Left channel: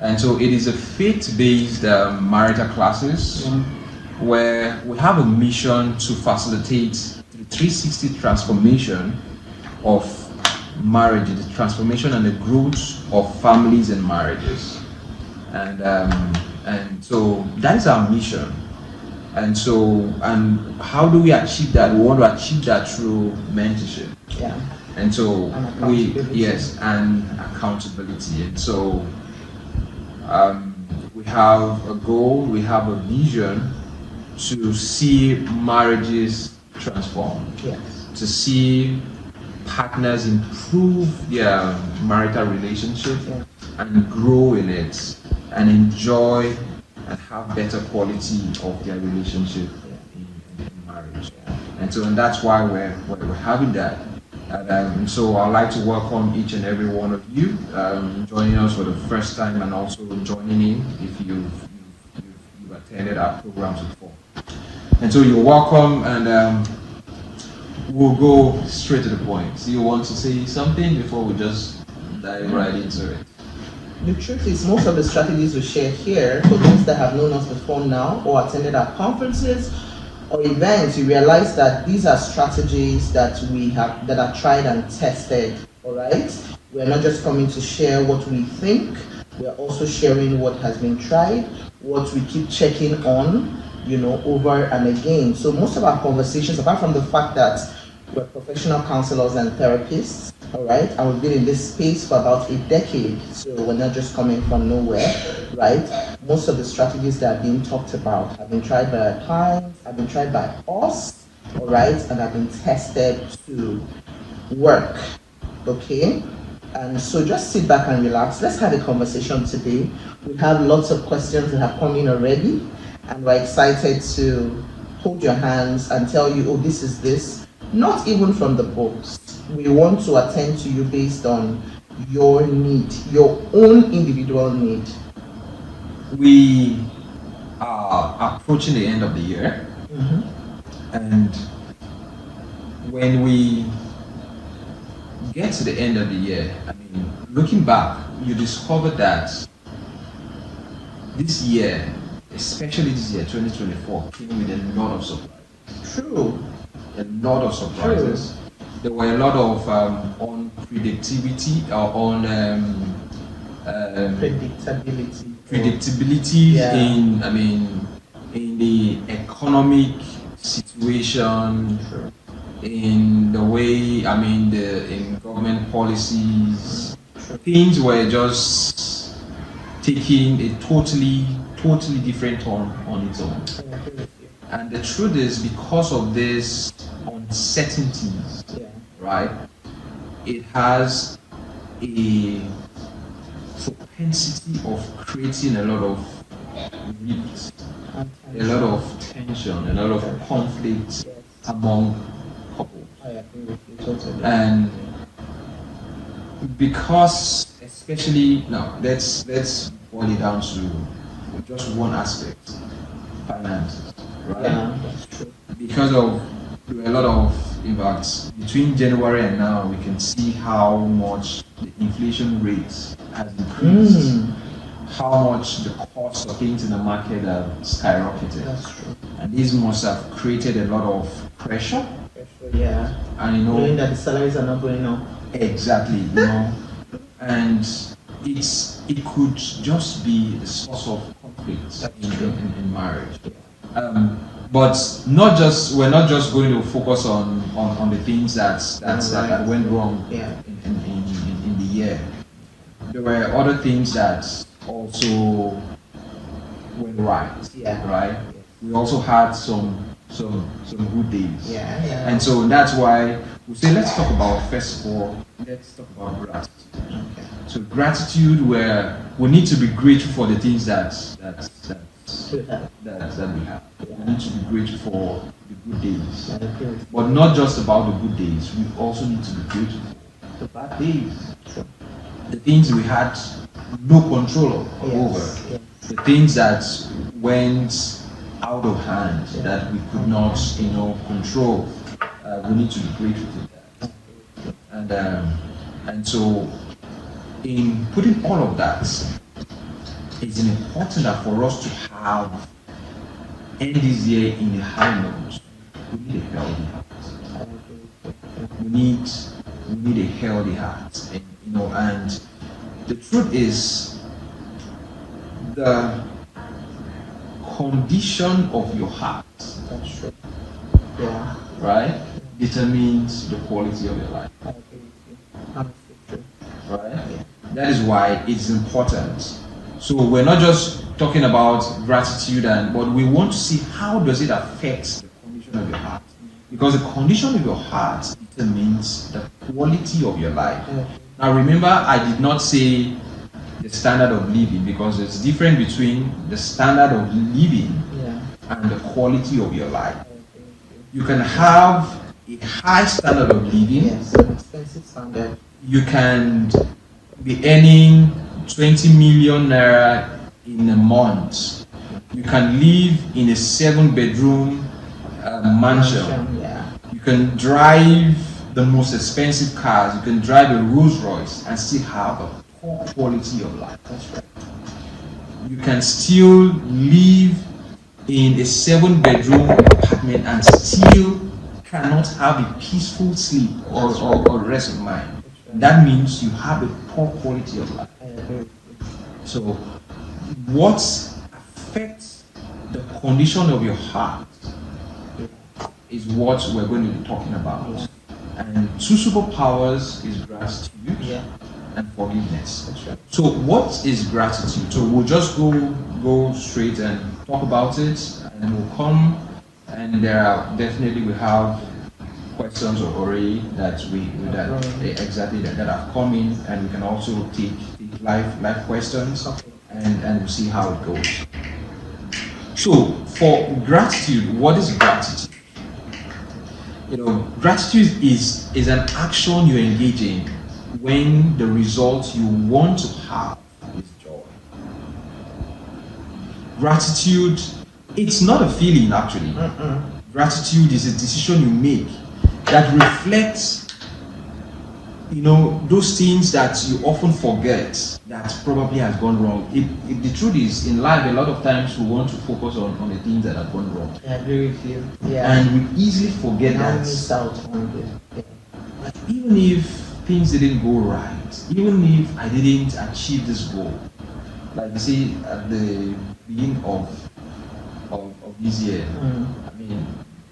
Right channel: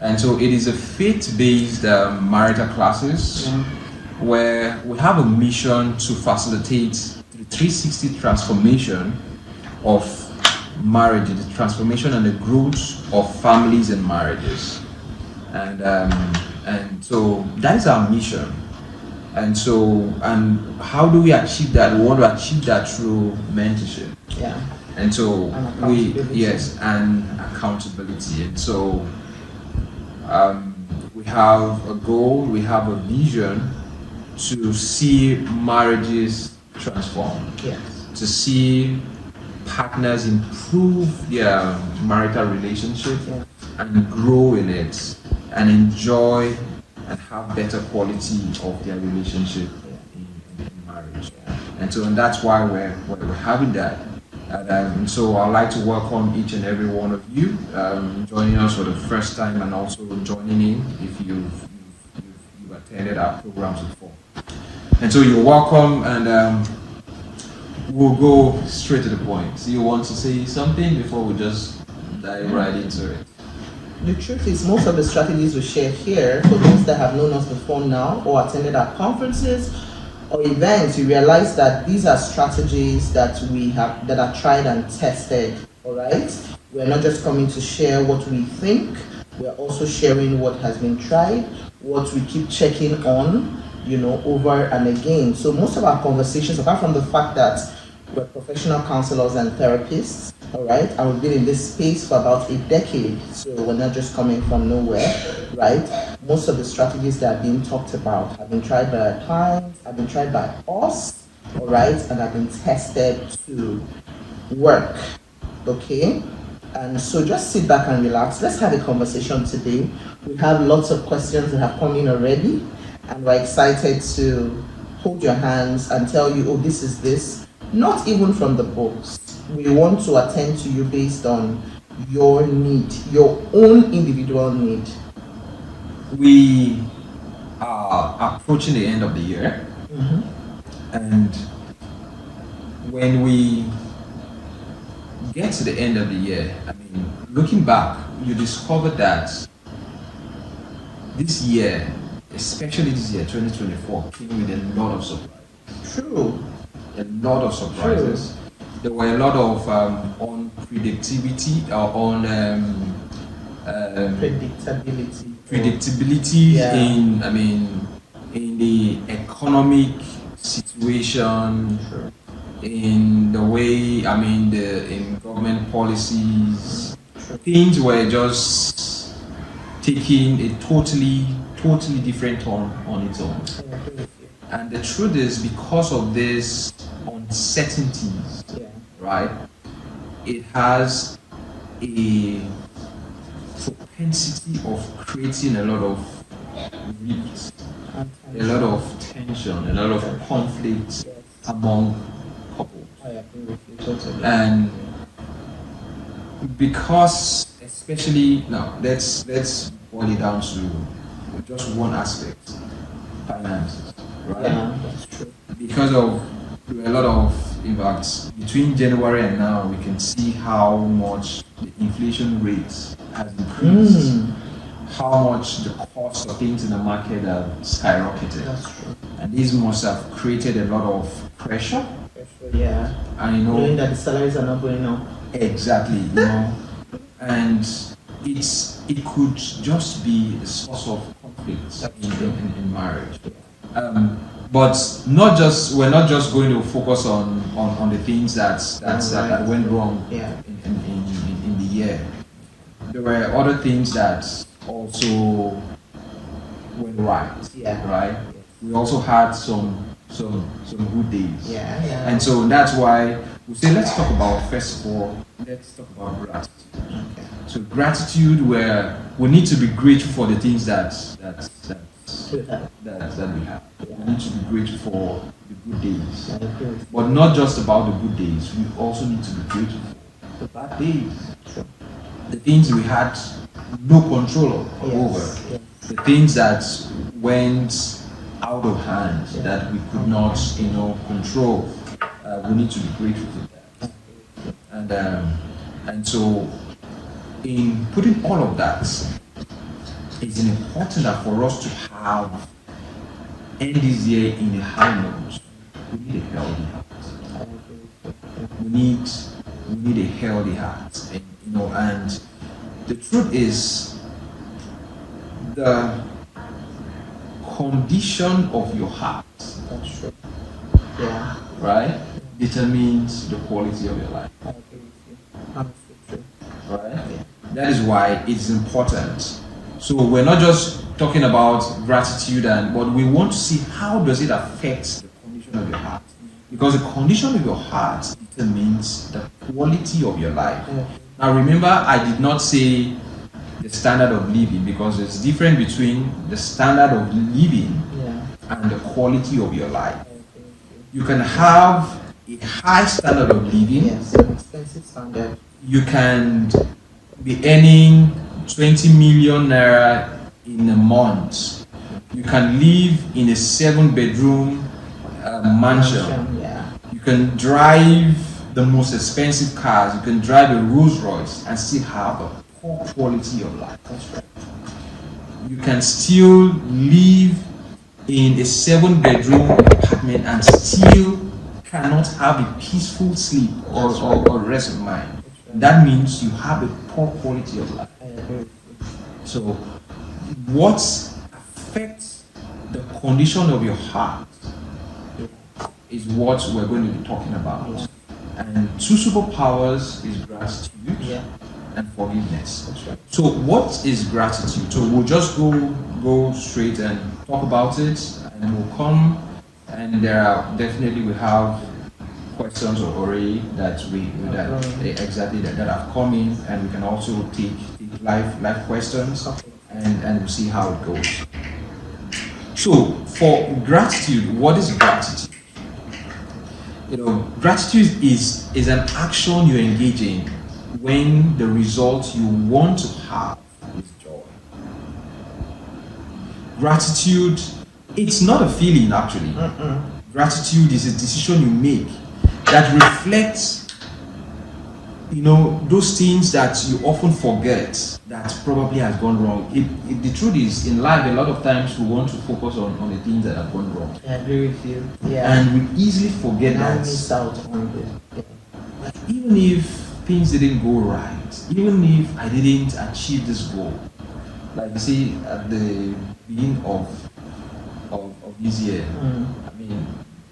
And so it is a faith-based marital classes where we have a mission to facilitate the 360 transformation of marriage, the transformation and the growth of families and marriages. And so that is our mission. And how do we achieve that? We want to achieve that through mentorship. Yeah. And so and accountability. And so we have a goal, we have a vision to see marriages transform. Yes. To see partners improve their marital relationship and grow in it and enjoy and have better quality of their relationship in marriage. And that's why we're having that. And so I'd like to welcome each and every one of you joining us for the first time and also joining in if you've attended our programs before. And so you're welcome, and we'll go straight to the point. So you want to say something before we just dive right into it? The truth is, most of the strategies we share here, for those that have known us before now or attended our conferences or events, you realize that these are strategies that are tried and tested. All right, we are not just coming to share what we think. We are also sharing what has been tried, what we keep checking on, over and again. So most of our conversations, apart from the fact that we're professional counselors and therapists, all right, and we've been in this space for about a decade, so we're not just coming from nowhere, right? Most of the strategies that are being talked about have been tried by our clients, have been tried by us, all right, and have been tested to work, okay? And so just sit back and relax. Let's have a conversation today. We have lots of questions that have come in already, and we're excited to hold your hands and tell you, oh, this is this. Not even from the books. We want to attend to you based on your need, your own individual need. We are approaching the end of the year, and when we get to the end of the year, looking back, you discover that this year, especially this year, 2024, came with a lot of surprises. True. A lot of surprises. True. There were a lot of unpredictability or predictability in the economic situation, in the way in government policies. Things were just taking a totally different turn on its own. And the truth is, because of this uncertainties, right, it has a propensity of creating a lot of rifts, a lot of tension, a lot of conflict among couples. I agree with you totally. And because, especially now, let's boil it down to just one aspect: finances. Right? Yeah, that's true. Because of a lot of impacts between January and now, we can see how much the inflation rates has increased, how much the cost of things in the market have skyrocketed. That's true. And these must have created a lot of pressure. Yeah. And knowing that the salaries are not going up. Exactly, and it could just be a source of conflict in marriage. But we're not just going to focus on the things that went wrong in the year. There were other things that also went right. Yeah. Right. We also had some good days. Yeah. And so that's why we say let's talk about gratitude. Okay. So gratitude, where we need to be grateful for the things that we have. We need to be grateful for the good days. But not just about the good days, we also need to be grateful for the bad days. The things we had no control over. Yes. The things that went out of hand that we could not control. We need to be grateful for that. And so in putting all of that it's important that for us to have end this year in a high note, we need a healthy heart. We need a healthy heart, and and the truth is, the condition of your heart, That's true. Yeah. right, determines the quality of your life. I agree with you. Honestly true. Right? That is why it's important. So we're not just talking about gratitude, but we want to see how does it affect the condition of your heart. Because the condition of your heart determines the quality of your life. Now remember, I did not say the standard of living, because it's different between the standard of living and the quality of your life. You can have a high standard of living. Yes, an expensive standard. You can be earning 20 million naira in a month. You can live in a 7-bedroom mansion. Yeah. You can drive the most expensive cars. You can drive a Rolls Royce and still have a poor quality of life. That's right. You can still live in a 7-bedroom apartment and still cannot have a peaceful sleep or rest of mind. That means you have a poor quality of life. I agree with you. So, what affects the condition of your heart is what we're going to be talking about. Yeah. And two superpowers is gratitude Yeah. and forgiveness. That's right. So, what is gratitude? So, we'll just go straight and talk about it, and we'll come. And there are definitely we have questions already that that have come in, and we can also take live questions, Okay. and we'll see how it goes. So, for gratitude, what is gratitude? Gratitude is an action you engage in when the result you want to have is joy. Gratitude, it's not a feeling actually. Gratitude is a decision you make that reflects, those things that you often forget that probably has gone wrong. The truth is, in life, a lot of times we want to focus on the things that have gone wrong. I agree with you. Yeah. And we easily forget Now that. miss out on it. Even if things didn't go right, even if I didn't achieve this goal, like you see at the beginning of this year, I mean,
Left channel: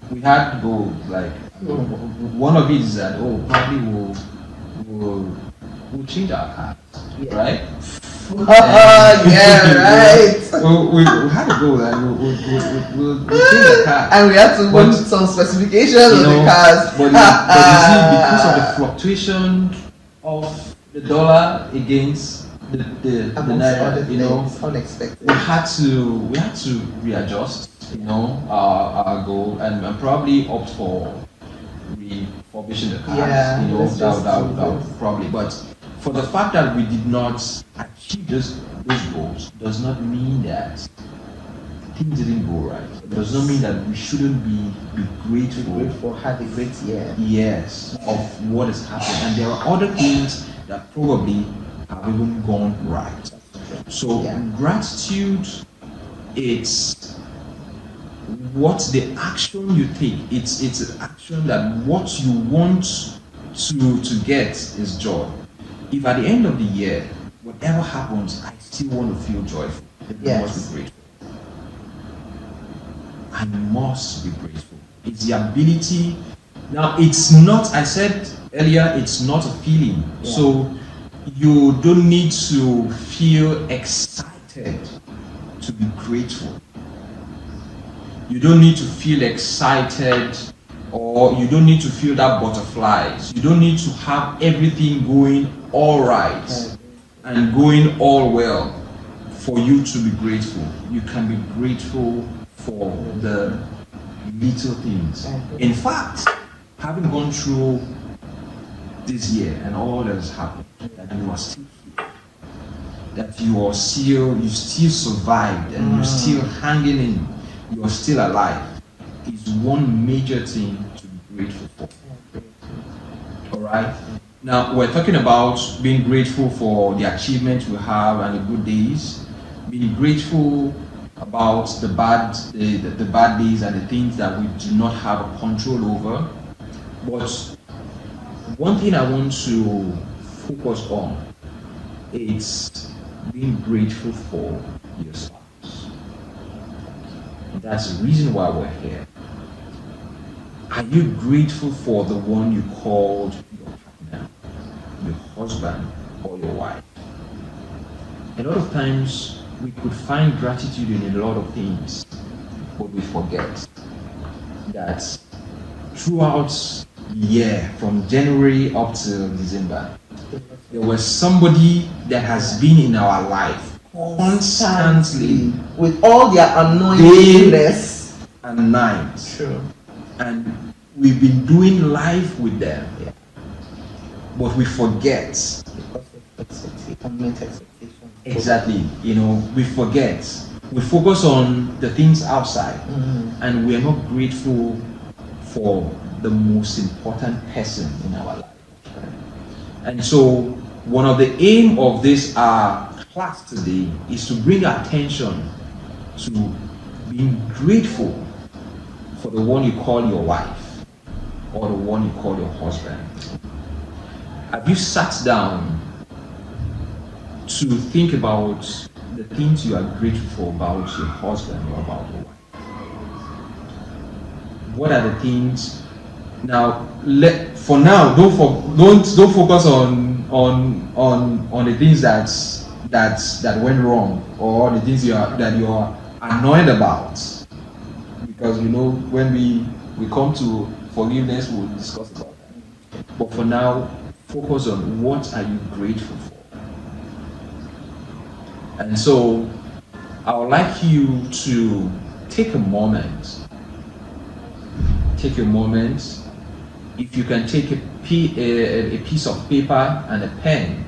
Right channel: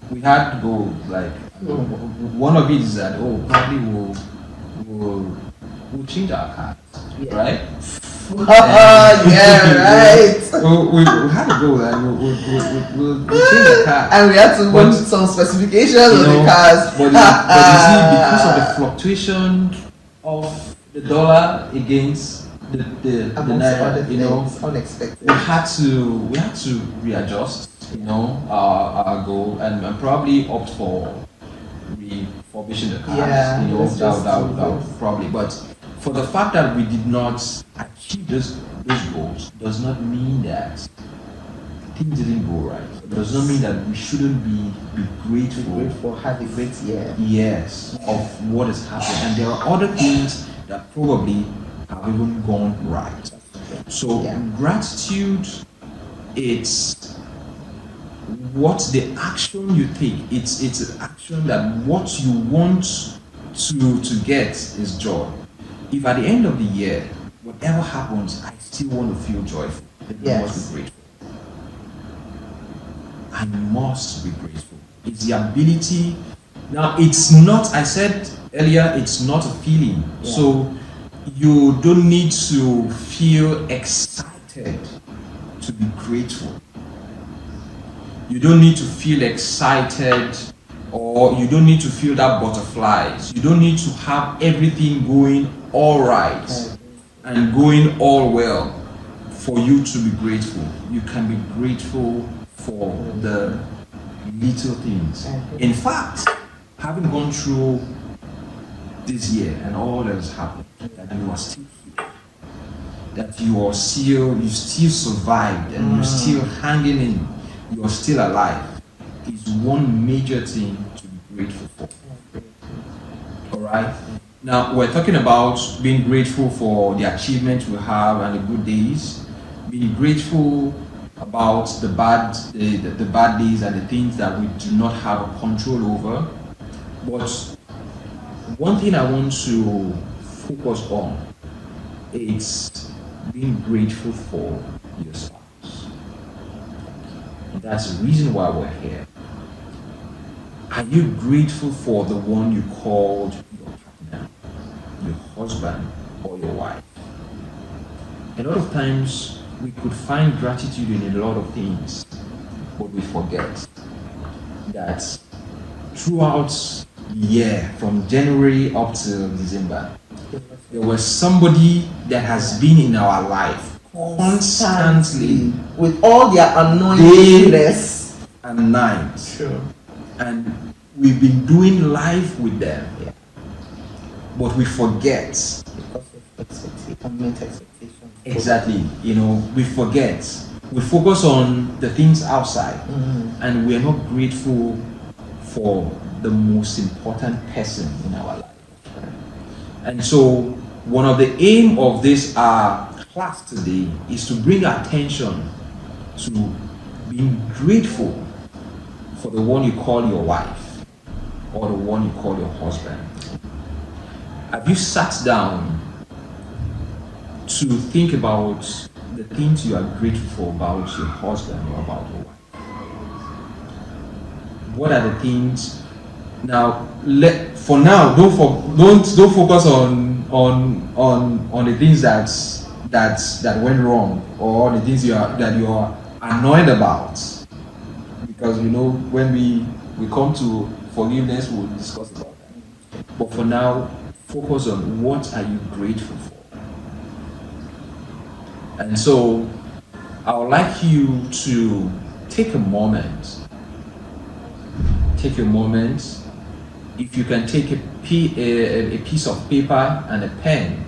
we had goals like one of it is that probably we'll change our cars, right? Yeah, right. So we had a goal and we'll change the car. And we had to want some specifications on the cars. But you see, because of the fluctuation of the dollar against the naira, unexpected. we had to readjust, our goal, and probably opt for refurbishing the cars. That probably. But for the fact that we did not achieve those goals, does not mean that things didn't go right. It does not mean that we shouldn't be grateful. Have a great year. Yes, of what has happened, and there are other things that probably have even gone right. So gratitude, it's what the action you take. It's an action that what you want to get is joy. If at the end of the year, whatever happens, I still want to feel joyful, then I must be grateful. I must be grateful. It's the ability. Now, it's not, I said earlier, it's not a feeling. Yeah. So you don't need to feel excited to be grateful. You don't need to feel excited, or you don't need to feel that butterflies. You don't need to have everything going all right and going all well for you to be grateful. You can be grateful for the little things. In fact, having gone through this year and all that has happened, that you are still here, that you still survived, and you're still hanging in, you're still alive, is one major thing to be grateful for. Alright? Now, we're talking about being grateful for the achievements we have and the good days, Being grateful about the bad days and the things that we do not have a control over. But one thing I want to focus on is being grateful for your spouse. And that's the reason why we're here. Are you grateful for the one you called your partner, your husband, or your wife? A lot of times we could find gratitude in a lot of things, but we forget that throughout the year, from January up to December, there was somebody that has been in our life constantly with all their annoyingness and night. Sure. And we've been doing life with them, but we forget. Because of expectation. Exactly, we forget. We focus on the things outside, and we are not grateful for the most important person in our life. And so, one of the aim of this class today is to bring attention to being grateful for the one you call your wife or the one you call your husband. Have you sat down to think about the things you are grateful for about your husband or about your wife? What are the things? Now, for now, don't focus on the things that went wrong or the things that you are annoyed about, because when we come to forgiveness, we'll discuss about that. But for now, focus on what are you grateful for. And so, I would like you to take a moment. Take a moment. If you can take a piece of paper and a pen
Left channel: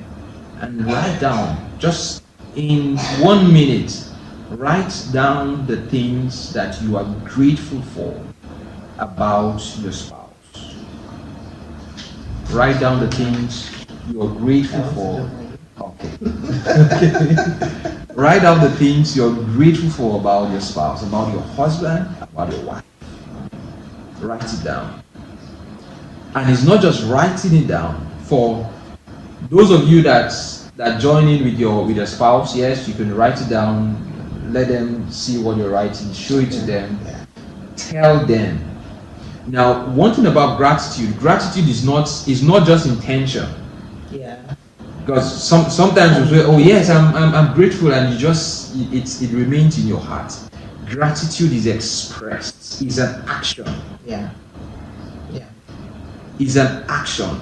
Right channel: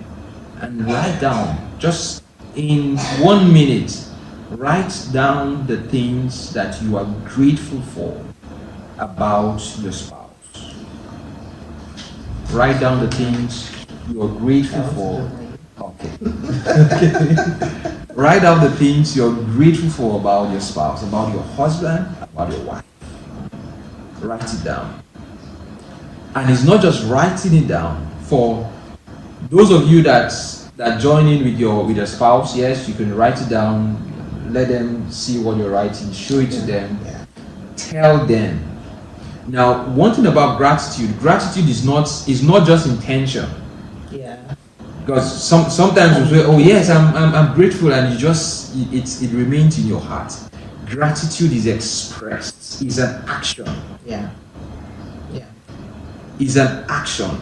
and write down, just in 1 minute, write down the things that you are grateful for about your spouse. Write down the things you are grateful for. Okay. Write down the things you're grateful for about your spouse, about your husband, about your wife. Write it down. And it's not just writing it down. For those of you that join in with your spouse, yes, you can write it down, let them see what you're writing, show it to them, tell them. Now, one thing about gratitude is not just intention. Because sometimes you say, oh yes, I'm grateful, and it remains in your heart. Gratitude is expressed, is an action. Is an action.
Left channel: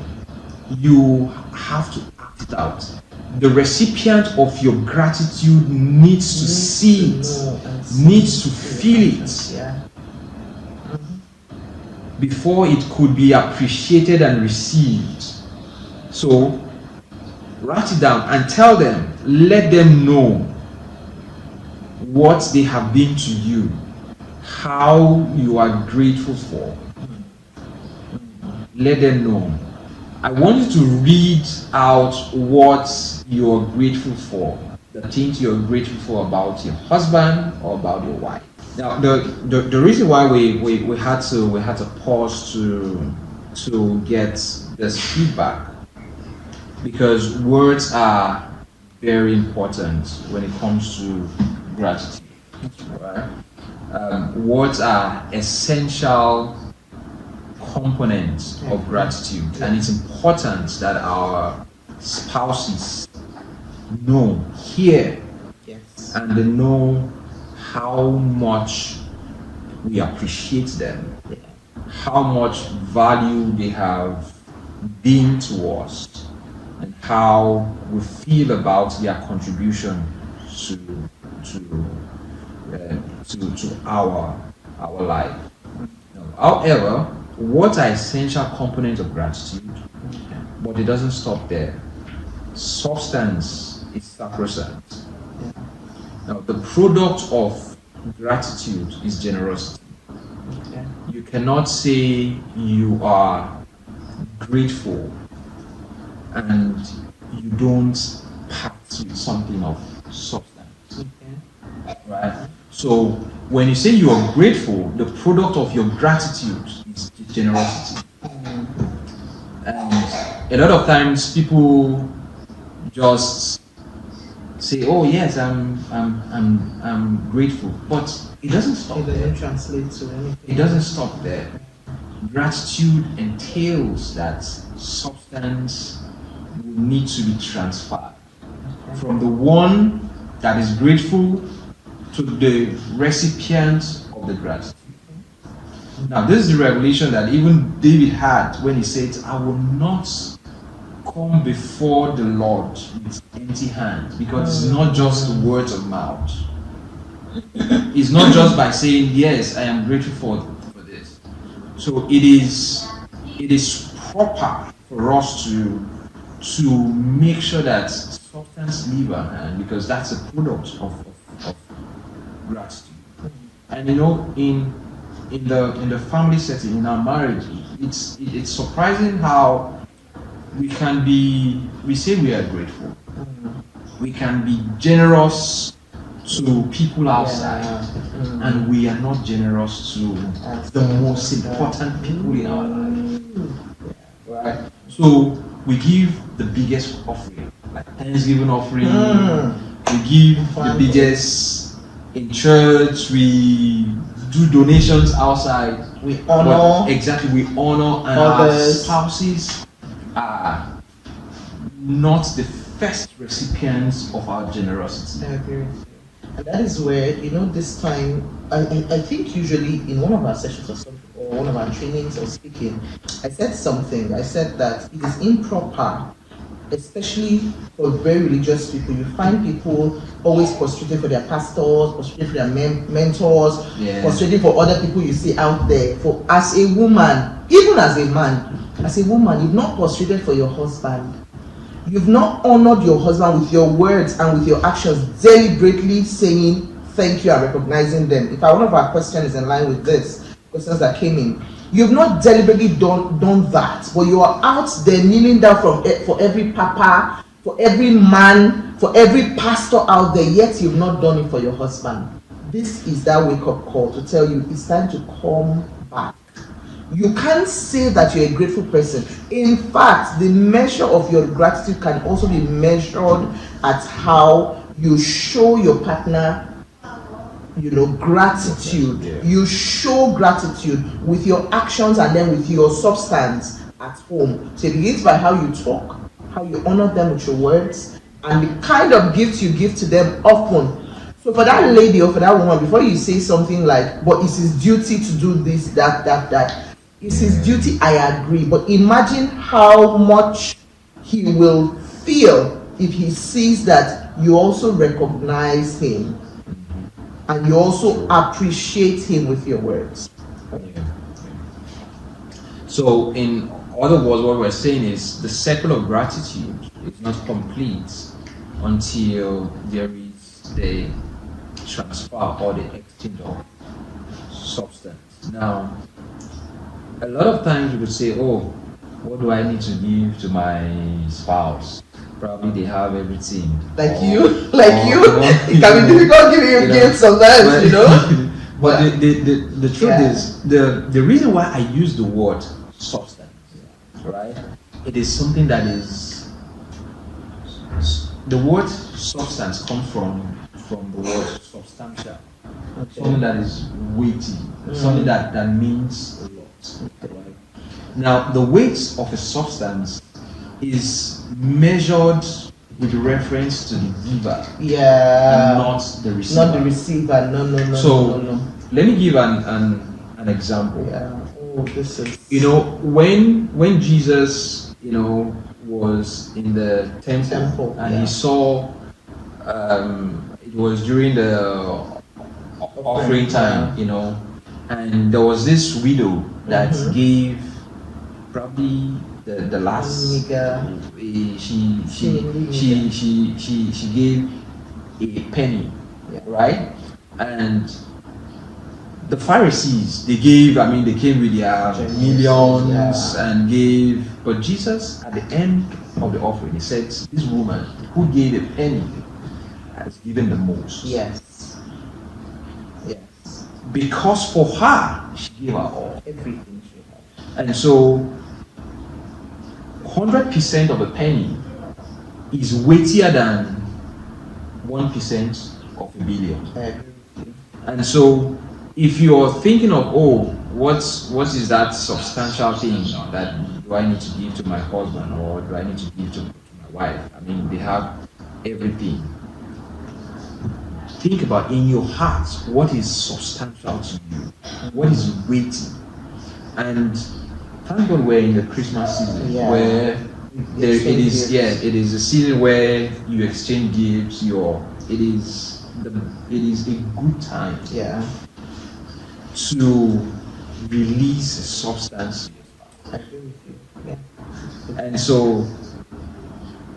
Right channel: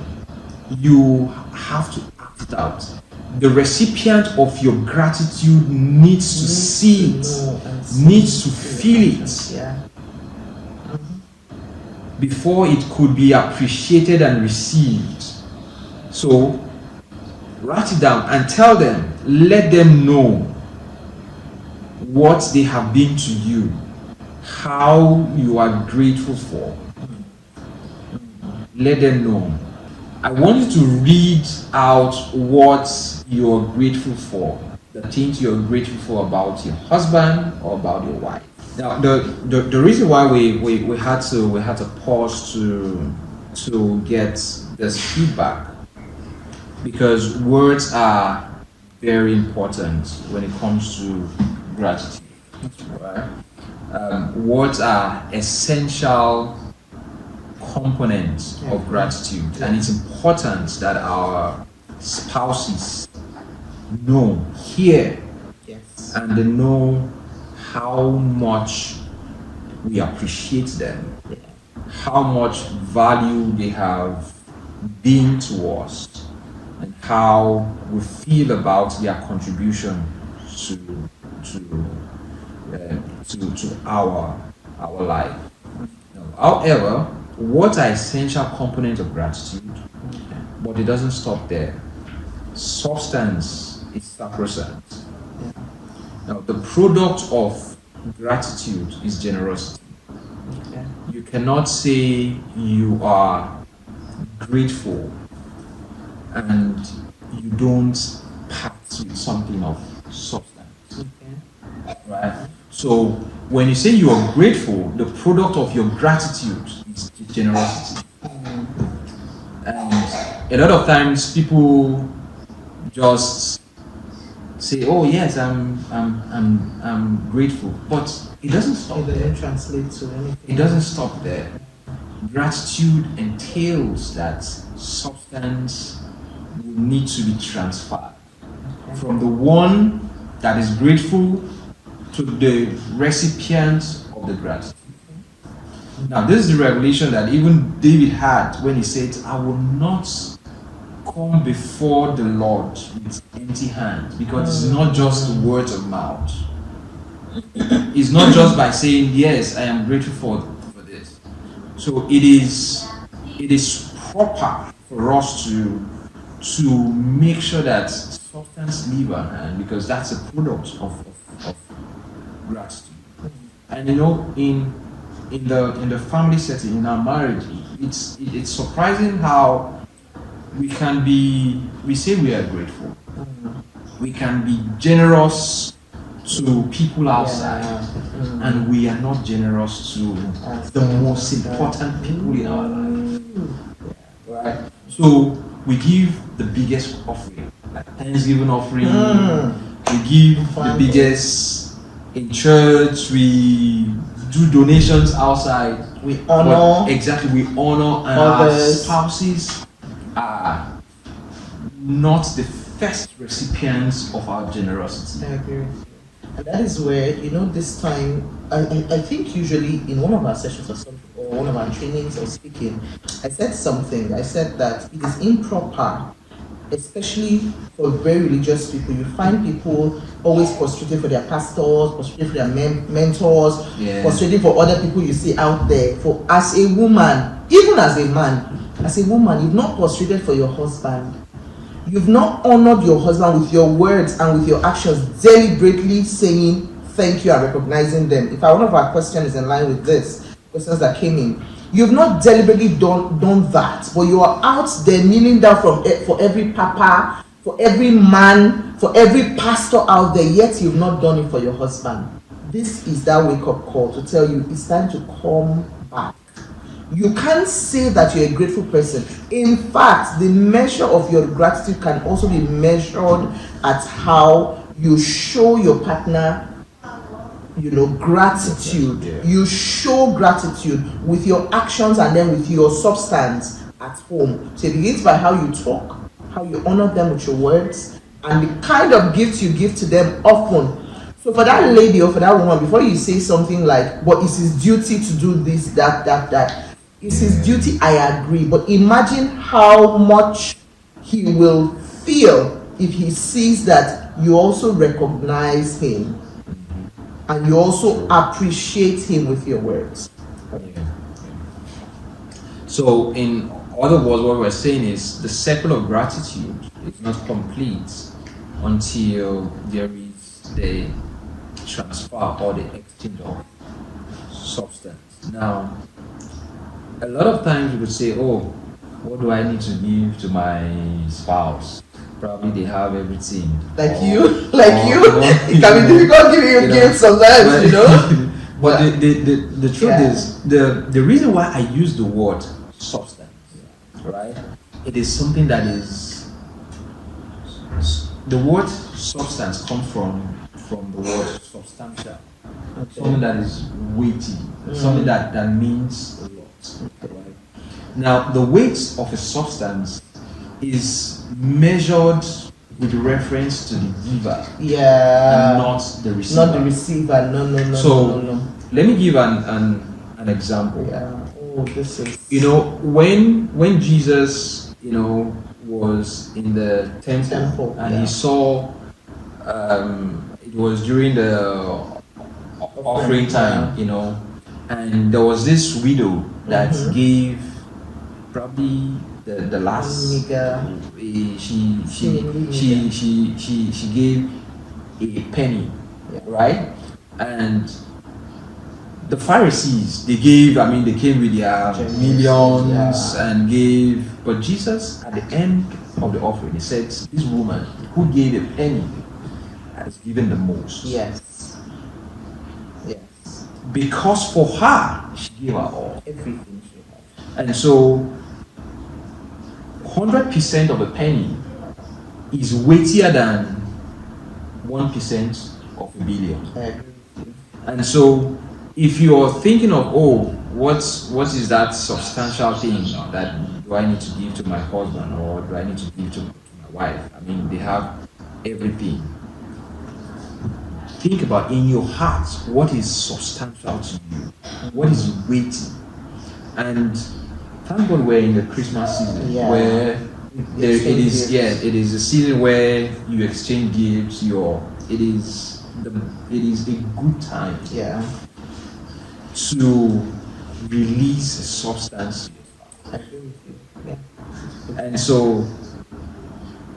You have to act it out. The recipient of your gratitude needs to see it, needs to feel it, before it could be appreciated and received. So, write it down and tell them, let them know what they have been to you, how you are grateful for. Let them know. I want you to read out what you're grateful for, the things you're grateful for about your husband or about your wife. Now, the reason why we had to pause to get this feedback, because words are very important when it comes to gratitude. Right? Words are essential components of gratitude, and it's important that our spouses know, hear, and they know how much we appreciate them, how much value they have been to us, and how we feel about their contribution to our life. However, what are essential components of gratitude? But it doesn't stop there. Substance is sacrosanct. Now, the product of gratitude is generosity. You cannot say you are grateful and you don't pack with something of substance. So when you say you are grateful, the product of your gratitude is generosity. And a lot of times people just say, "Oh yes, I'm grateful," but it doesn't stop It there. doesn't translate to anything. It doesn't stop there. Gratitude entails that substance will need to be transferred from the one that is grateful to the recipient of the gratitude. Now, this is the revelation that even David had when he said, "I will not come before the Lord with empty hands," because it's not just words of mouth. It's not just by saying, "Yes, I am grateful for this." So it is proper for us to make sure that substance leave our hand, because that's a product of gratitude. And in the family setting, in our marriage, it's surprising how we say we are grateful. We can be generous to people outside, and we are not generous to the most important people in our life. Right? So we give the biggest offering, like Thanksgiving offering. We give the biggest in church. We do donations outside. We honor. We honor, and our spouses are not the first recipients of our generosity. I agree. And that is where, this time, I think usually in one of our sessions or one of our trainings or speaking, I said something. I said that it is improper, especially for very religious people. You find people always prostrating for their pastors, prostrating for their mentors, prostrating for other people you see out there. For as a woman, even as a man, as a woman, you've not prostrated for your husband. You've not honored your husband with your words and with your actions, deliberately saying thank you and recognizing them. In fact, one of our questions is in line with this, questions that came in. You've not deliberately done that, but you are out there kneeling down for every papa, for every man, for every pastor out there, yet you've not done it for your husband. This is that wake-up call to tell you it's time to come back. You can't say that you're a grateful person. In fact, the measure of your gratitude can also be measured at how you show your partner, gratitude. You show gratitude with your actions and then with your substance at home. So it begins by how you talk, how you honor them with your words, and the kind of gifts you give to them often. So for that lady or for that woman, before you say something like, "But it's his duty to do this, that," it's his duty, I agree. But imagine how much he will feel if he sees that you also recognize him and you also appreciate him with your words. So in other words, what we're saying is the circle of gratitude is not complete until there is the transfer or the exchange of substance. Now, a lot of times you would say, "Oh, what do I need to give to my spouse?" Probably they have everything. It can be difficult giving you gifts sometimes, But the truth is, the reason why I use the word substance, right? It is something that is, the word substance comes from the word substantial. Okay. Something that is weighty, something that means a lot. Right? Now, the weight of a substance is measured with reference to the giver, and not the receiver. Not the receiver. No. So let me give an example. Yeah. Oh, this is. When Jesus, was in the temple and he saw, it was during the offering time, and there was this widow that gave probably the last. She gave a penny, right? And the Pharisees, they came with their millions and gave. But Jesus, at the end of the offering, he said, "This woman who gave a penny has given the most." Yes. because for her, she gave her all. Everything she had. And so 100% of a penny is weightier than 1% of a billion. I agree with you. And so if you're thinking of, oh, what is that substantial thing that do I need to give to my husband, or do I need to give to my wife? I mean, they have everything. Think about in your heart what is substantial to you, what is weighty. And thank God we're in the Christmas season, Yeah. where it is gifts. it is a season where you exchange gifts. It is a good time Yeah. to release substance. I agree with you. Yeah. And so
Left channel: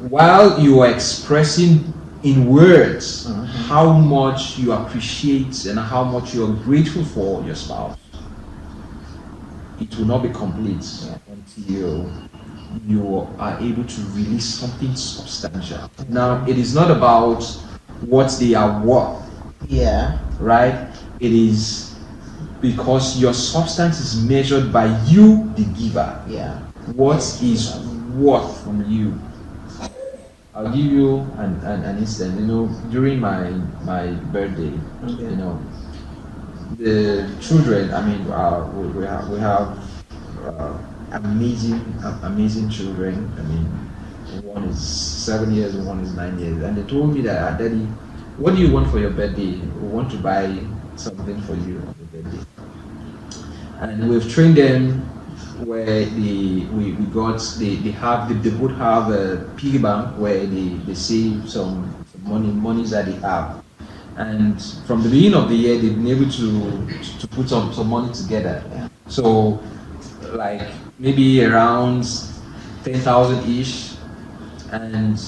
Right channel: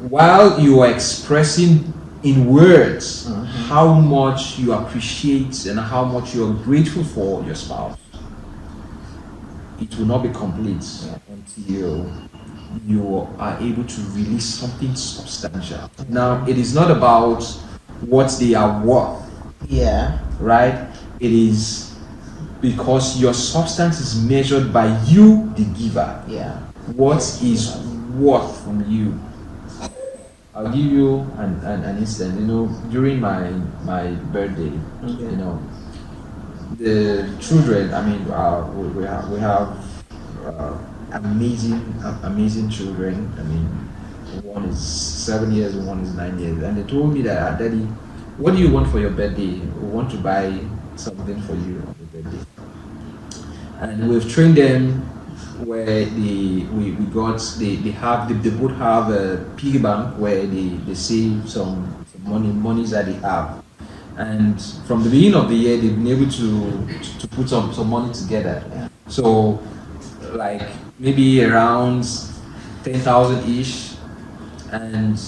while you are expressing in words how much you appreciate and how much you are grateful for your spouse, it will not be complete until you are able to release something substantial. Now, it is not about what they are worth, Yeah. right? It is because your substance is measured by you, the giver. Yeah. What is worth from you? I'll give you an instance. During my birthday, the children. I mean, we have amazing children. I mean, one is 7 years, one is 9 years, and they told me that, Daddy, what do you want for your birthday? We want to buy something for you on your birthday. And we've trained them where they both have a piggy bank where they save some monies that they have. And from the beginning of the year, they've been able to put some money together. So, like maybe around 10,000 ish. And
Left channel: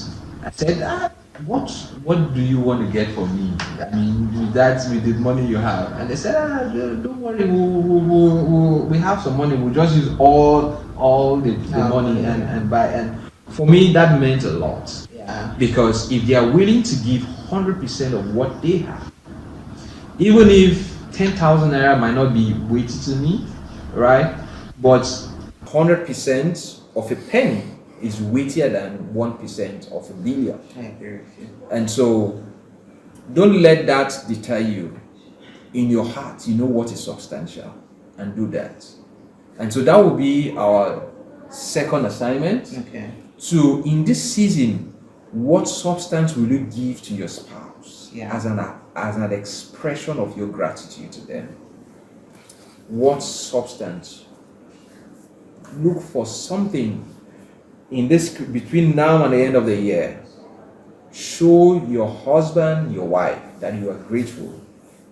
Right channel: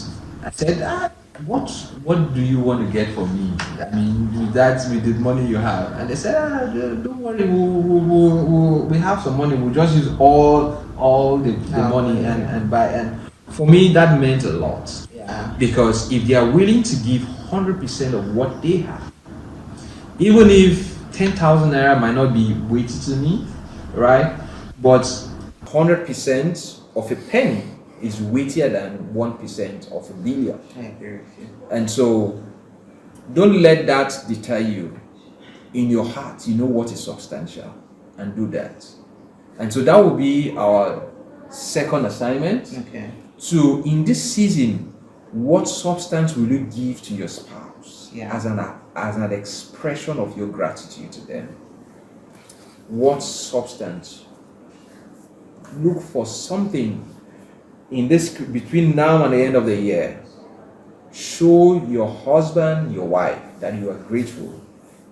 I said, what do you want to get for me? I mean, with the money you have. And they said, don't worry, we have some money. We'll just use all the money and buy. And for me, that meant a lot. Yeah. Because if they are willing to give 100% of what they have, even if 10,000 naira might not be weighty to me, right? But 100% of a penny is weightier than 1% of a billion. I agree with you. And so don't let that deter you. In your heart, you know what is substantial, and do that. And so that will be our second assignment. Okay. So in this season, what substance will you give to your spouse as an expression of your gratitude to them? What substance? Look for something in this between now and the end of the year. Show your husband, your wife, that you are grateful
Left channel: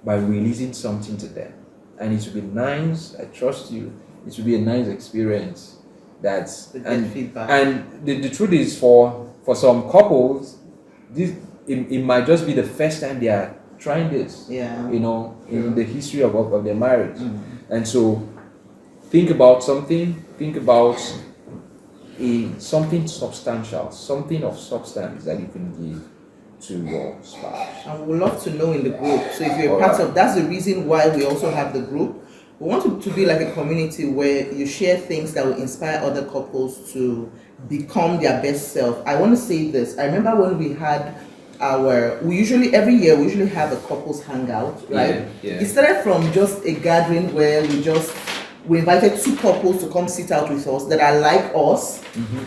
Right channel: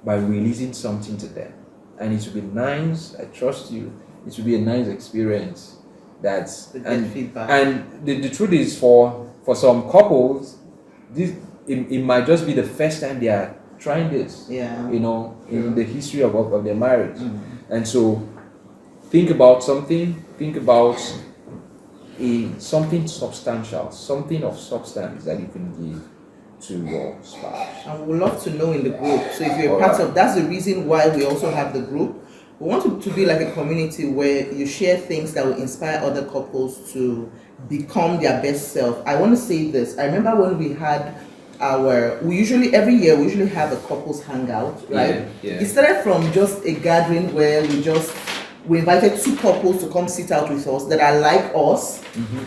by releasing something to them. And it will be nice, I trust you, it will be a nice experience. Feedback. And the truth is, for some couples, it might just be the first time they are trying this. Yeah. In the history of their marriage. And so think about something something substantial, something of substance that you can give to your spouse. And we would love to know in the group. So if you're part of, that's the reason why we also have the group. We want it to be like a community where you share things that will inspire other couples to become their best self. I want to say this. I remember when we had every year we usually have a couples hangout, right? Yeah. It started from just a gathering where we invited two couples to come sit out with us that are like us,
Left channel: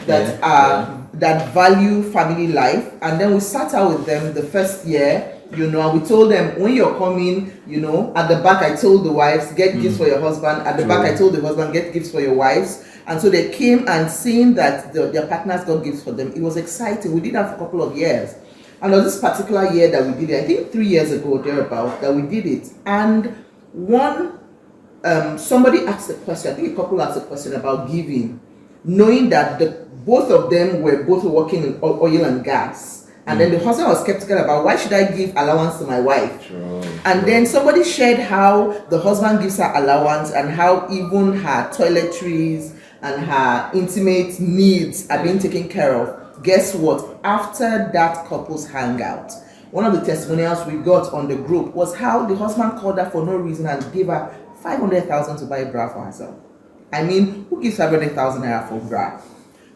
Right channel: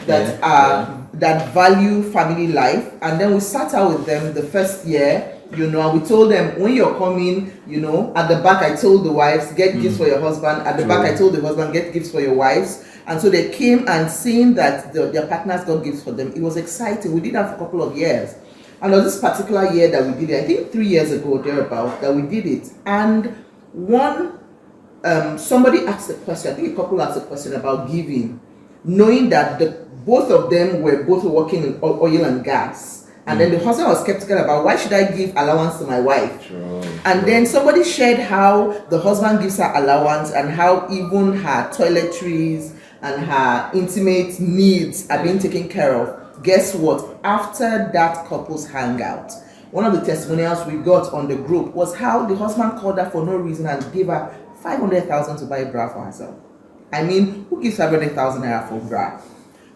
that value family life, and then we sat out with them the first year, and we told them, when you're coming, at the back I told the wives, get gifts for your husband, at the back I told the husband, get gifts for your wives. And so they came, and seeing that their partners got gifts for them, it was exciting. We did that for a couple of years. And on this particular year that we did it, I think 3 years ago, thereabout, that we did it. And somebody asked a question, I think a couple asked a question about giving, knowing that both of them were both working in oil and gas. And then the husband was skeptical about, why should I give allowance to my wife? And then somebody shared how the husband gives her allowance and how even her toiletries and her intimate needs are being taken care of. Guess what? After that couple's hangout, one of the testimonials we got on the group was how the husband called her for no reason and gave her 500,000 to buy a bra for herself. I mean, who gives 500,000 naira for bra?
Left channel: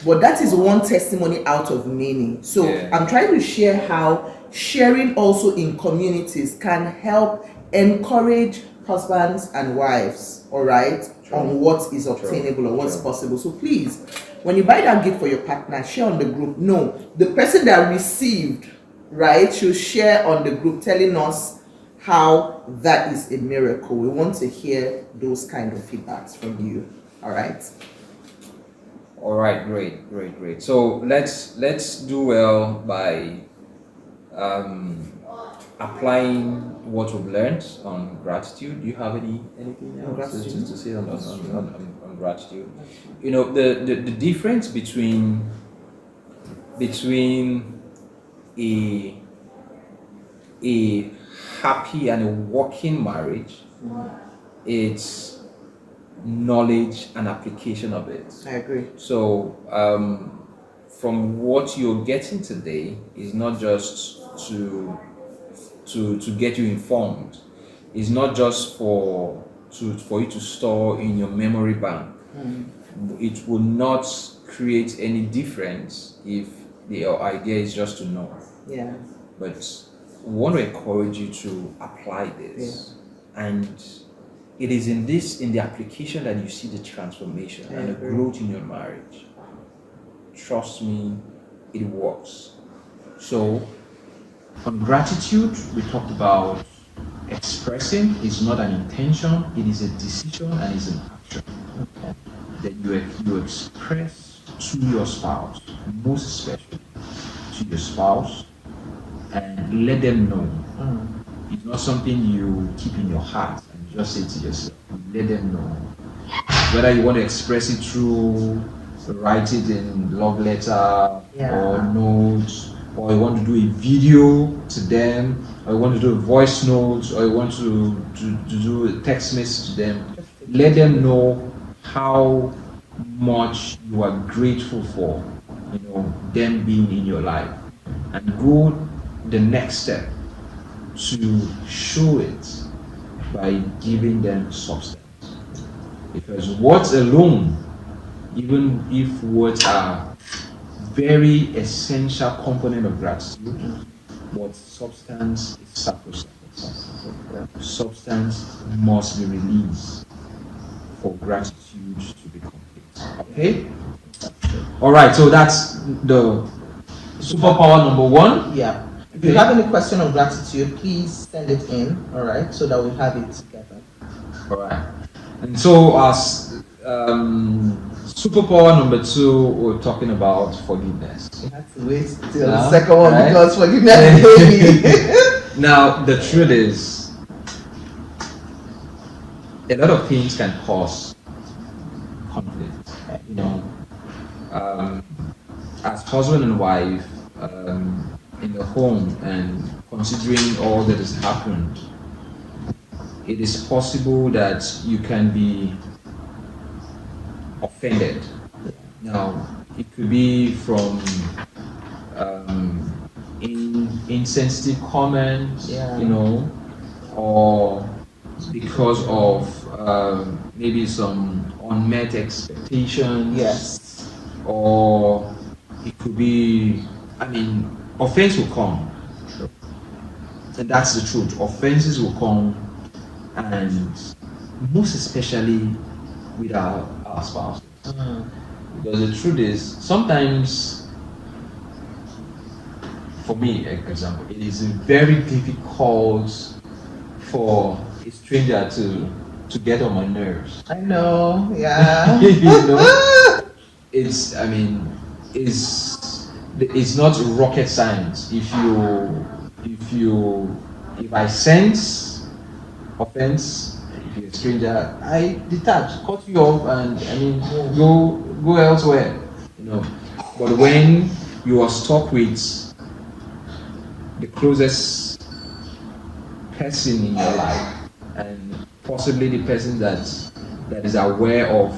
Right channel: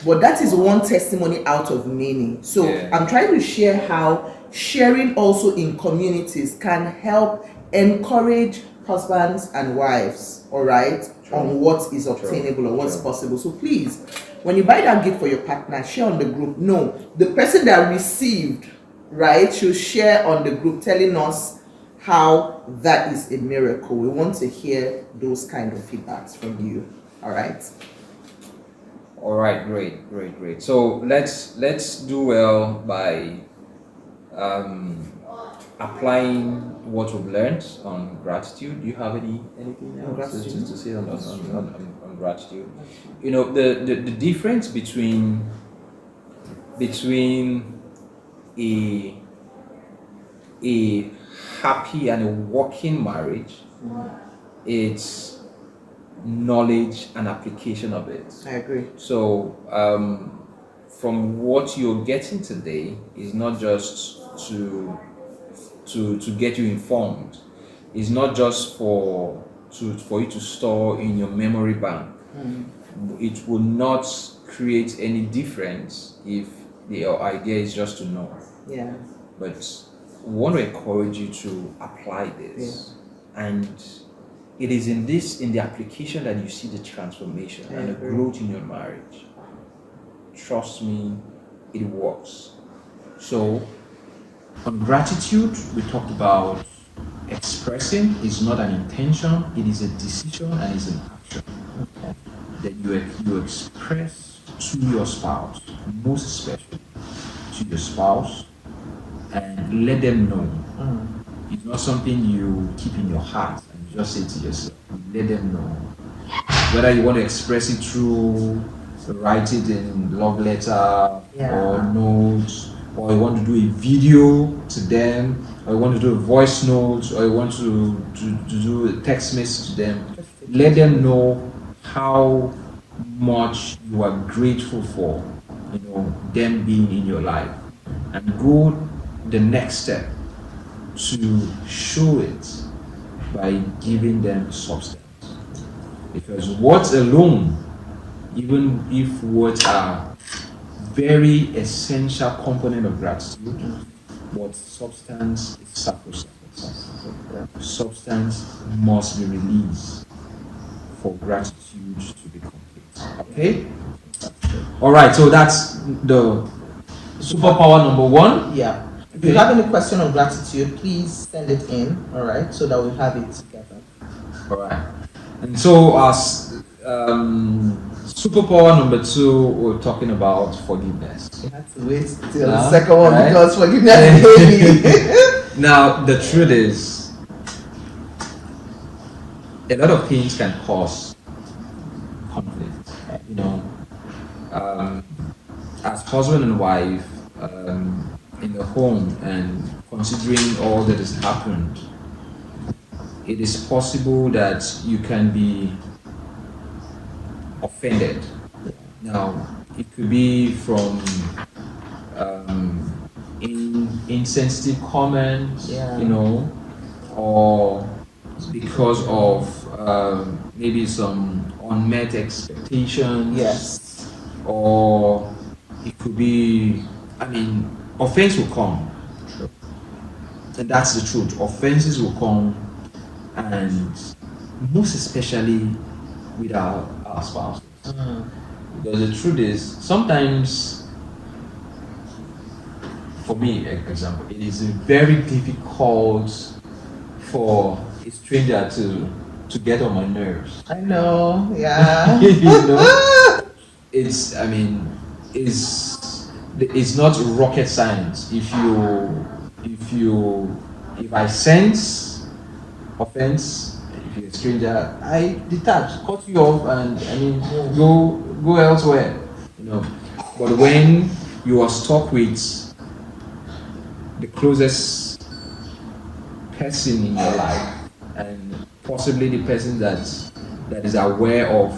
But that is one testimony out of many. So I'm trying to share how sharing also in communities can help encourage husbands and wives, all right, on what is obtainable or what's possible. So please, when you buy that gift for your partner, share on the group. No, the person that received, right, should share on the group telling us how that is a miracle. We want to hear those kind of feedbacks from you. All right. All right, great. So let's do well by applying what we've learned on gratitude. Do you have anything else to say on gratitude? You know, the difference between a happy and a working marriage, it's knowledge and application of it. I agree. So from what you're getting today is not just to get you informed. It's not just for you to store in your memory bank. It will not create any difference if your idea is just to know. Yeah. But we want to encourage you to apply this. And it is in the application that you see the transformation and the growth in your marriage. Trust me, it works. So, on gratitude, we talked about expressing is not an intention, it is a decision and it's an action. That you express to your spouse, most especially to your spouse, and let them know. It's not something you keep in your heart and just say to yourself. Let them know. Whether you want to express it through write it in love letter or notes, or you want to do a video to them, or you want to do a voice note, or you want to do a text message to them. Let them know how much you are grateful for, them being in your life, and go the next step to show it by giving them substance. Because words alone, even if words are very essential component of gratitude, but substance is sacrosanct. Substance must be released for gratitude to be complete. Okay? Alright, so that's the superpower number one. Yeah. If you have any question on gratitude, please send it in, alright, so that we have it together. Alright. And so as superpower number two, we're talking about forgiveness. You have to wait till the second one, right? Because forgiveness is heavy. Now, the truth is, a lot of things can cause conflict. As husband and wife, in the home, and considering all that has happened, it is possible that you can be offended. Now, it could be from insensitive comments, or because of maybe some unmet expectations. Yes. Or it could be, offense will come. And that's the truth. Offenses will come, and most especially with our spouses. Because the truth is, sometimes, for me, for example, it is very difficult for a stranger to get on my nerves. I know, yeah. It's not rocket science. If I sense offense, if you're a stranger, I detach, cut you off, and go elsewhere. But when you are stuck with the closest person in your life, and possibly the person that is aware of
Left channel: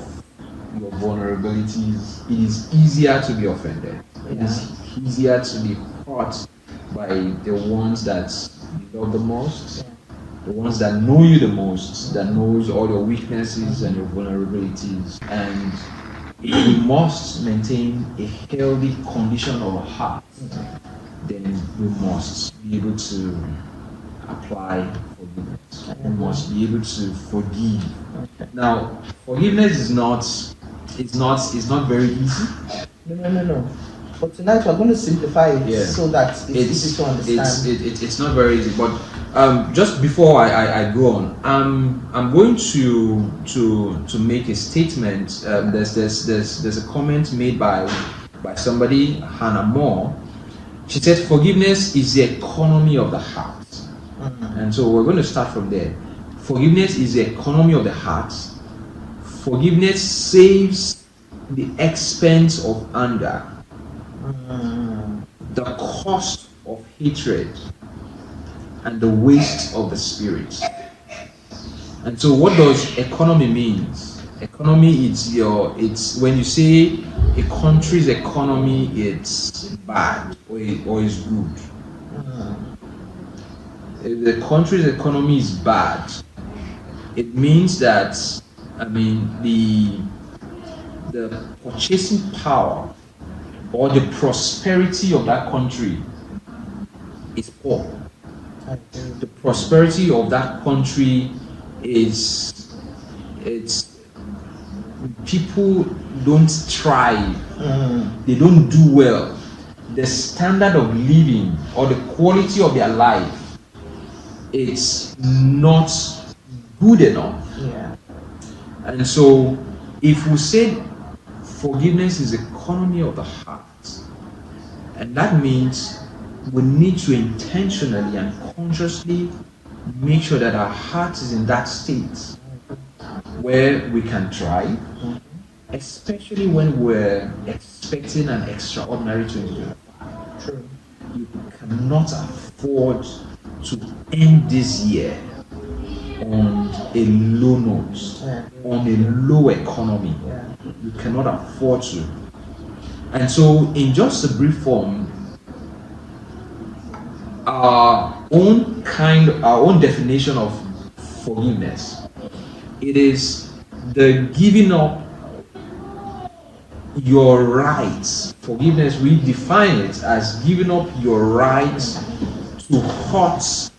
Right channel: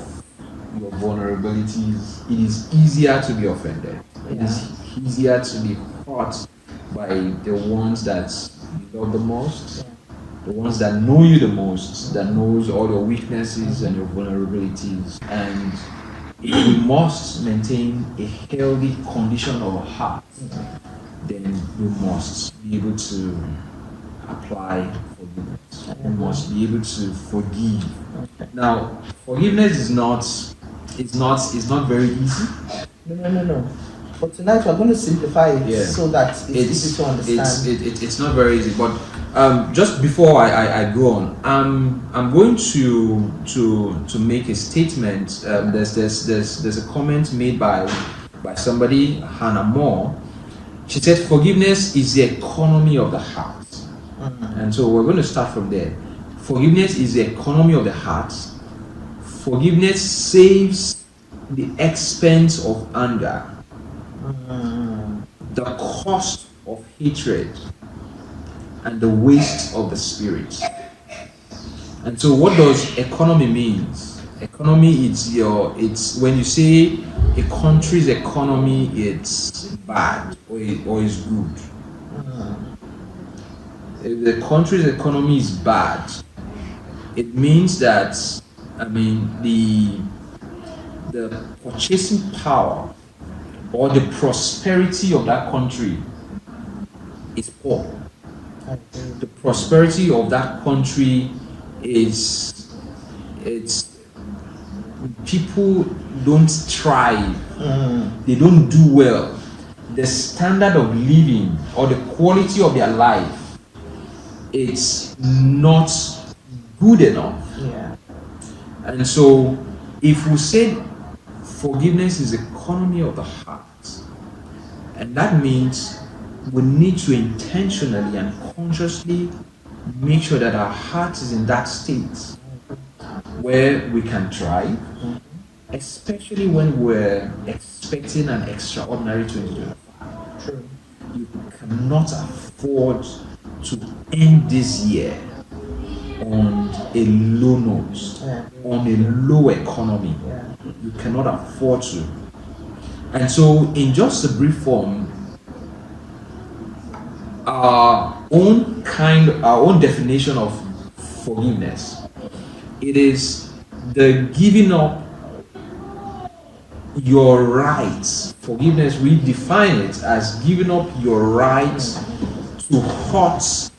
your vulnerabilities, it is easier to be offended. It is easier to be hurt by the ones that you love the most, the ones that know you the most, that knows all your weaknesses and your vulnerabilities. And if we must maintain a healthy condition of our heart, then we must be able to apply forgiveness. We must be able to forgive. Now, forgiveness is not very easy. No. But tonight we're going to simplify it Yeah. so that it's easy to understand. It's not very easy, but just before I go on, I'm going to make a statement. There's a comment made by somebody, Hannah Moore. She said forgiveness is the economy of the heart, and so we're going to start from there. Forgiveness is the economy of the heart. Forgiveness saves the expense of anger, the cost of hatred, and the waste of the spirit. And so what does economy means? Economy, it's when you say a country's economy, it's bad or is good. If the country's economy is bad, it means that, the purchasing power or the prosperity of that country is poor. The prosperity of that country it's people don't thrive, they don't do well. The standard of living or the quality of their life, it's not good enough. Yeah. And so if we say forgiveness is economy of the heart, and that means we need to intentionally and consciously make sure that our heart is in that state where we can thrive, especially when we're expecting an extraordinary 2025. True. You cannot afford to end this year on a low note, on a low economy. You cannot afford to. And so, in just a brief form, our own definition of forgiveness, it is the giving up your rights. Forgiveness, we define it as giving up your rights to hurt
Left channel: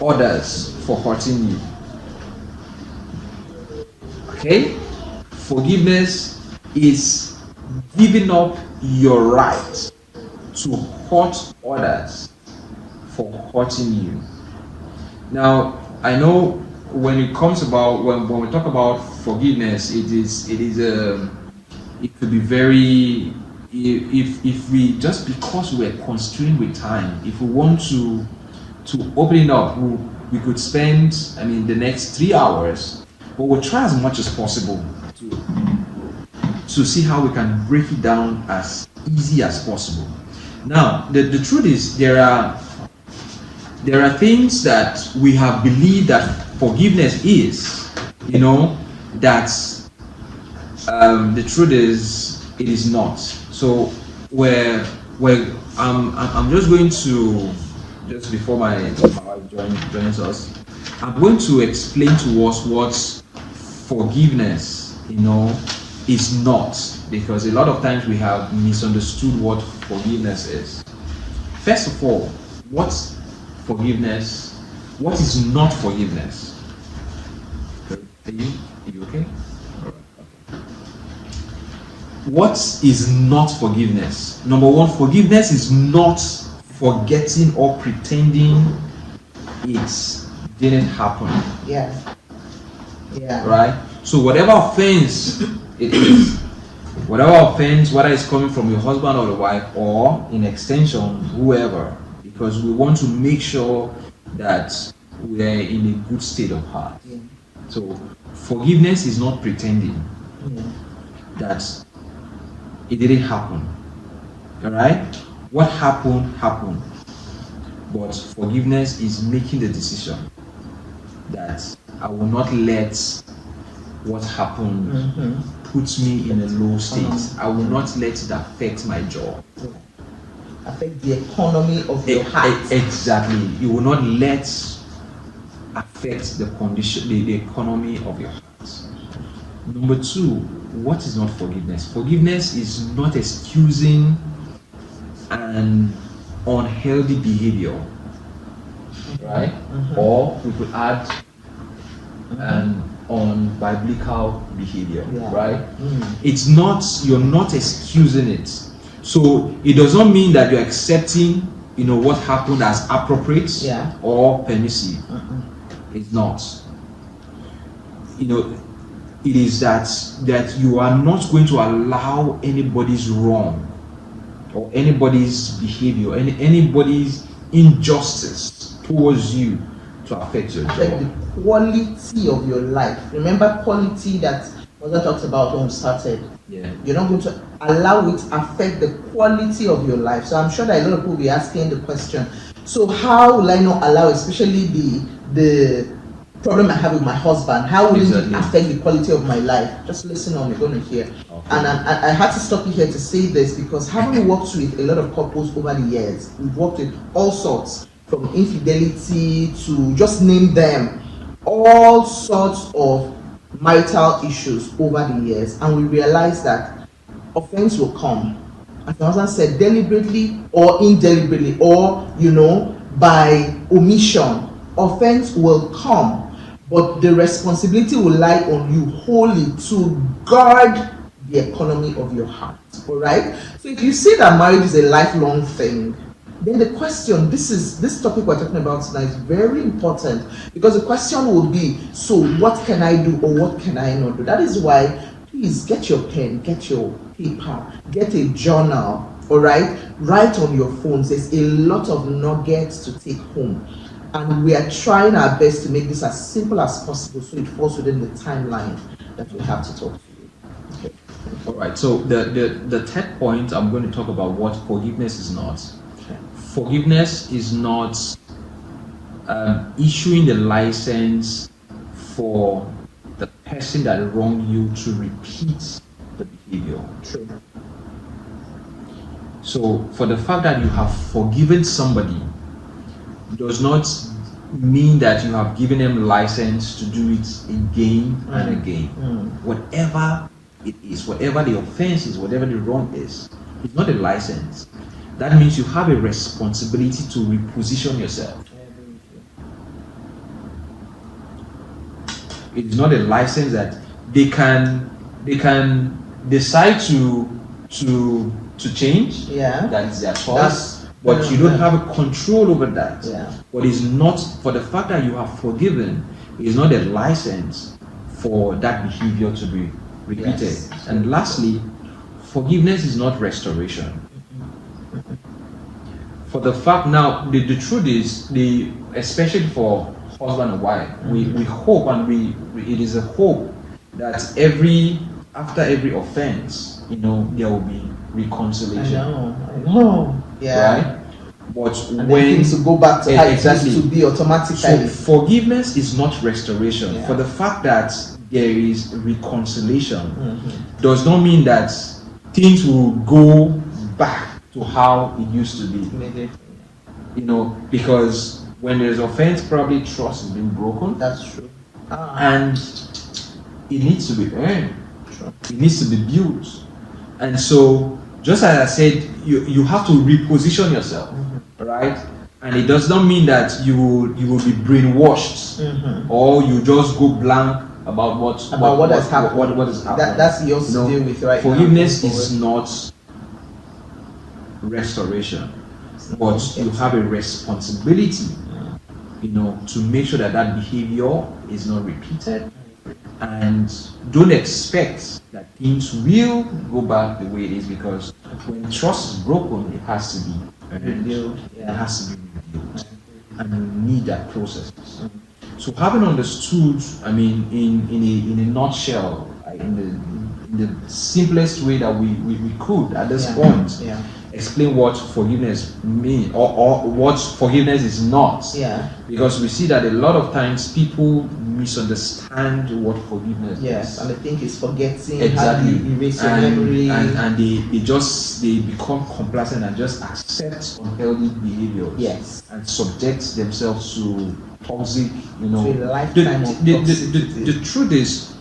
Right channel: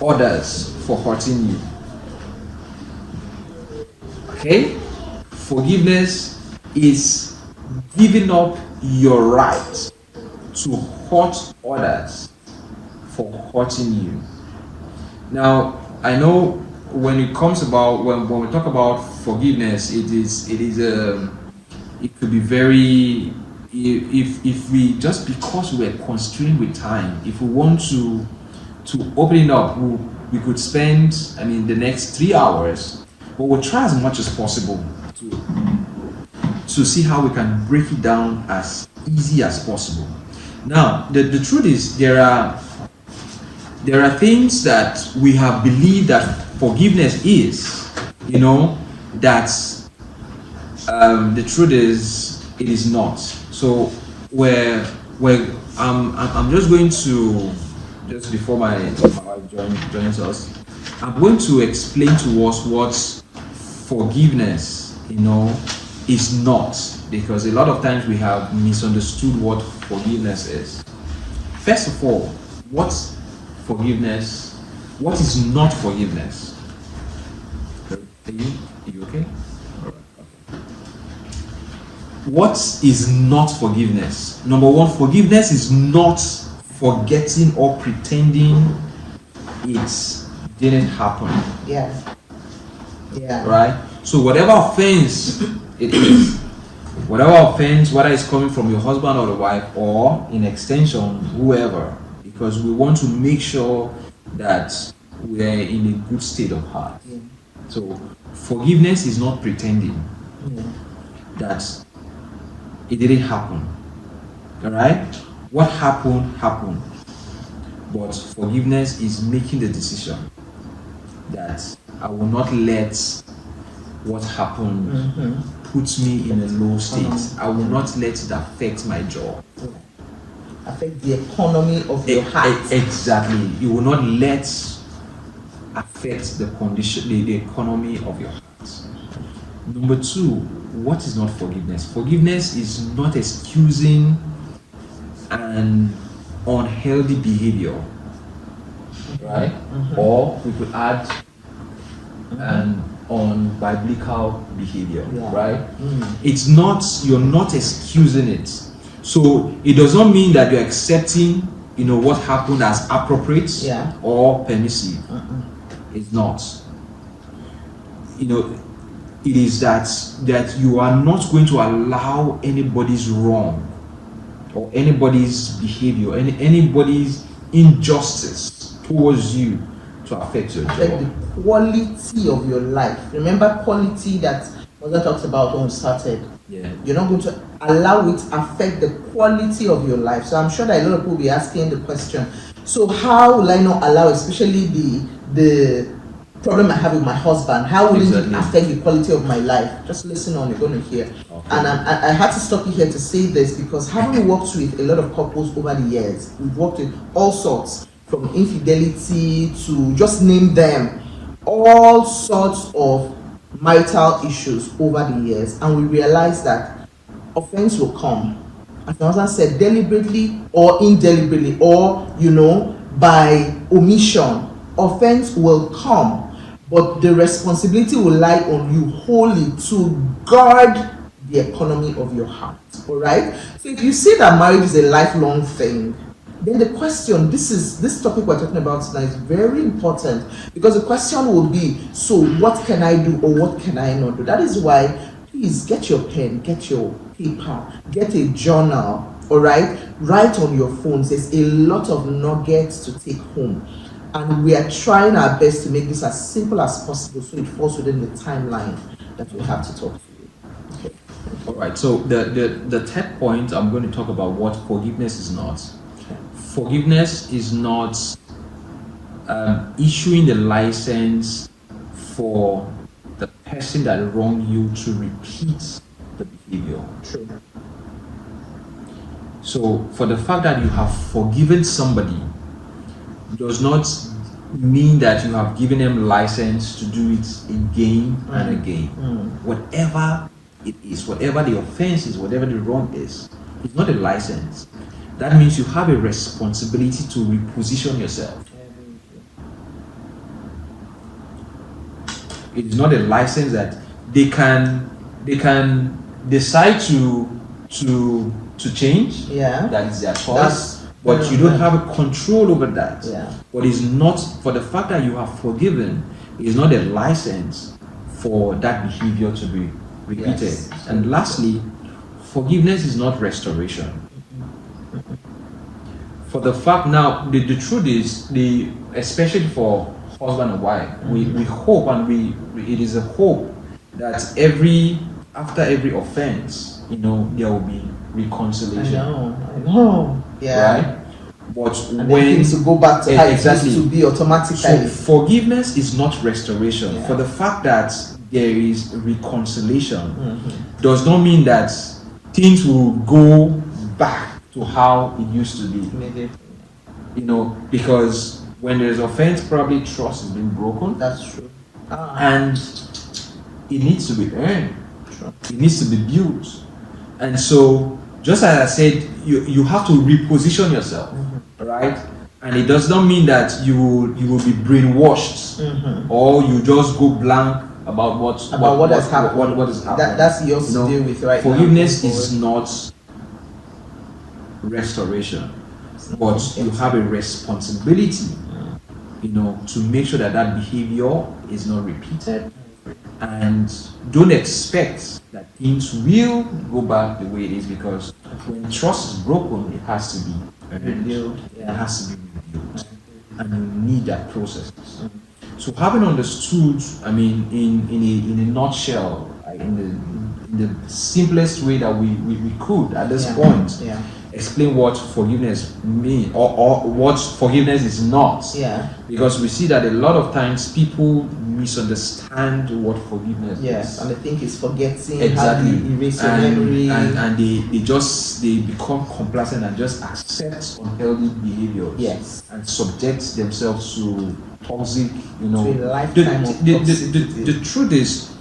others for hurting you. Okay? Forgiveness is giving up your right to hurt others for hurting you. Now, I know when it comes about when we talk about forgiveness, it could be very, if we, just because we're constrained with time, if we want to open it up, we could spend the next 3 hours, but we'll try as much as possible to see how we can break it down as easy as possible. Now, the truth is there are things that we have believed that forgiveness is, that the truth is it is not. So I'm just going to, just before my wife joins us, I'm going to explain to us what forgiveness is not, because a lot of times we have misunderstood what forgiveness is. First of all, what's forgiveness? What is not forgiveness? Are you okay? All right. Okay. What is not forgiveness? Number one, forgiveness is not forgetting or pretending it didn't happen. Yes. Yeah. Right? So whatever offense it is, whatever offense, whether it's coming from your husband or the wife, or in extension, whoever, because we want to make sure that we're in a good state of heart. So forgiveness is not pretending that it didn't happen. Alright? What happened, happened. But forgiveness is making the decision that I will not let what happened put me in a low state. I will not let it affect my joy. affect the economy of your heart. Exactly. You will not let affect the condition, the economy of your heart. Number two, what is not forgiveness? Forgiveness is not excusing an unhealthy behavior, right? Or we could add an unbiblical behavior, right? It's not, you're not excusing it. So it does not mean that you're accepting, what happened as appropriate or permissive. It's not. It is that you are not going to allow anybody's wrong or anybody's behavior, anybody's injustice towards you to affect your job. Affect the quality of your life. Remember quality that Mother talks about when we started. Yeah. You're not going to allow it affect the quality of your life. So I'm sure that a lot of people will be asking the question, so how will I not allow, especially the problem I have with my husband, how will it affect the quality of my life? Just listen on, you're going to hear. Okay. And I had to stop you here to say this because having worked with a lot of couples over the years, we've worked with all sorts, from infidelity to just name them, all sorts of marital issues over the years, and we realized that offense will come, as my husband said, deliberately or indeliberately, or by omission. Offense will come, but the responsibility will lie on you wholly to guard the economy of your heart. All right. So if you say that marriage is a lifelong thing, then the question, this topic we're talking about tonight is very important, because the question will be, so what can I do or what can I not do? That is why, please get your pen, get your paper, get a journal, all right? Write on your phones. There's a lot of nuggets to take home. And we are trying our best to make this as simple as possible so it falls within the timeline that we have to talk to you. Okay. All right, so the third point, I'm going to talk about what forgiveness is not. Forgiveness is not issuing the license for the person that wronged you to repeat the behavior. True. So, for the fact that you have forgiven somebody does not mean that you have given them license to do it again and again. Whatever it is, whatever the offense is, whatever the wrong is, it's not a license. That means you have a responsibility to reposition yourself. It is not a license that they can decide to change. Yeah. That is their choice. But you don't have a control over that. Yeah. But it's not, for the fact that you have forgiven, is not a license for that behavior to be repeated. Yes. And lastly, forgiveness is not restoration. For the fact now, the truth is, especially for husband and wife, we hope, and it is a hope that after every offense, there will be reconciliation. I know. Yeah. Right? But and when things will go back to how it exactly used to be automatically. So forgiveness is not restoration. Yeah. For the fact that there is reconciliation does not mean that things will go back to how it used to be. Because when there's offense, probably trust has been broken. That's true. And it needs to be earned. True. It needs to be built. And so, just as I said, you have to reposition yourself, right? And it does not mean that you will be brainwashed or you just go blank about what has happened. What has happened. That's yours to deal with right now. Forgiveness is not restoration, but you have a responsibility, to make sure that behavior is not repeated. And don't expect that things will go back the way it is, because when trust is broken, it has to be rebuilt. It has to be rebuilt, and you need that process. So, having understood, in a nutshell, in the simplest way that we could at this point, explain what forgiveness means, or what forgiveness is not. Yeah. Because we see that a lot of times people misunderstand what forgiveness Yes, is. and I think it's forgetting, Exactly. how do you erase your memory. And they become complacent and just accept unhealthy behavior. Yes. And subject themselves to toxic, To a lifetime of toxicity. the truth is,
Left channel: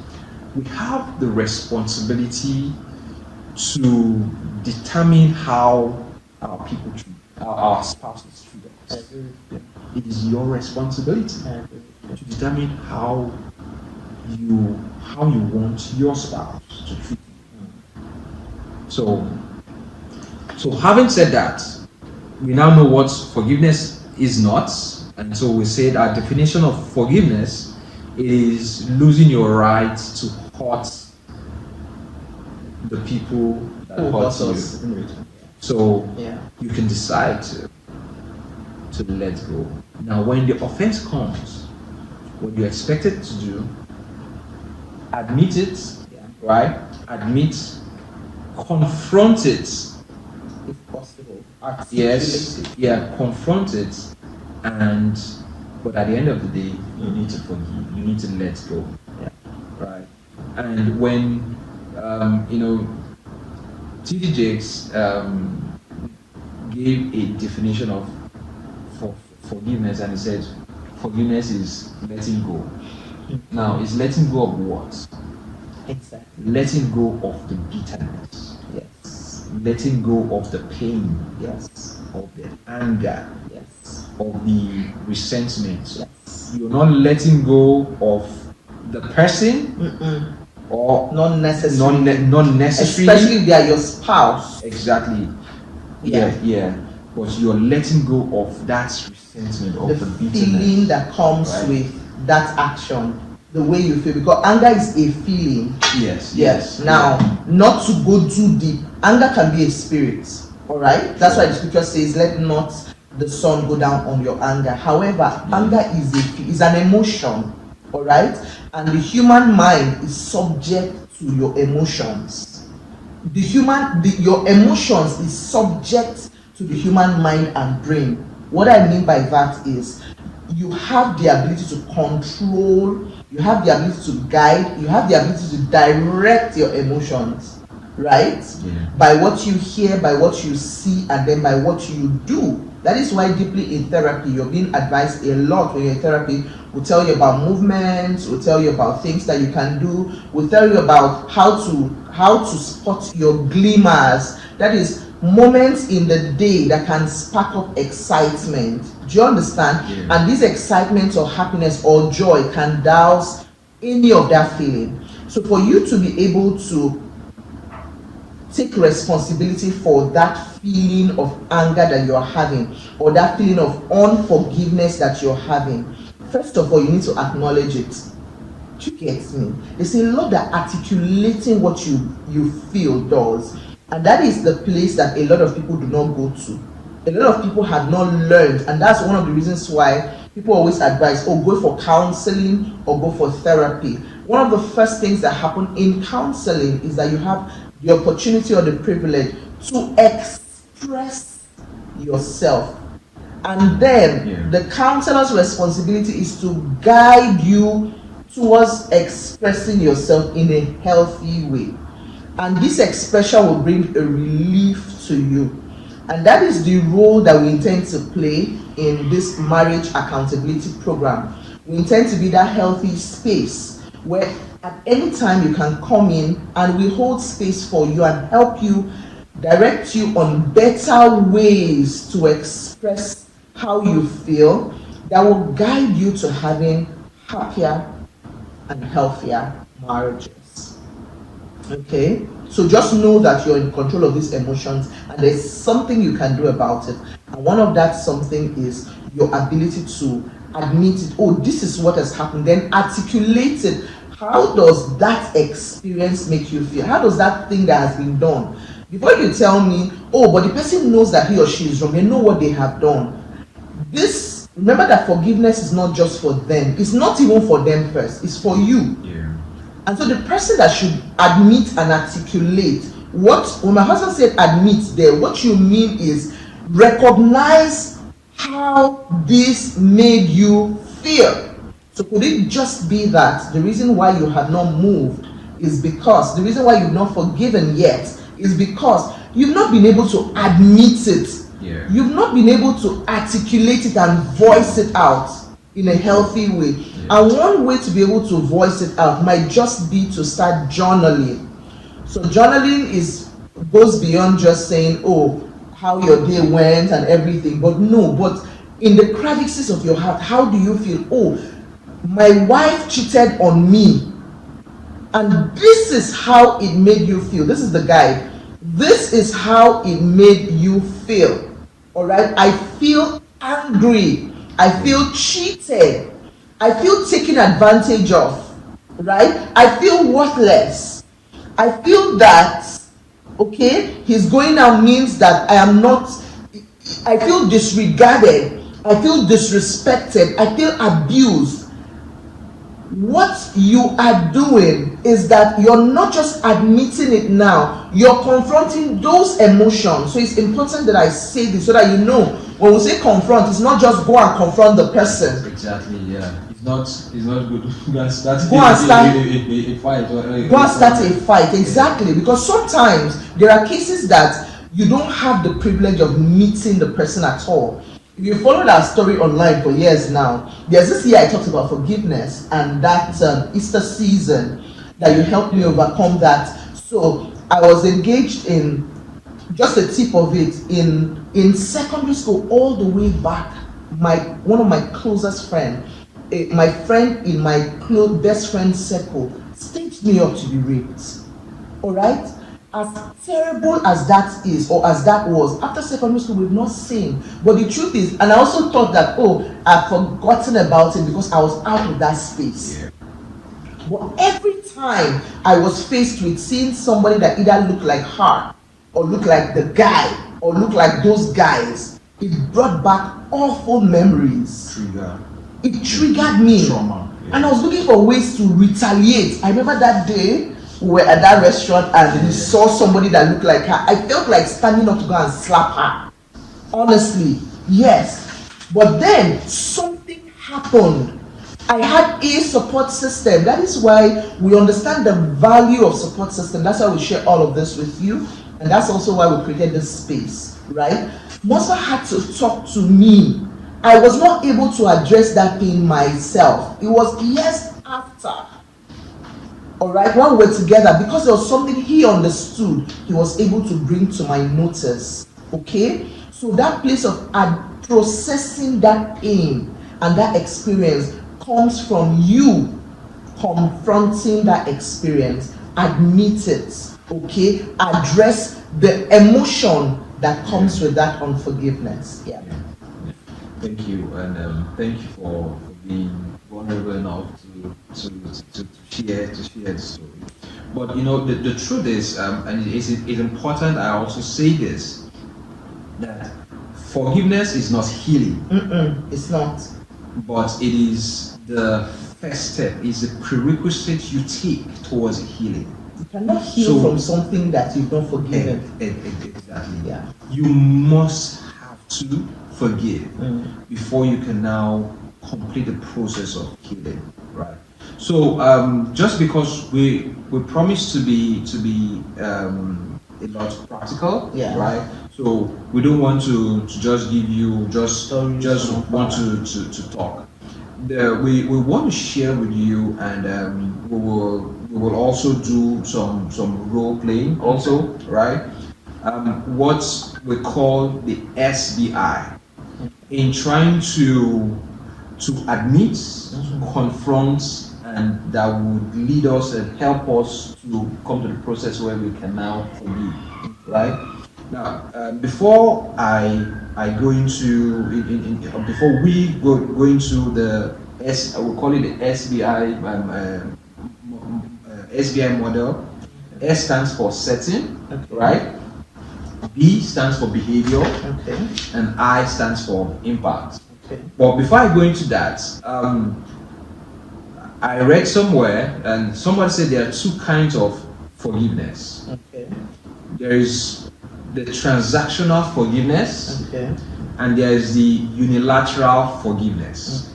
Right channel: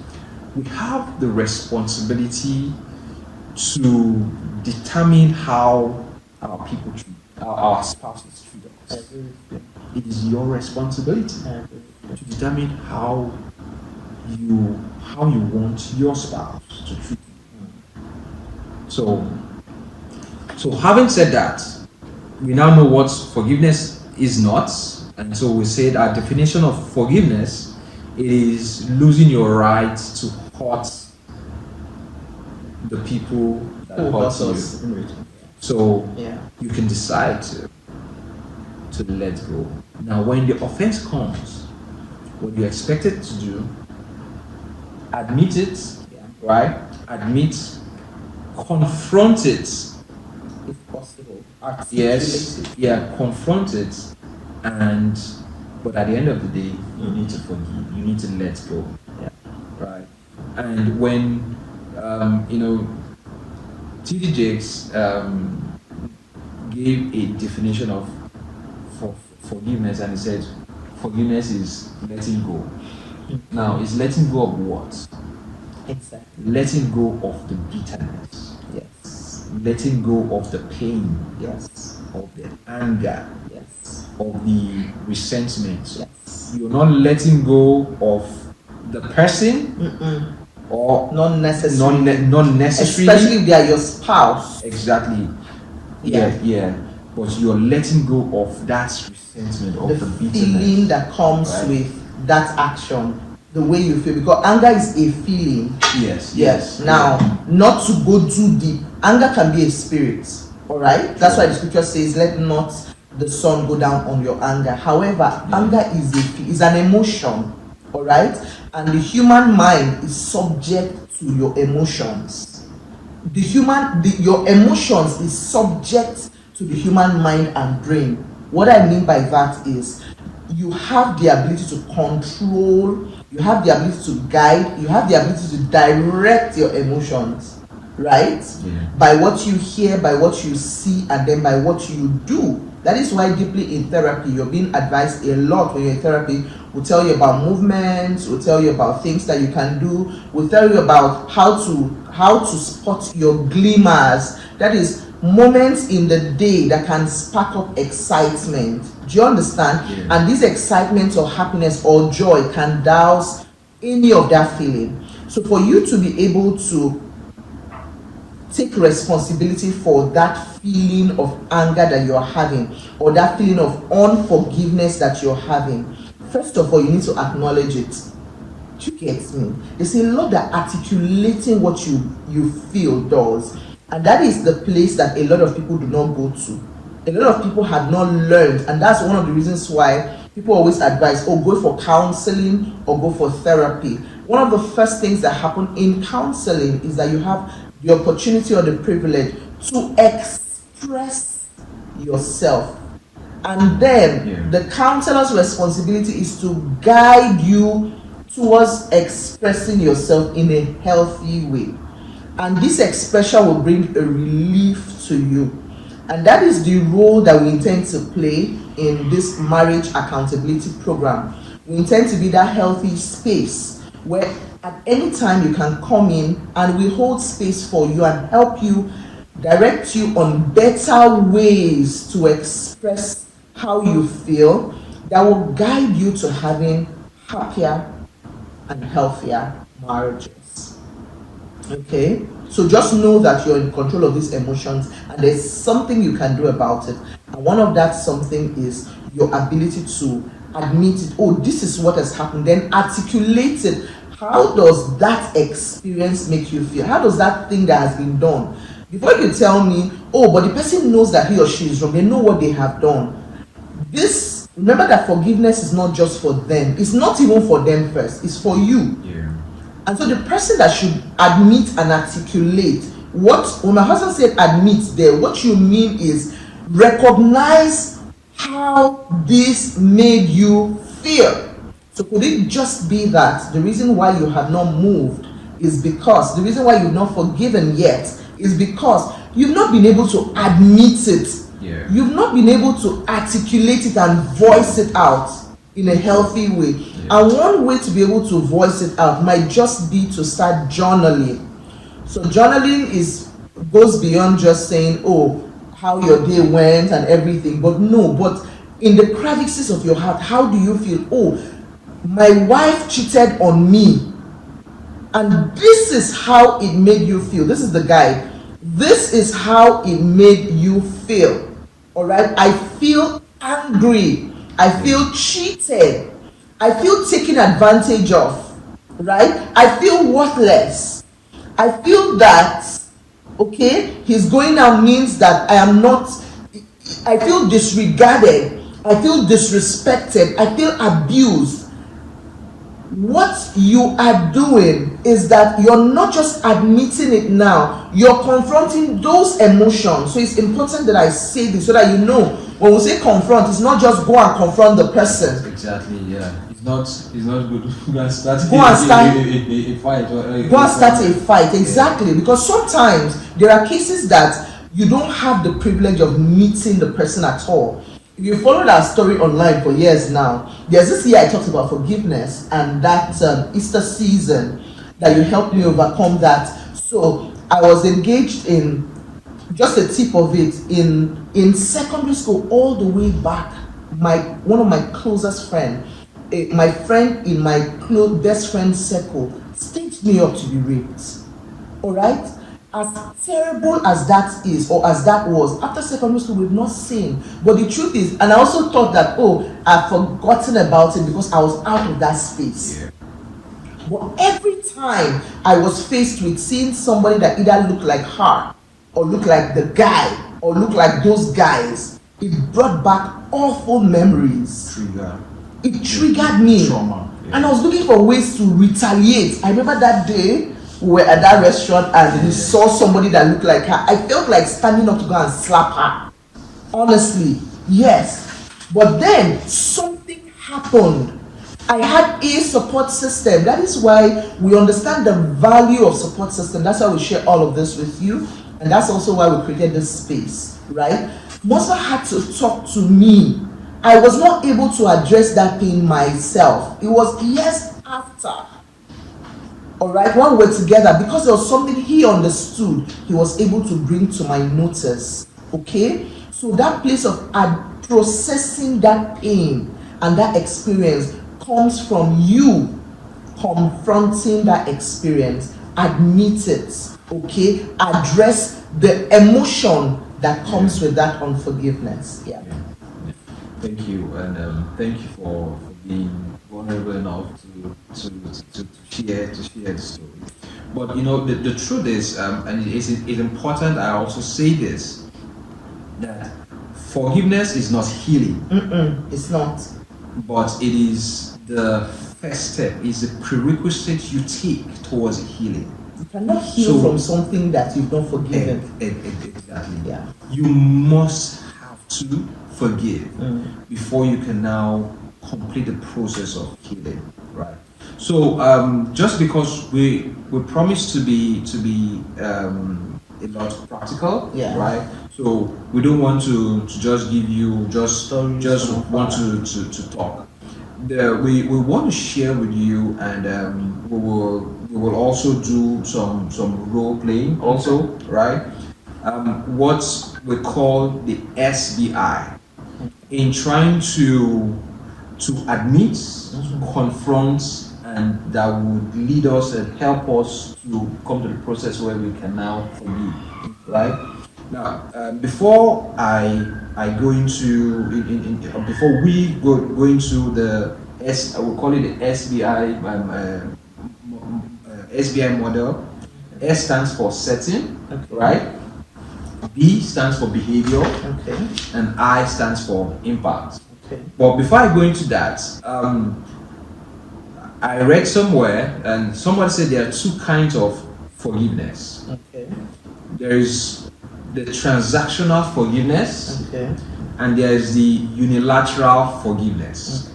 we have the responsibility to determine how our people treat our spouses treat us. It is your responsibility to determine how you want your spouse to treat you. So having said that, we now know what forgiveness is not, and so we said our definition of forgiveness is losing your right to hurt the people that Who hurt hurt you. us. So Yeah. you can decide to let go. Now, when the offense comes, what you expect it to do, admit it, Yeah. right? Admit, confront it. If possible. Yes, yeah, confront it, but at the end of the day, you need to forgive. You need to let go, Yeah. right? And when T.D. Jakes gave a definition of forgiveness, and he said, forgiveness is letting go. Now, is letting go of what? Exactly. Letting go of the bitterness, Yes. letting go of the pain, Yes. of the anger, Yes. of the resentment. Yes. You're not letting go of the person, or Not necessarily. not necessarily. Especially if they are your spouse. Exactly. Yeah. But you're letting go of that resentment, of the The bitterness. feeling that comes Right. with that action, the way you feel, because anger is a feeling. Yes. Now, not to go too deep, anger can be a spirit. All right. That's why the scripture says, "Let not the sun go down on your anger." However, anger is an emotion. All right, and the human mind is subject to your emotions. Your emotions is subject to the human mind and brain. What I mean by that is, you have the ability to control, you have the ability to guide, you have the ability to direct your emotions, right? Yeah. By what you hear, by what you see, and then by what you do. That is why deeply in therapy, you're being advised a lot when you're in therapy. We'll tell you about movements, we'll tell you about things that you can do, we'll tell you about how to spot your glimmers. That is moments in the day that can spark up excitement. Do you understand? Yeah. And this excitement or happiness or joy can douse any of that feeling. So for you to be able to take responsibility for that feeling of anger that you're having, or that feeling of unforgiveness that you're having, first of all, you need to acknowledge it. Do you get me? There's a lot that articulating what you feel does, and that is the place that a lot of people do not go to. A lot of people have not learned, and that's one of the reasons why people always advise, go for counseling or go for therapy. One of the first things that happen in counseling is that you have the opportunity or the privilege to express yourself, and then the counselor's responsibility is to guide you towards expressing yourself in a healthy way, and this expression will bring a relief to you. And that is the role that we intend to play in this marriage accountability program. We intend to be that healthy space where at any time you can come in, and we hold space for you and help you, direct you on better ways to express how you feel, that will guide you to having happier and healthier marriages. Okay? So just know that you're in control of these emotions, and there's something you can do about it. And one of that something is your ability to admit it. Oh, this is what has happened. Then articulate it. How does that experience make you feel? How does that thing that has been done? Before you tell me, but the person knows that he or she is wrong, they know what they have done. Remember that forgiveness is not just for them. It's not even for them first. It's for you. Yeah. And so the person that should admit and articulate when my husband said admit there, what you mean is recognize how this made you feel. So could it just be that the reason why you had not moved is because the reason why you've not forgiven yet is because you've not been able to admit it. Yeah. You've not been able to articulate it and voice it out in a healthy way. And one way to be able to voice it out might just be to start journaling. So journaling goes beyond just saying, oh, how your day went and everything, but in the crevices of your heart, how do you feel? Oh, my wife cheated on me, and this is how it made you feel. This is the guy. This is how it made you feel. All right. I feel angry. I feel cheated. I feel taken advantage of. Right. I feel worthless. I feel that, okay, his going out means that I feel disregarded. I feel disrespected. I feel abused. What you are doing is that you're not just admitting it now, you're confronting those emotions. So it's important that I say this so that you know, when we say confront, it's not just go and confront the person. Exactly, yeah. It's not good. Go and start a fight. Go and start a fight, exactly. Because sometimes there are cases that you don't have the privilege of meeting the person at all. If you followed our story online for years now, there's this year I talked about forgiveness and that Easter season that you helped me overcome that. So I was engaged in just a tip of it in secondary school all the way back. One of my closest friends, my friend in my best friend circle, staged me up to be raped. All right. As terrible as that is, or as that was, after secondary school, we've not seen. But the truth is, and I also thought that, oh, I've forgotten about it because I was out of that space. Yeah. But every time I was faced with seeing somebody that either looked like her, or looked like the guy, or looked like those guys, it brought back awful memories. It triggered me. Trauma. Yeah. And I was looking for ways to retaliate. I remember that day, we were at that restaurant and we saw somebody that looked like her. I felt like standing up to go and slap her. Honestly, yes. But then something happened. I had a support system. That is why we understand the value of support system. That's why we share all of this with you. And that's also why we created this space, right? Mosa had to talk to me. I was not able to address that thing myself. It was years after. All right, when we were together, because there was something he understood, he was able to bring to my notice. Okay, so that place of processing that pain and that experience comes from you confronting that experience, admit it, okay, address the emotion that comes with that unforgiveness. Yeah. Thank you, and thank you for being vulnerable enough to share the story. But you know, the truth is, and it's important I also say this, that forgiveness is not healing. It's not. But it is the first step, is the prerequisite you take towards healing. You cannot heal from something that you've not forgiven. Exactly. Yeah. You must have to forgive before you can now complete the process of healing, right? So just because we promise to be a lot practical, right? So we don't want to just give you just want to talk. We want to share with you, and we will also do some role playing also, right? What we call the SBI, in trying to admit, confront, and that would lead us and help us to come to the process where we can now forgive, right? Now, before I go into before we go into the I will call it the SBI SBI model. S stands for setting, right? B stands for behavior, and I stands for impact. But before I go into that, I read somewhere, and somebody said there are two kinds of forgiveness. there is the transactional forgiveness, Okay. and there is the unilateral forgiveness.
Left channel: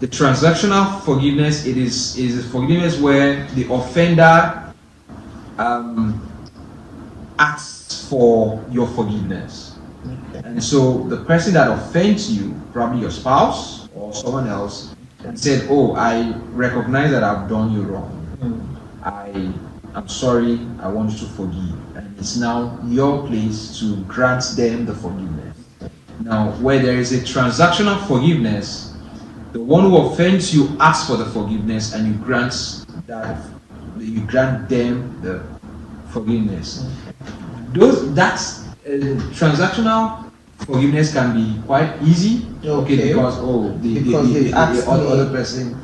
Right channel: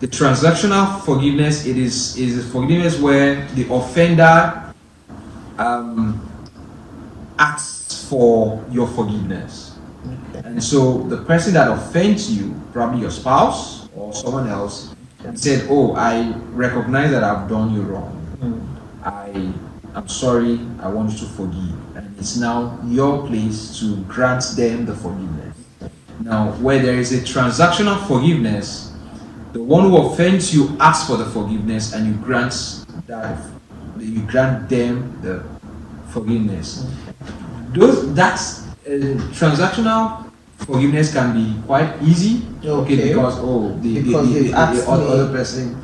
The transactional forgiveness, it is forgiveness where the offender asks for your forgiveness. Okay. And so the person that offends you, probably your spouse or someone else, said, "Oh, I recognize that I've done you wrong. I'm sorry, I want you to forgive." And it's now your place to grant them the forgiveness. Now, where there is a transactional forgiveness, the one who offends you asks for the forgiveness, and you grant them the forgiveness. Transactional forgiveness can be quite easy, Okay. because the actually- other person,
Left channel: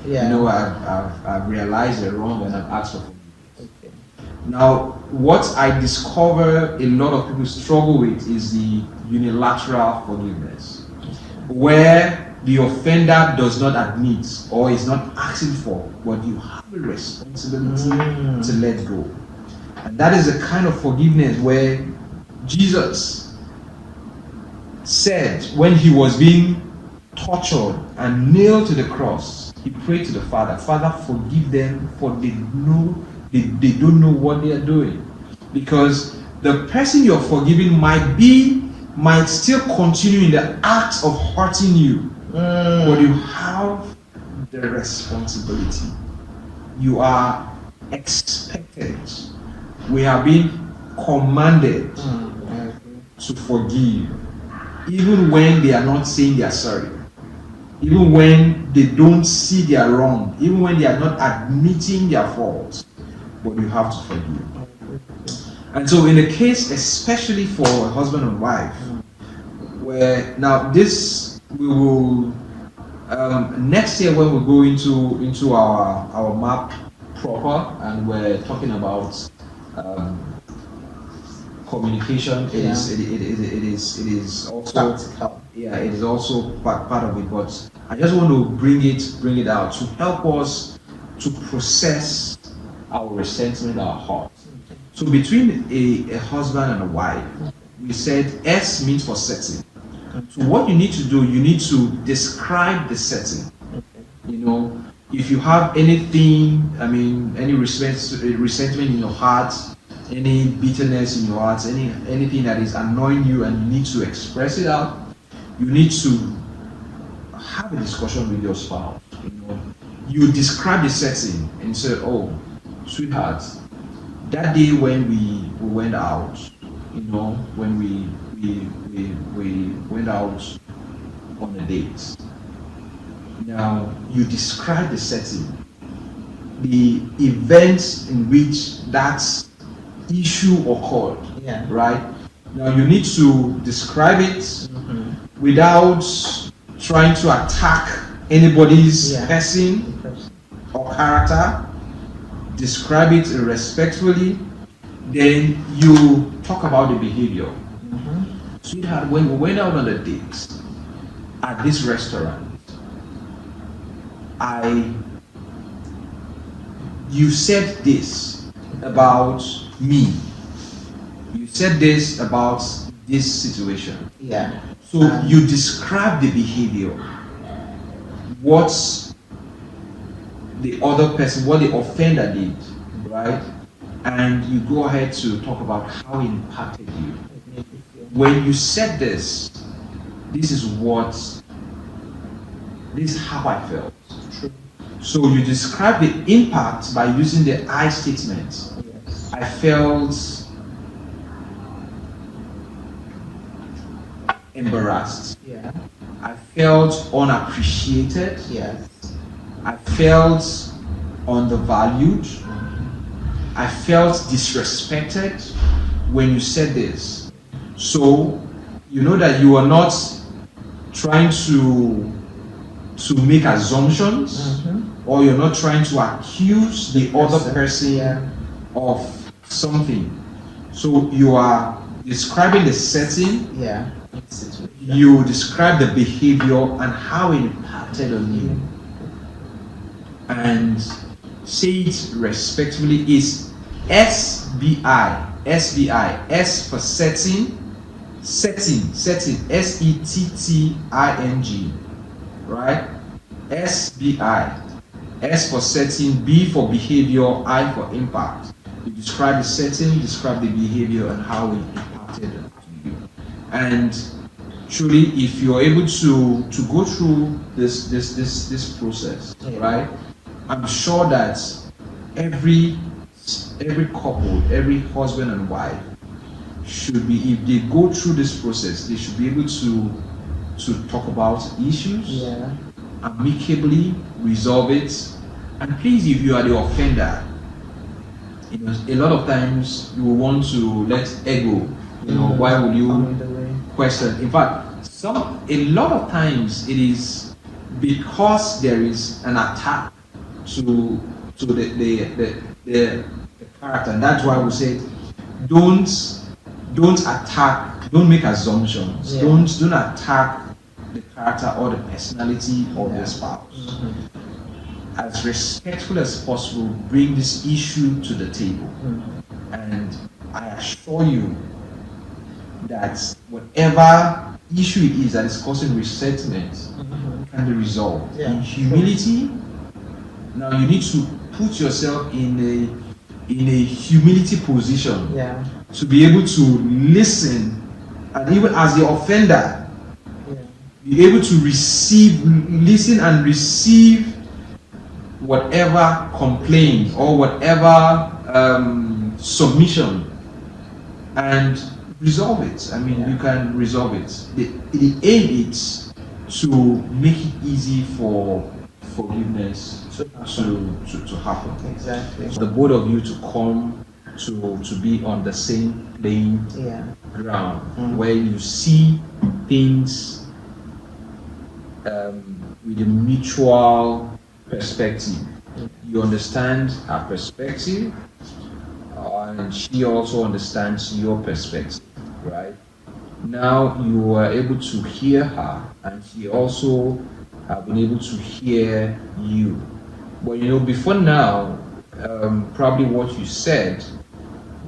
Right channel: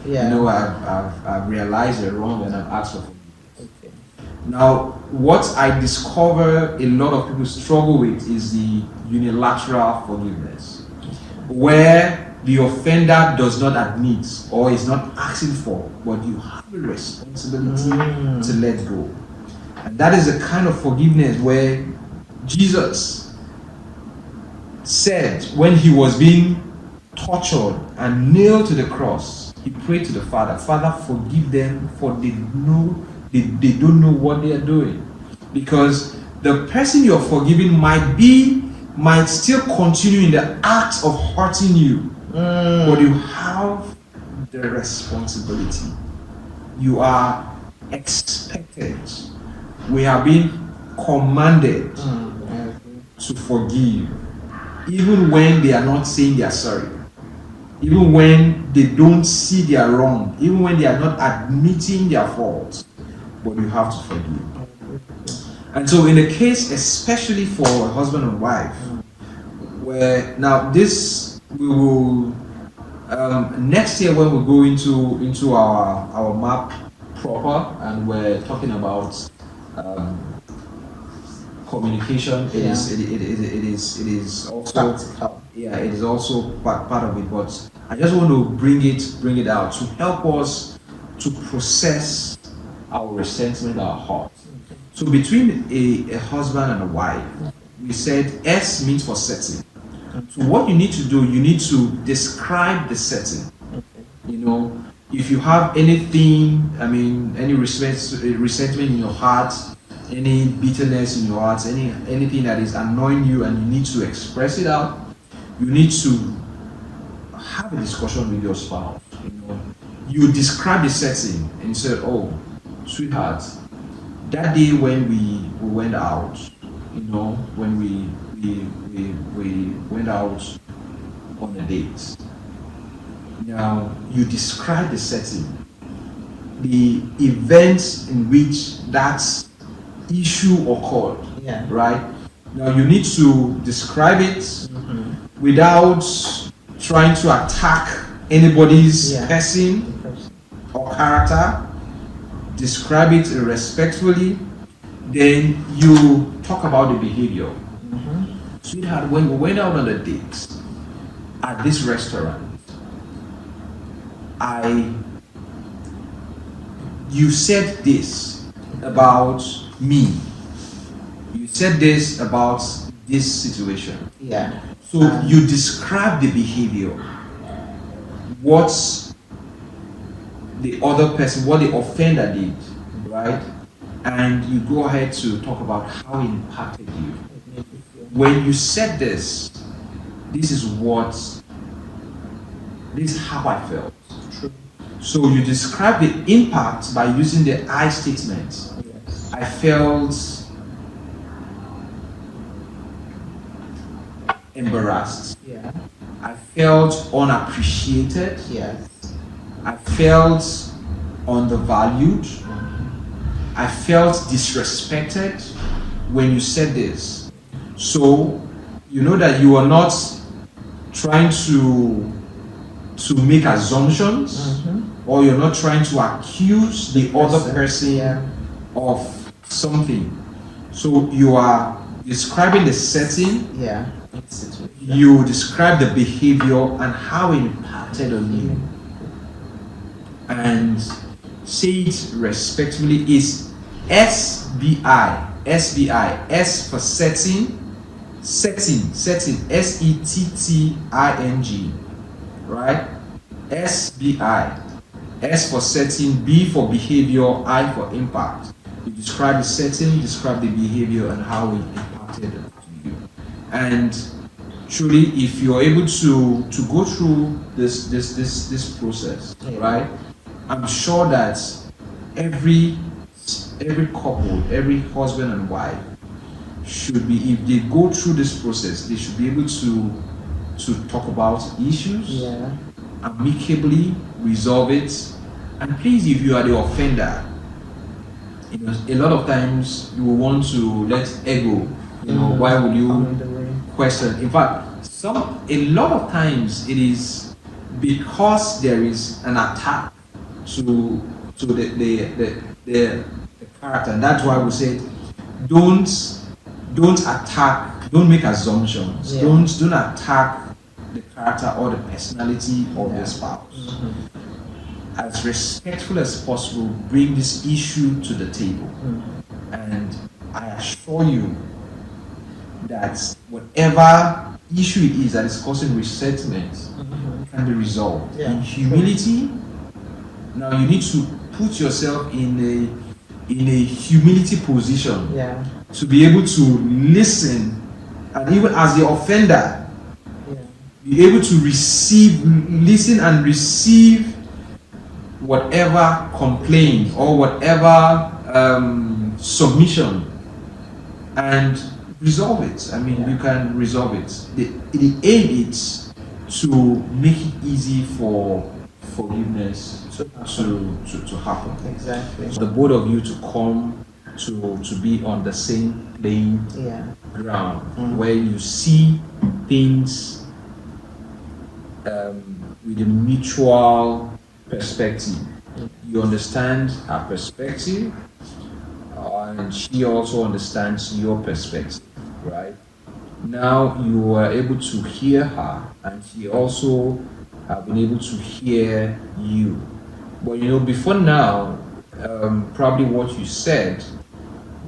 I've realized it wrong and I've asked for forgiveness. Okay. Now, what I discover a lot of people struggle with is the unilateral forgiveness, where the offender does not admit or is not asking for, but you have a responsibility to let go. And that is a kind of forgiveness where Jesus said when he was being tortured and nailed to the cross, he prayed to the Father, "Father, forgive them, for they don't know what they are doing." Because the person you're forgiving might still continue in the act of hurting you, but you have the responsibility. You are expected. We have been commanded to forgive, even when they are not saying they are sorry, even when they don't see they are wrong, even when they are not admitting their faults, but you have to forgive. And so in a case, especially for a husband and wife, where now this we will next year when we go into our map proper, and we're talking about communication. It is also Practical. it is also part of it. But I just want to bring it out to help us to process our resentment, our heart. So between a husband and a wife, we said S means for setting. So what you need to do, you need to describe the setting. If you have anything, any resentment in your heart, any bitterness in your heart, anything that is annoying you, and you need to express it out, you need to have a discussion with your spouse. You describe the setting and say, "Oh, sweetheart, that day when we went out, when we went out on a date." Now, you describe the setting, the events in which that issue occurred, right? Now, you need to describe it without trying to attack anybody's person or character. Describe it respectfully. Then you talk about the behavior. Sweetheart, when we went out on a date at this restaurant, you said this about me. You said this about this situation. Yeah. So you describe the behavior, what the other person, what the offender did, right? And you go ahead to talk about how it impacted you. When you said this is how I felt. True. So you describe the impact by using the I statement. Yes. I felt embarrassed. Yeah. I felt unappreciated. Yes. I felt undervalued. I felt disrespected when you said this. So you know that you are not trying to make assumptions, or you're not trying to accuse the other person of something. So you are describing the setting. Yeah. You describe the behavior and how it impacted on you, and say it respectfully. Is SBI SBI. S for setting, setting, SETTING, right? SBI. S for setting, B for behavior, I for impact. You describe the setting, you describe the behavior and how it impacted you. And truly, if you're able to go through this process, right? I'm sure that every couple, every husband and wife should be, if they go through this process, they should be able to talk about issues, amicably resolve it. And please, if you are the offender, you know, a lot of times you will want to let ego, you know, why would you question? In fact, a lot of times it is because there is an attack to the character, and that's why we said don't attack, don't make assumptions, don't attack the character or the personality of your spouse. As respectful as possible, bring this issue to the table, and I assure you that whatever issue it is that is causing resentment can be resolved in humility. Now you need to put yourself in a humility position to be able to listen, and even as the offender, be able to listen and receive whatever complaint or whatever submission and resolve it. I mean, you can resolve it. The aim is to make it easy for forgiveness to happen. Exactly. The both of you to come to be on the same playing ground, where you see things with a mutual perspective. You understand her perspective, and she also understands your perspective, right? Now you are able to hear her, and she also have been able to hear you. But you know, before now, probably what you said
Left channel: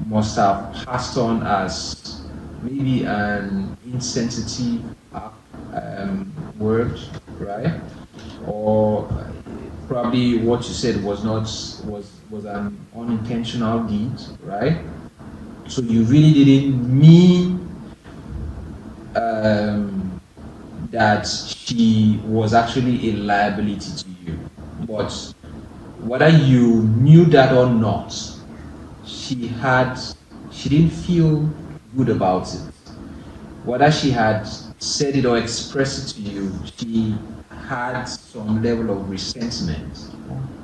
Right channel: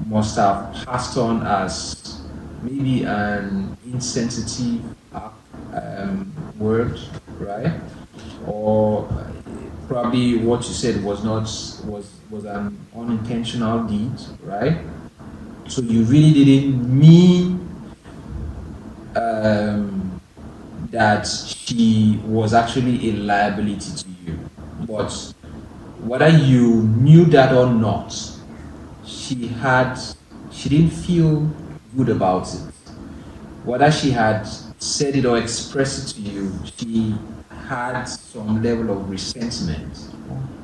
must have passed on as maybe an insensitive word, right? Or probably what you said was an unintentional deed, right? So you really didn't mean that she was actually a liability to you. But whether you knew that or not, she didn't feel good about it. Whether she had said it or expressed it to you, she had some level of resentment,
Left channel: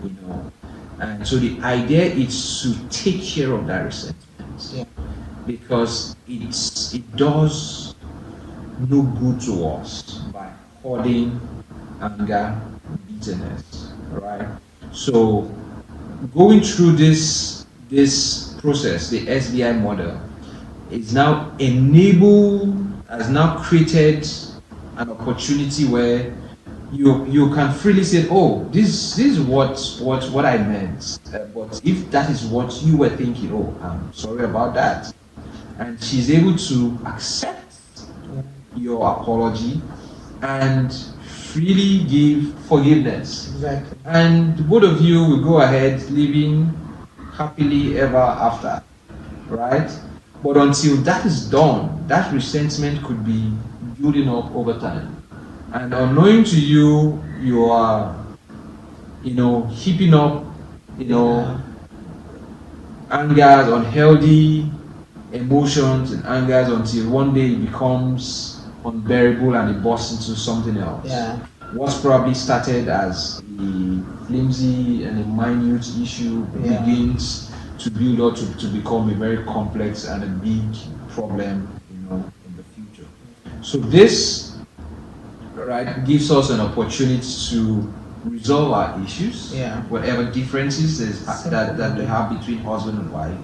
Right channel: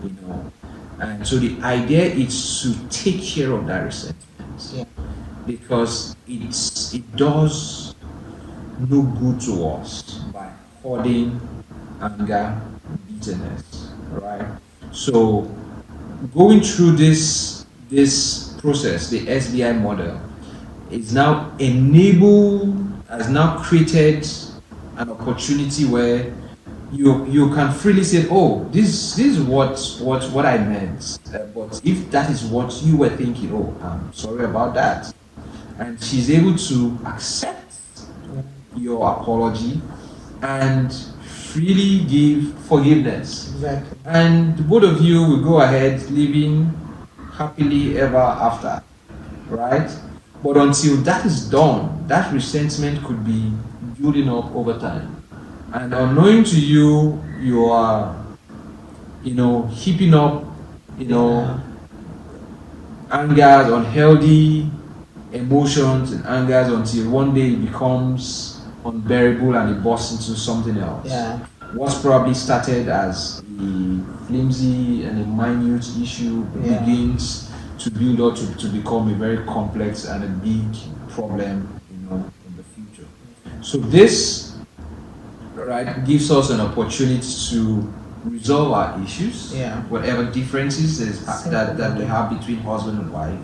you know. And so the idea is to take care of that resentment, because it does no good to us by holding anger, bitterness, right? So going through this process, the SBI model is now has now created an opportunity where you can freely say, oh, this is what I meant. But if that is what you were thinking, oh, I'm sorry about that. And she's able to accept your apology and freely give forgiveness. Exactly. And both of you will go ahead living happily ever after, right? But until that is done, that resentment could be building up over time. And unknowing to you, you are, heaping up, angers, unhealthy emotions and angers until one day it becomes unbearable and it bursts into something else. Yeah. What's probably started as a flimsy and a minute issue begins to build up to become a very complex and a big problem, in the future. So this, right, gives us an opportunity to resolve our issues, whatever differences that we have between husband and wife,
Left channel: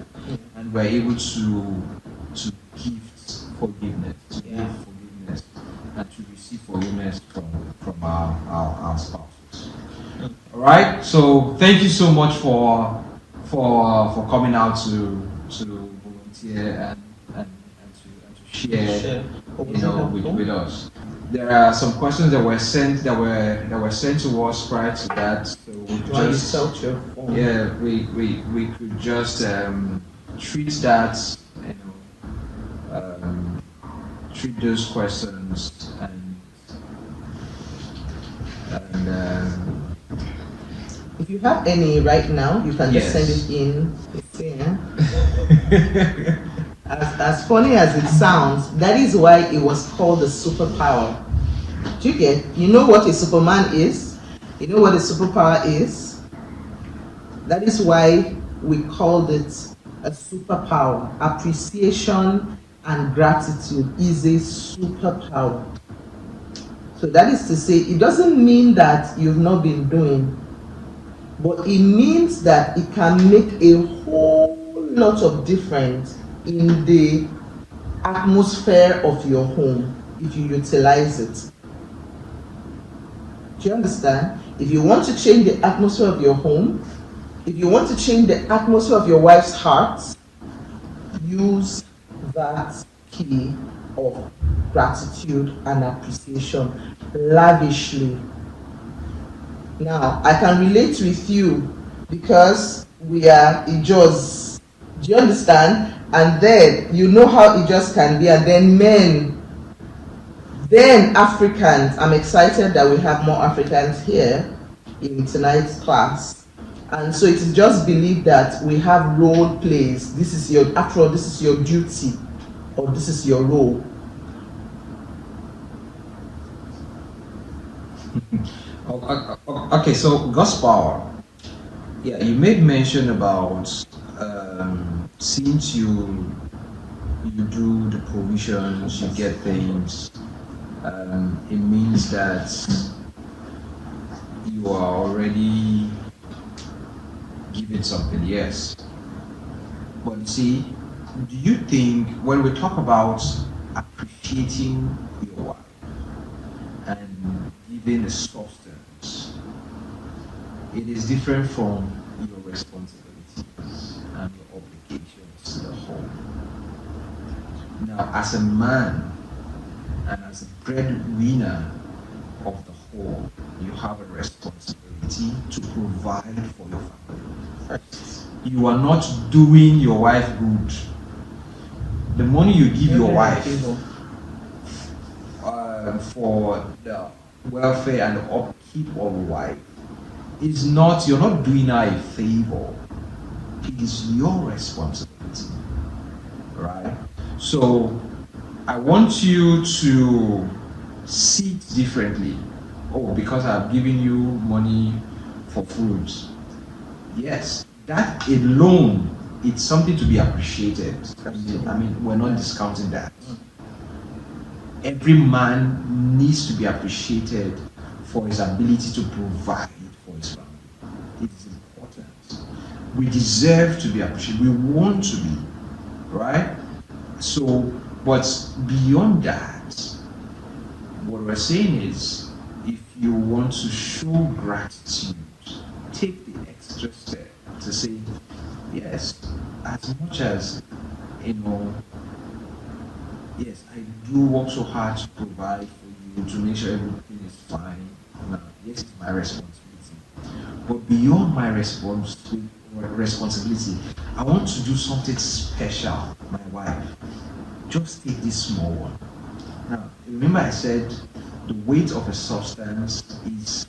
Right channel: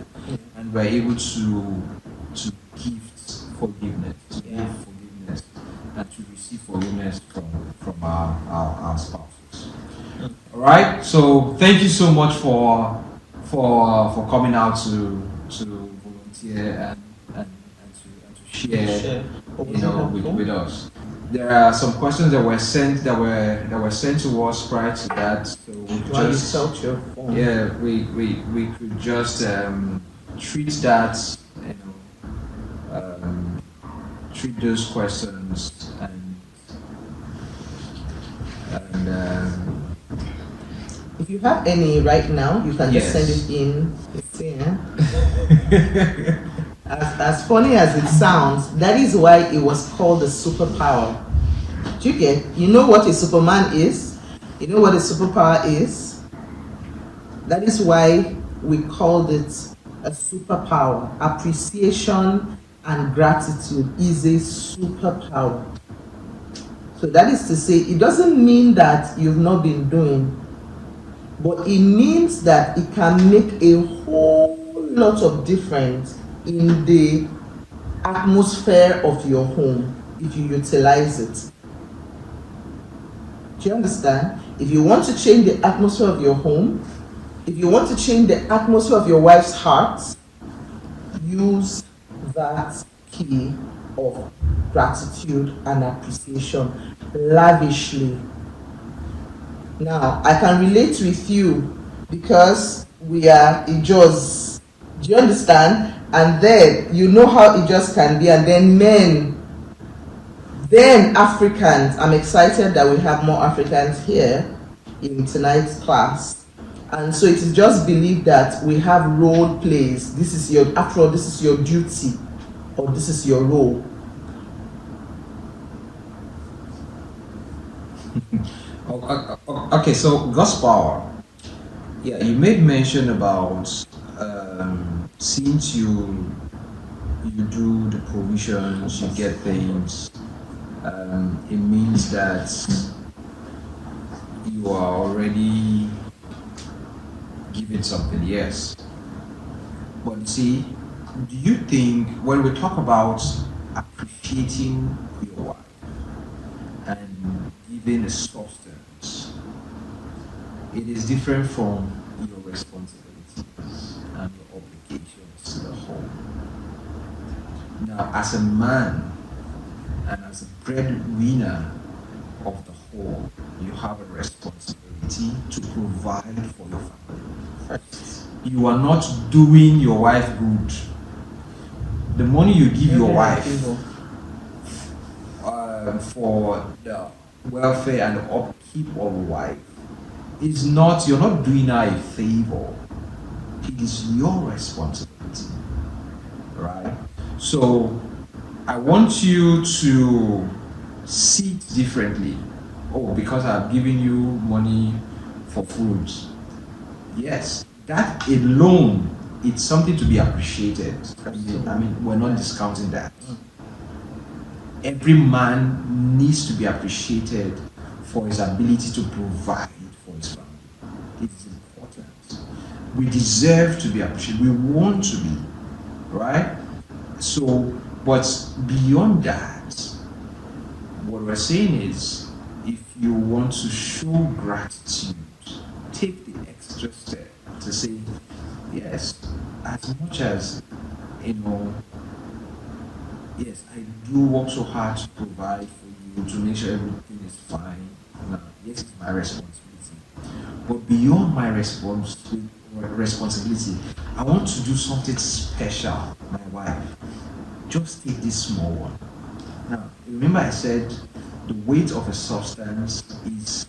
and we're able to give forgiveness, and to receive forgiveness from our spouses. All right. So thank you so much for coming out to volunteer here and to share, What you was know, helpful? with us. There are some questions that were sent to us prior to that, so we Why you just felt your phone? yeah we could just treat that, you know, treat those questions and If you have any right now, you can just Yes. send it in. Yeah. As funny as it sounds, that is why it was called a superpower. Do you get? You know what a Superman is? You know what a superpower is? That is why we called it a superpower. Appreciation and gratitude is a superpower. So that is to say, it doesn't mean that you've not been doing, but it means that it can make a whole lot of difference in the atmosphere of your home if you utilize it. Do you understand? If you want to change the atmosphere of your home, if you want to change the atmosphere of your wife's heart, use that key of gratitude and appreciation lavishly. Now, I can relate with you because we are Ijos. Do you understand? And then you know how Ijos can be, and then men, then Africans. I'm excited that we have more Africans here in tonight's class. And so it is just believed that we have role plays. This is your, after all, this is your duty, or this is your role. Okay, so God's power. Yeah, you made mention about since you do the provisions, you get things. It means that you are already giving something. Yes, but you see, do you think when we talk about appreciating your wife and giving a substance, it is different from your responsibilities and your obligations to the home. Now, as a man and as a breadwinner of the home, you have a responsibility to provide for your family. You are not doing your wife good. The money you give your wife for the welfare and the upkeep of wife is not, you're not doing her a favor. It is your responsibility, right? So I want you to see it differently. Oh, because I've given you money for food. Yes, that alone, it's something to be appreciated. I mean, we're not discounting that. Every man needs to be appreciated for his ability to provide for his family. It is important. We deserve to be appreciated. We want to be, right? So, but beyond that, what we're saying is, if you want to show gratitude, take the extra step to say, yes, as much as, you know, yes, I do work so hard to provide for you, to make sure everything is fine. Now, yes, it's my responsibility. But beyond my responsibility, I want to do something special, my wife. Just take this small one. Now, remember I said the weight of a substance is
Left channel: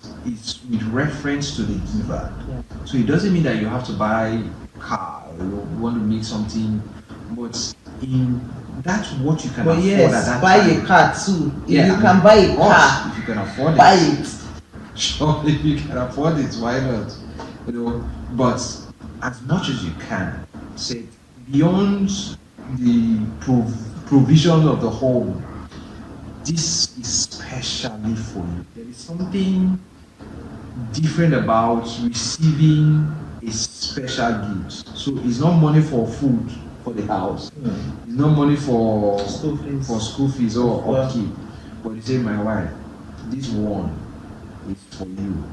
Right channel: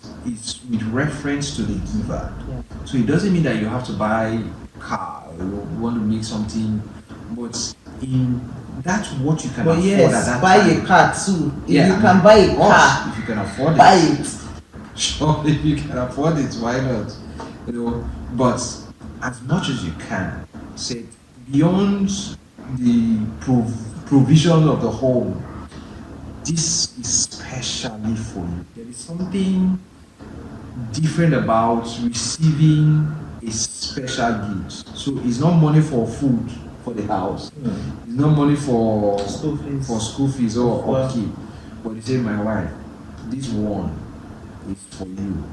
with reference to the giver. Yeah. So it doesn't mean that you have to buy a car or you want to make something, but in that's what you can But afford at yes, that buy time. a car too. If Yeah, you can buy a of course, car, if you can afford buy it. it. Sure, if you can afford it, why not? You know, but as much as you can, say beyond the provision of the home, this is specially for you. There is something different about receiving a special gift. So it's not money for food for the house. It's not money for school fees or Yeah. upkeep. But you say, my wife, this one is for you.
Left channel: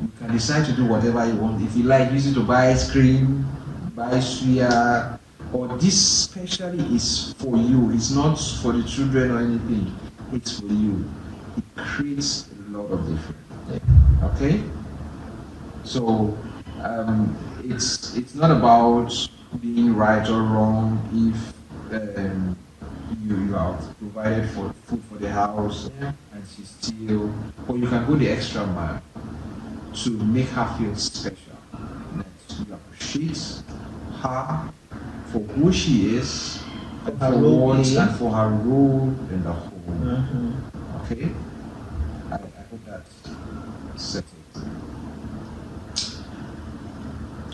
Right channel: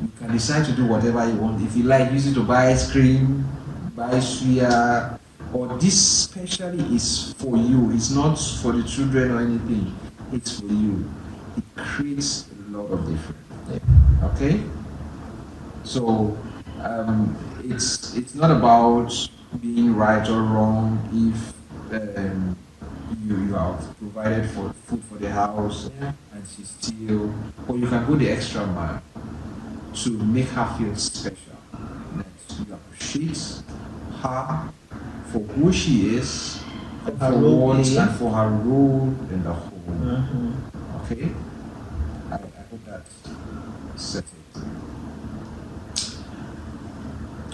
You can decide to do whatever you want. If you like, use it to buy ice cream, buy suya, or this specially is for you, it's not for the children or anything, it's for you, it creates a lot of difference. Okay? So it's not about being right or wrong if you have provided for food for the house and she still, or you can go the extra mile to make her feel special. That you appreciate her for who she is, and for what and for her role in the home. Okay? I hope that's settled.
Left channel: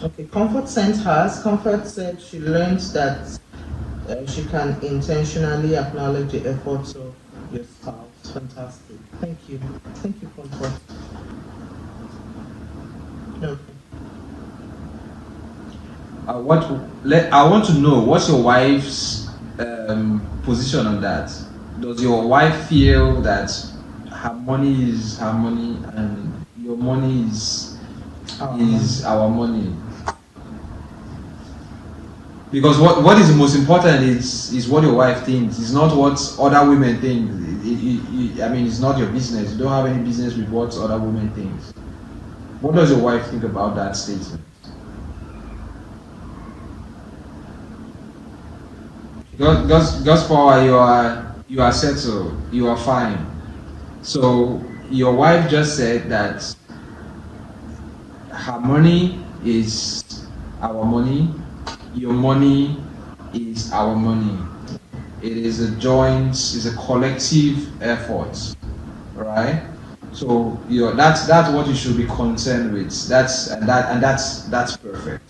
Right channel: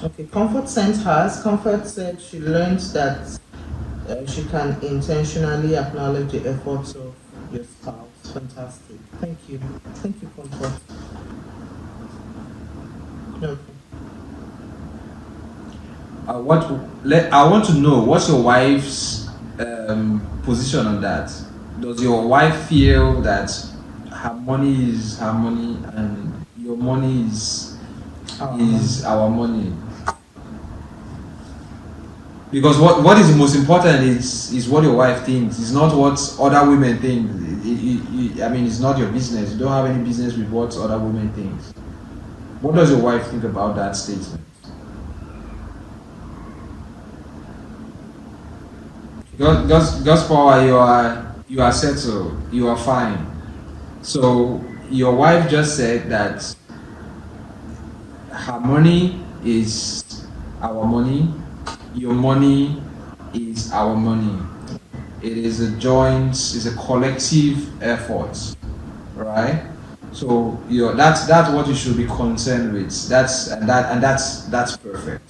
Okay, Comfort sent hers. Comfort said she learns that she can intentionally acknowledge the efforts of your spouse. Fantastic. Thank you. Thank you, Comfort. Okay. I want to know what's your wife's position on that. Does your wife feel that her money is her money and your money is our money? Because what is the most important is what your wife thinks. It's not what other women think. I mean, it's not your business. You don't have any business with what other women think. What does your wife think about that statement? God's power, you are settled, you are fine. So your wife just said that her money is our money, your money is our money. It is a joint, it's a collective effort, right? So that's what you should be concerned with. That's perfect. That's perfect.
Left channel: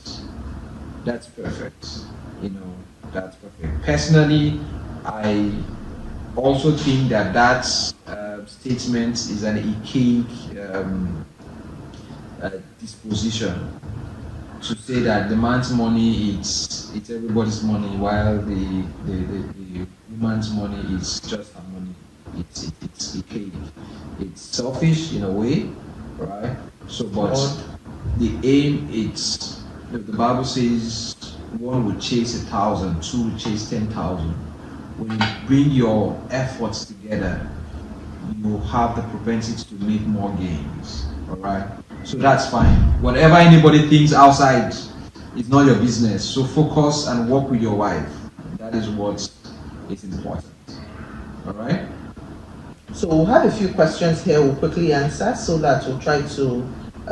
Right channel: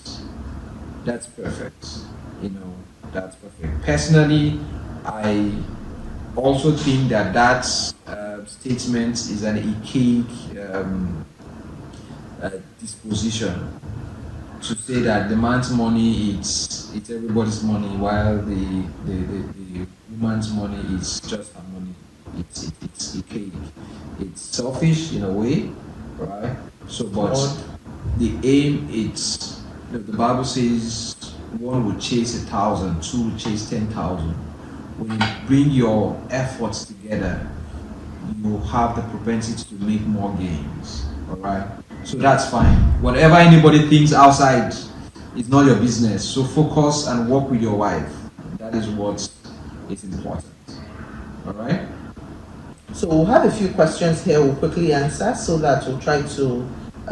That's perfect. Personally, I also think that statement is an archaic disposition to say that the man's money it's everybody's money while the woman's money is just her money. It's archaic. It's selfish in a way, right? So, but the aim the Bible says one will chase 1,000, two will chase 10,000. When you bring your efforts together, you have the propensity to make more gains. All right. So that's fine. Whatever anybody thinks outside is not your business. So focus and work with your wife. That is what is important. All right. So we'll have a few questions here we'll quickly answer so that we'll try to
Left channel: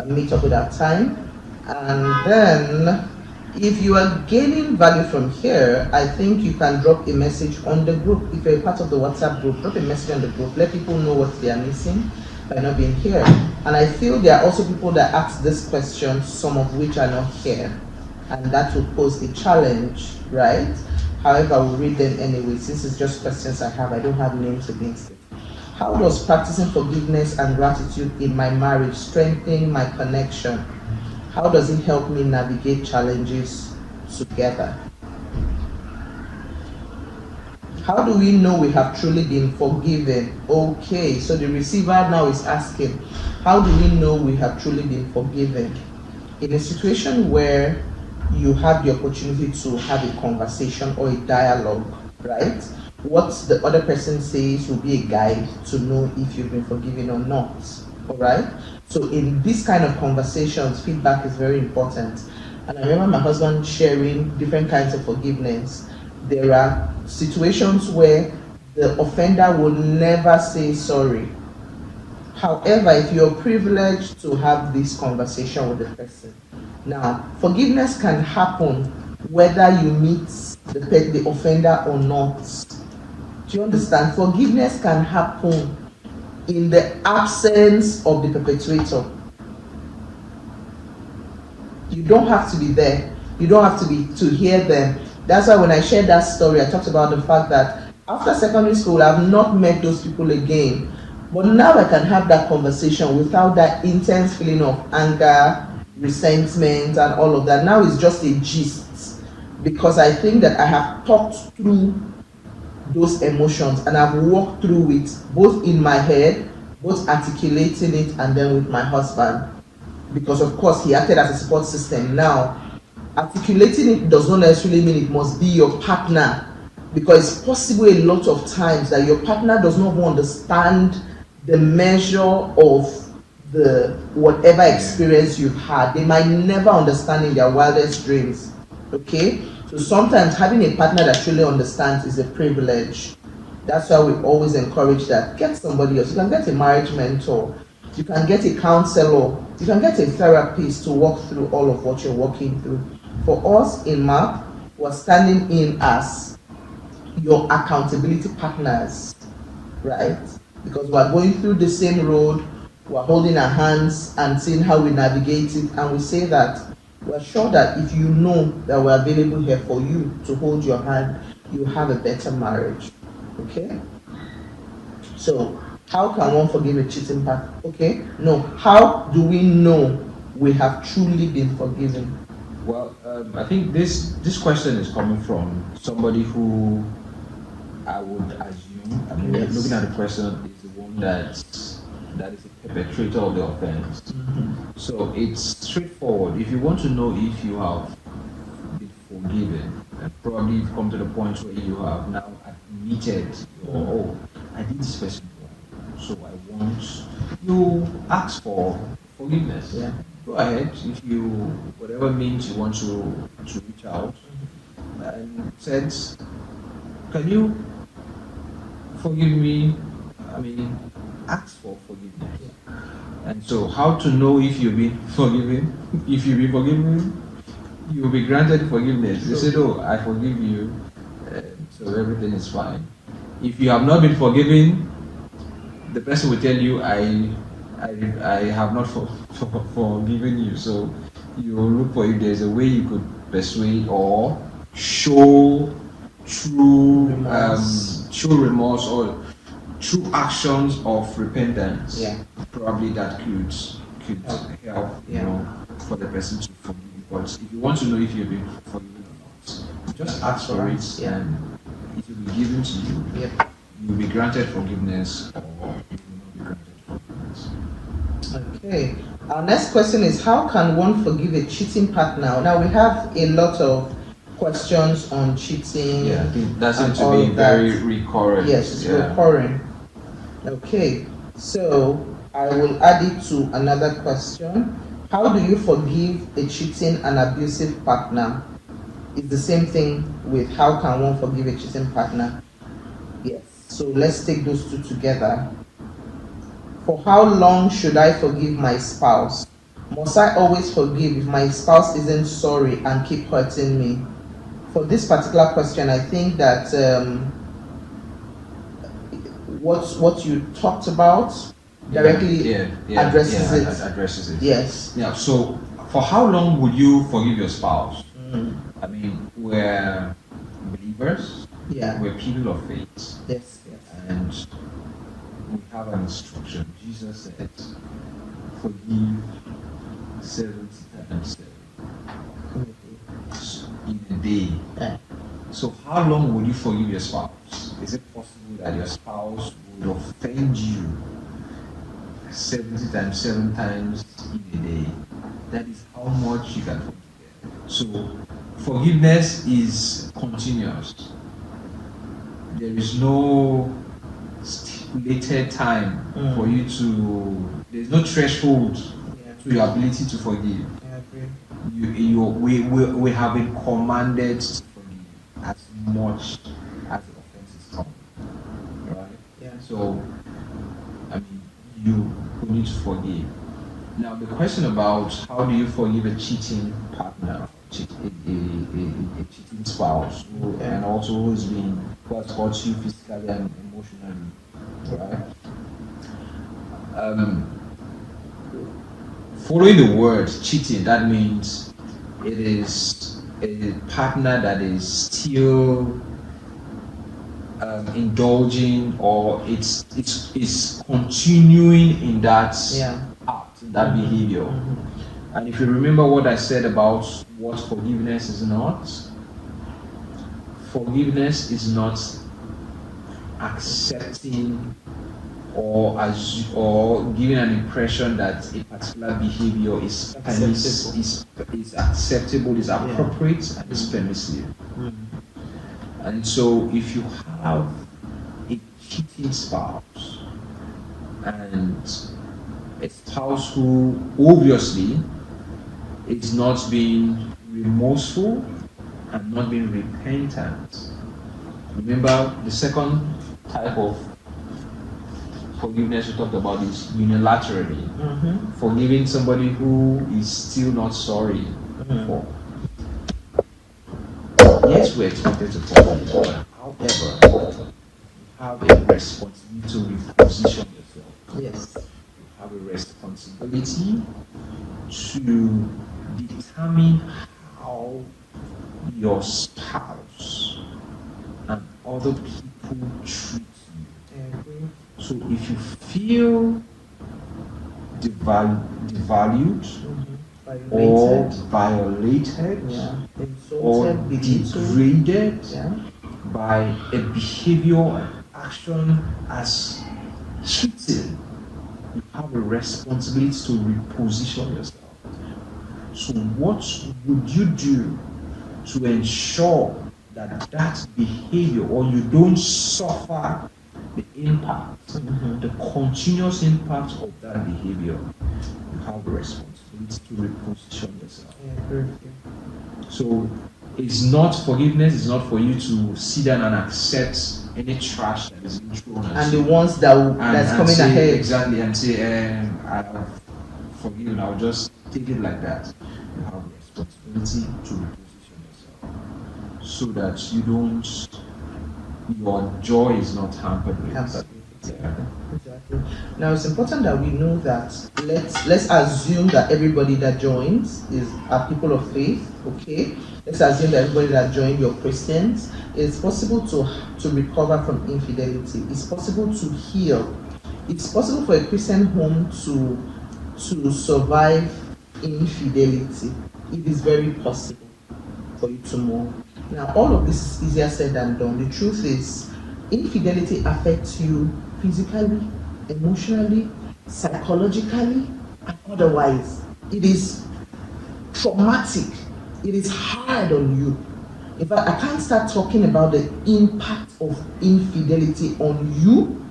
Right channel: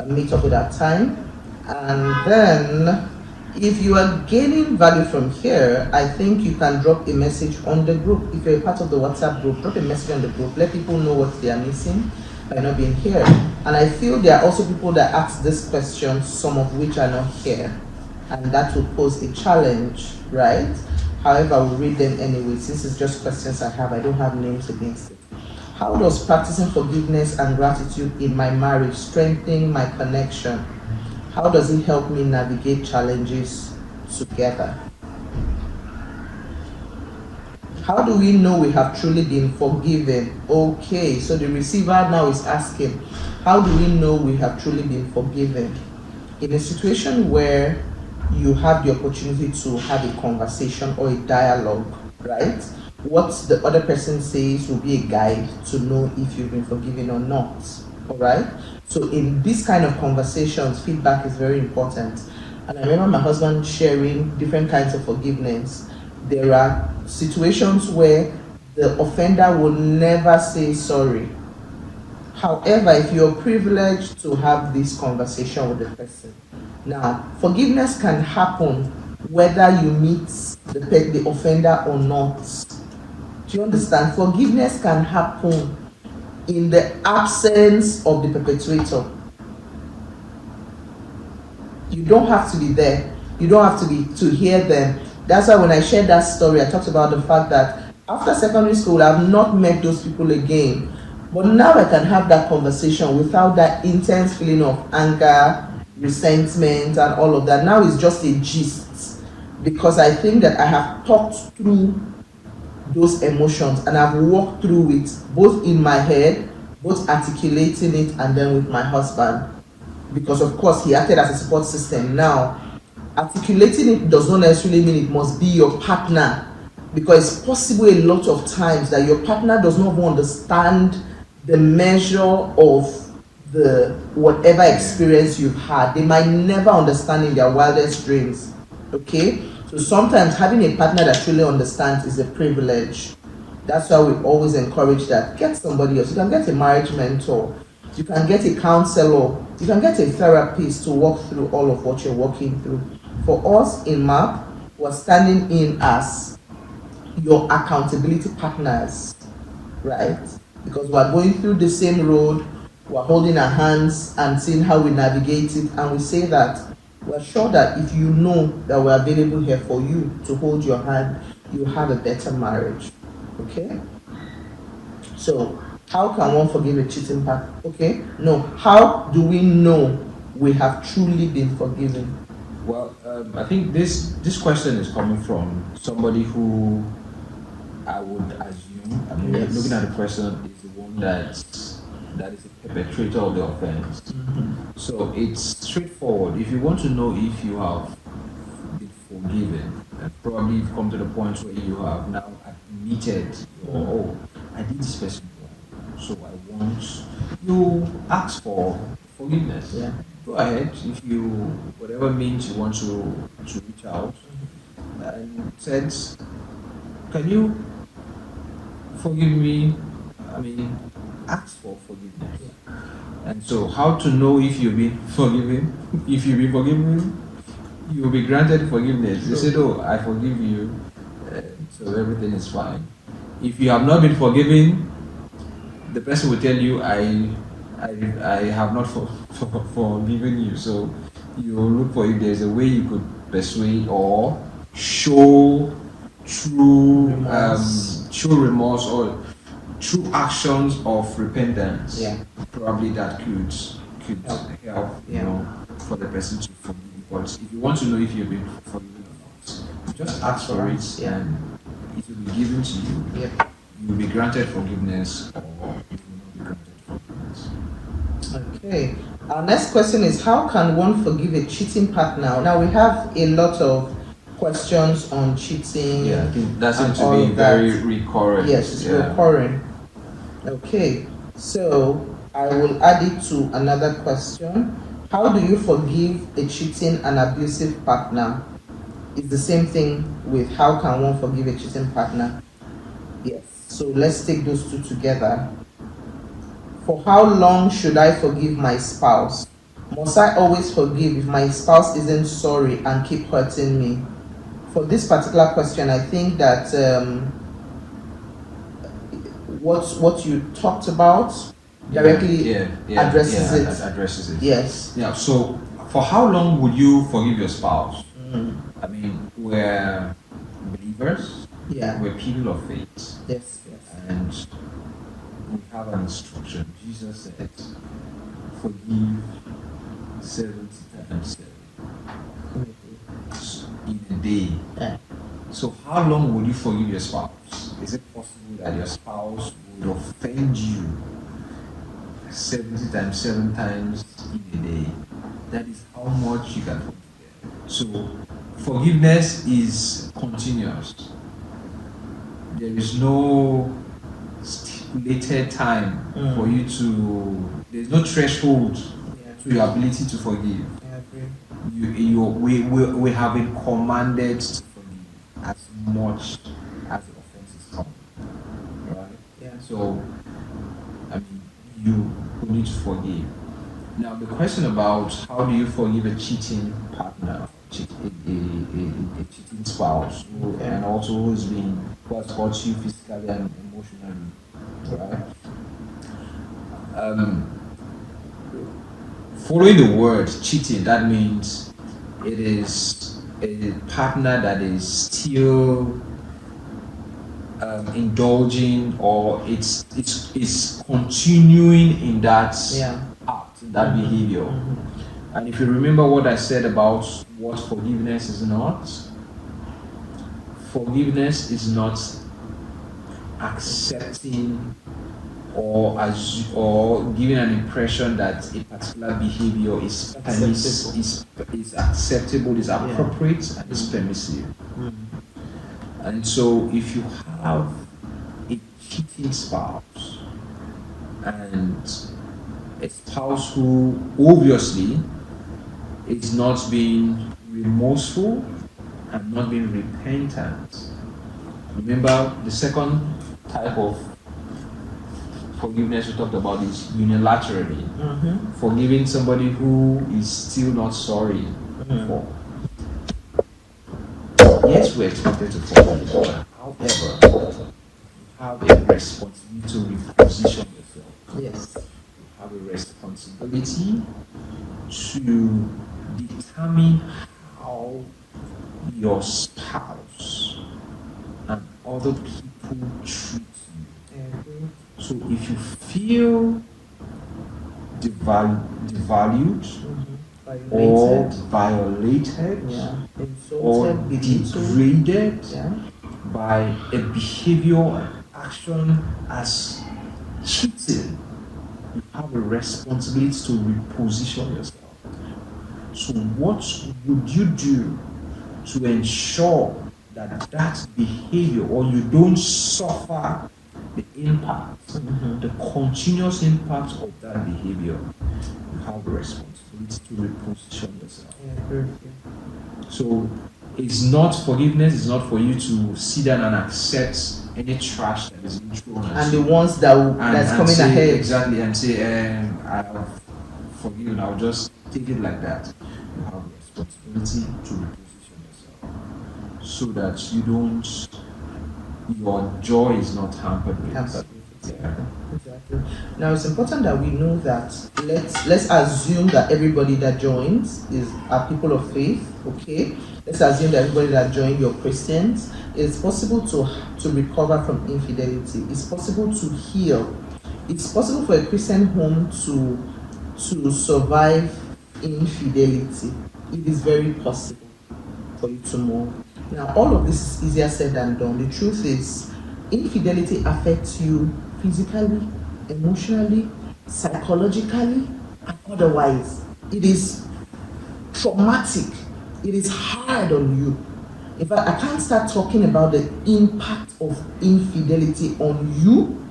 meet up with our time. And then, if you are gaining value from here, I think you can drop a message on the group. If you're a part of the WhatsApp group, drop a message on the group. Let people know what they are missing by not being here. And I feel there are also people that ask this question, some of which are not here. And that will pose a challenge, right? However, we'll read them anyway. Since it's just questions I have, I don't have names against it. How does practicing forgiveness and gratitude in my marriage strengthen my connection? How does it help me navigate challenges together? How do we know we have truly been forgiven? Okay, so the receiver now is asking, how do we know we have truly been forgiven? In a situation where you have the opportunity to have a conversation or a dialogue, right? What the other person says will be a guide to know if you've been forgiven or not. All right? So in this kind of conversations, feedback is very important. And I remember my husband sharing different kinds of forgiveness. There are situations where the offender will never say sorry. However, if you're privileged to have this conversation with the person. Now, forgiveness can happen whether you meet the offender or not. Do you understand? Forgiveness can happen in the absence of the perpetrator. You don't have to be there. You don't have to hear them. That's why when I shared that story, I talked about the fact that after secondary school, I've not met those people again. But now I can have that conversation without that intense feeling of anger, resentment, and all of that. Now it's just a gist, because I think that I have talked through those emotions and I've walked through it both in my head, both articulating it, and then with my husband, because of course he acted as a support system. Now articulating it does not necessarily mean it must be your partner, because it's possible a lot of times that your partner does not understand the measure of the whatever experience you've had. They might never understand in their wildest dreams. Okay? So sometimes having a partner that truly understands is a privilege. That's why we always encourage that. Get somebody else. You can get a marriage mentor. You can get a counselor. You can get a therapist to walk through all of what you're walking through. For us in MAP, we're standing in as your accountability partners, right? Because we're going through the same road, we're holding our hands and seeing how we navigate it, and we say that we're sure that if you know that we're available here for you to hold your hand, you have a better marriage. Okay? So, how can one forgive a cheating partner? Okay? No. How do we know we have truly been forgiven? Well, I think this question is coming from somebody who I would assume, I mean, Yes. looking at the question, is the one that is a perpetrator of the offense. So it's straightforward. If you want to know if you have been forgiven, and probably you've come to the point where you have now admitted, oh, I did this person wrong, so I want you ask for forgiveness. Yeah. Go ahead, if you, whatever means you want to reach out, and said, can you forgive me? I mean, ask for forgiveness. And so, how to know if you've been forgiven? If you've been forgiven, You will be granted forgiveness. They said, "Oh, I forgive you." so everything is fine. If you have not been forgiven, the person will tell you, I have not forgiven you. So you will look for if there's a way you could persuade or show true remorse or true actions of repentance. Yeah. Probably that could help, Yeah. for the person to forgive. But if you want to know if you've been forgiven or not, just ask for it, Yeah. and it will be given to you. Yep. You will be granted forgiveness, or you will not be granted forgiveness. Okay. Our next question is, how can one forgive a cheating partner? Now we have a lot of questions on cheating. Yeah, I think that seems and to all be of that. very recurrent. Yes, it's Yeah. recurring. Okay, so I will add it to another question. How do you forgive a cheating and abusive partner? It's the same thing with how can one forgive a cheating partner? Yes, so let's take those two together. For how long should I forgive my spouse? Must I always forgive if my spouse isn't sorry and keep hurting me? For this particular question, I think that what you talked about directly addresses it. Addresses it. Yes. Yeah. So, for how long would you forgive your spouse? I mean, we're believers. Yeah. We're people of faith, Yes. Yes. and we have an instruction. Jesus said, "Forgive 70 times 7 in a day." Yeah. So, how long would you forgive your spouse? Is it possible that your spouse would offend you 70 times 7 times in a day? That is how much you can forgive. So, forgiveness is continuous. There is no stipulated time for you to. There's no threshold to your ability to forgive. I agree. We have been commanded to forgive as much as the offenses come. Right? Yeah. So, I mean, you need to forgive. Now, the question about how do you forgive a cheating partner, a cheating spouse, and also who has hurt you physically and emotionally, right? Following the word cheating, that means it is a partner that is still indulging, or it's continuing in that act, in that behavior. And if you remember what I said about what forgiveness is not accepting or giving an impression that a particular behavior is acceptable, is appropriate, and is permissive. And so if you have a cheating spouse and a spouse who obviously is not being remorseful and not being repentant, remember the second type of forgiveness we talked about is unilaterally. Forgiving somebody who is still not sorry for. Yes, we're expected to forgive, however, you have a responsibility to reposition yourself. Yes. You have a responsibility to determine how your spouse and other people treat you. So if you feel devalued or violated or Insulted, belittled. degraded by a behavior and action as cheating, you have a responsibility to reposition yourself. So what would you do to ensure that that behavior, or you don't suffer the impact, the continuous impact of that behavior? You have a responsibility to reposition yourself. So it's not, forgiveness is not for you to sit down and accept any trash that is being thrown at And you. the ones that's coming say, ahead. Exactly, and say, I'll forgive you, I'll just take it like that. You have a responsibility to reposition yourself so that your joy is not hampered with. Exactly. Now it's important that we know that let's assume that everybody that joins are people of faith, okay? Let's assume that everybody that joined, you're Christians. It's possible to recover from infidelity. It's possible to heal. It's possible for a Christian home to survive infidelity. It is very possible for you to move. Now, all of this is easier said than done. The truth is, infidelity affects you physically, emotionally, psychologically, and otherwise. It is traumatic. It is hard on you. In fact, I can't start talking about the impact of infidelity on you,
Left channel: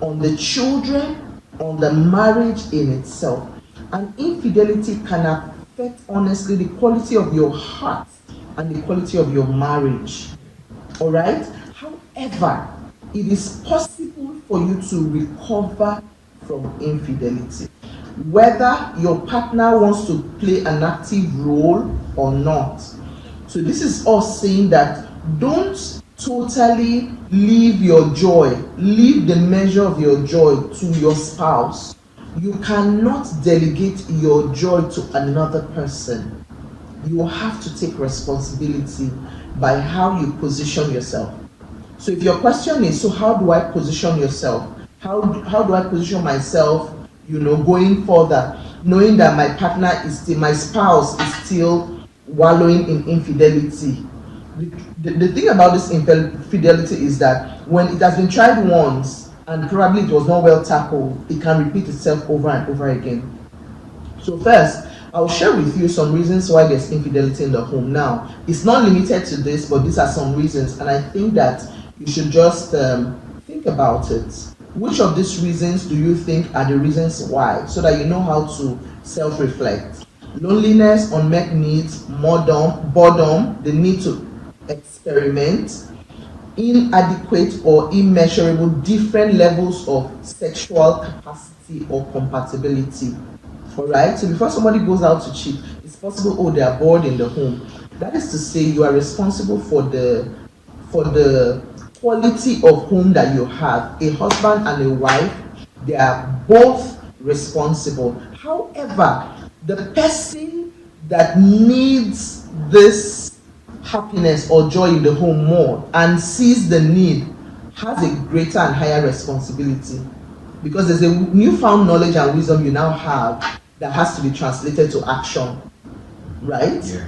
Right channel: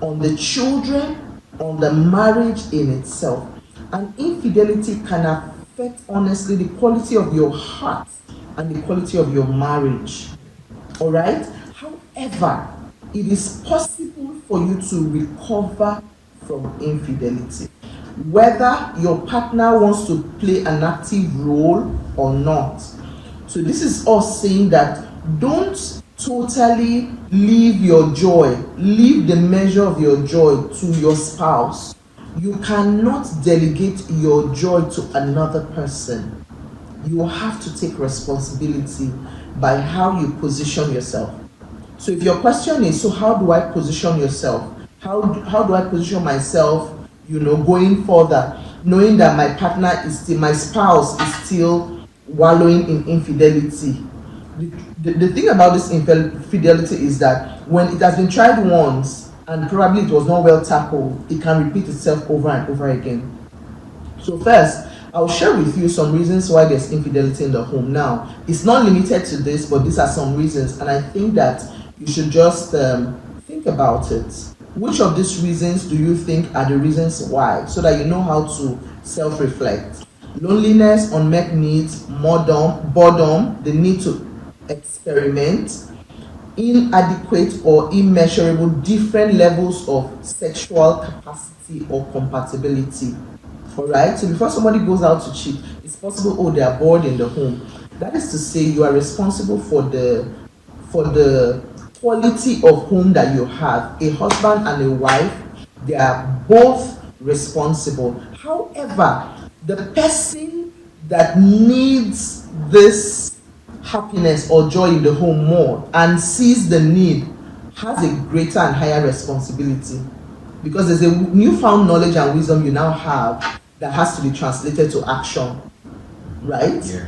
on the children, on the marriage in itself. And infidelity can affect, honestly, the quality of your heart and the quality of your marriage. All right? However, it is possible for you to recover from infidelity, whether your partner wants to play an active role or not. So this is us saying that don't totally leave your joy, leave the measure of your joy to your spouse. You cannot delegate your joy to another person. You have to take responsibility by how you position yourself. So if your question is, so how do I position yourself? How do I position myself, going further, knowing that my partner is still, my spouse is still wallowing in infidelity? The thing about this infidelity is that when it has been tried once and probably it was not well tackled, it can repeat itself over and over again. So first, I'll share with you some reasons why there's infidelity in the home. Now, it's not limited to this, but these are some reasons, and I think that you should just think about it. Which of these reasons do you think are the reasons why, so that you know how to self-reflect? Loneliness, unmet needs, boredom, the need to experiment, inadequate or immeasurable different levels of sexual capacity or compatibility. All right, so before somebody goes out to cheat, it's possible, they are bored in the home. That is to say, you are responsible for the quality of home that you have. A husband and a wife, they are both responsible. However, the person that needs this happiness or joy in the home more and sees the need has a greater and higher responsibility, because there's a newfound knowledge and wisdom you now have that has to be translated to action, right? Yeah.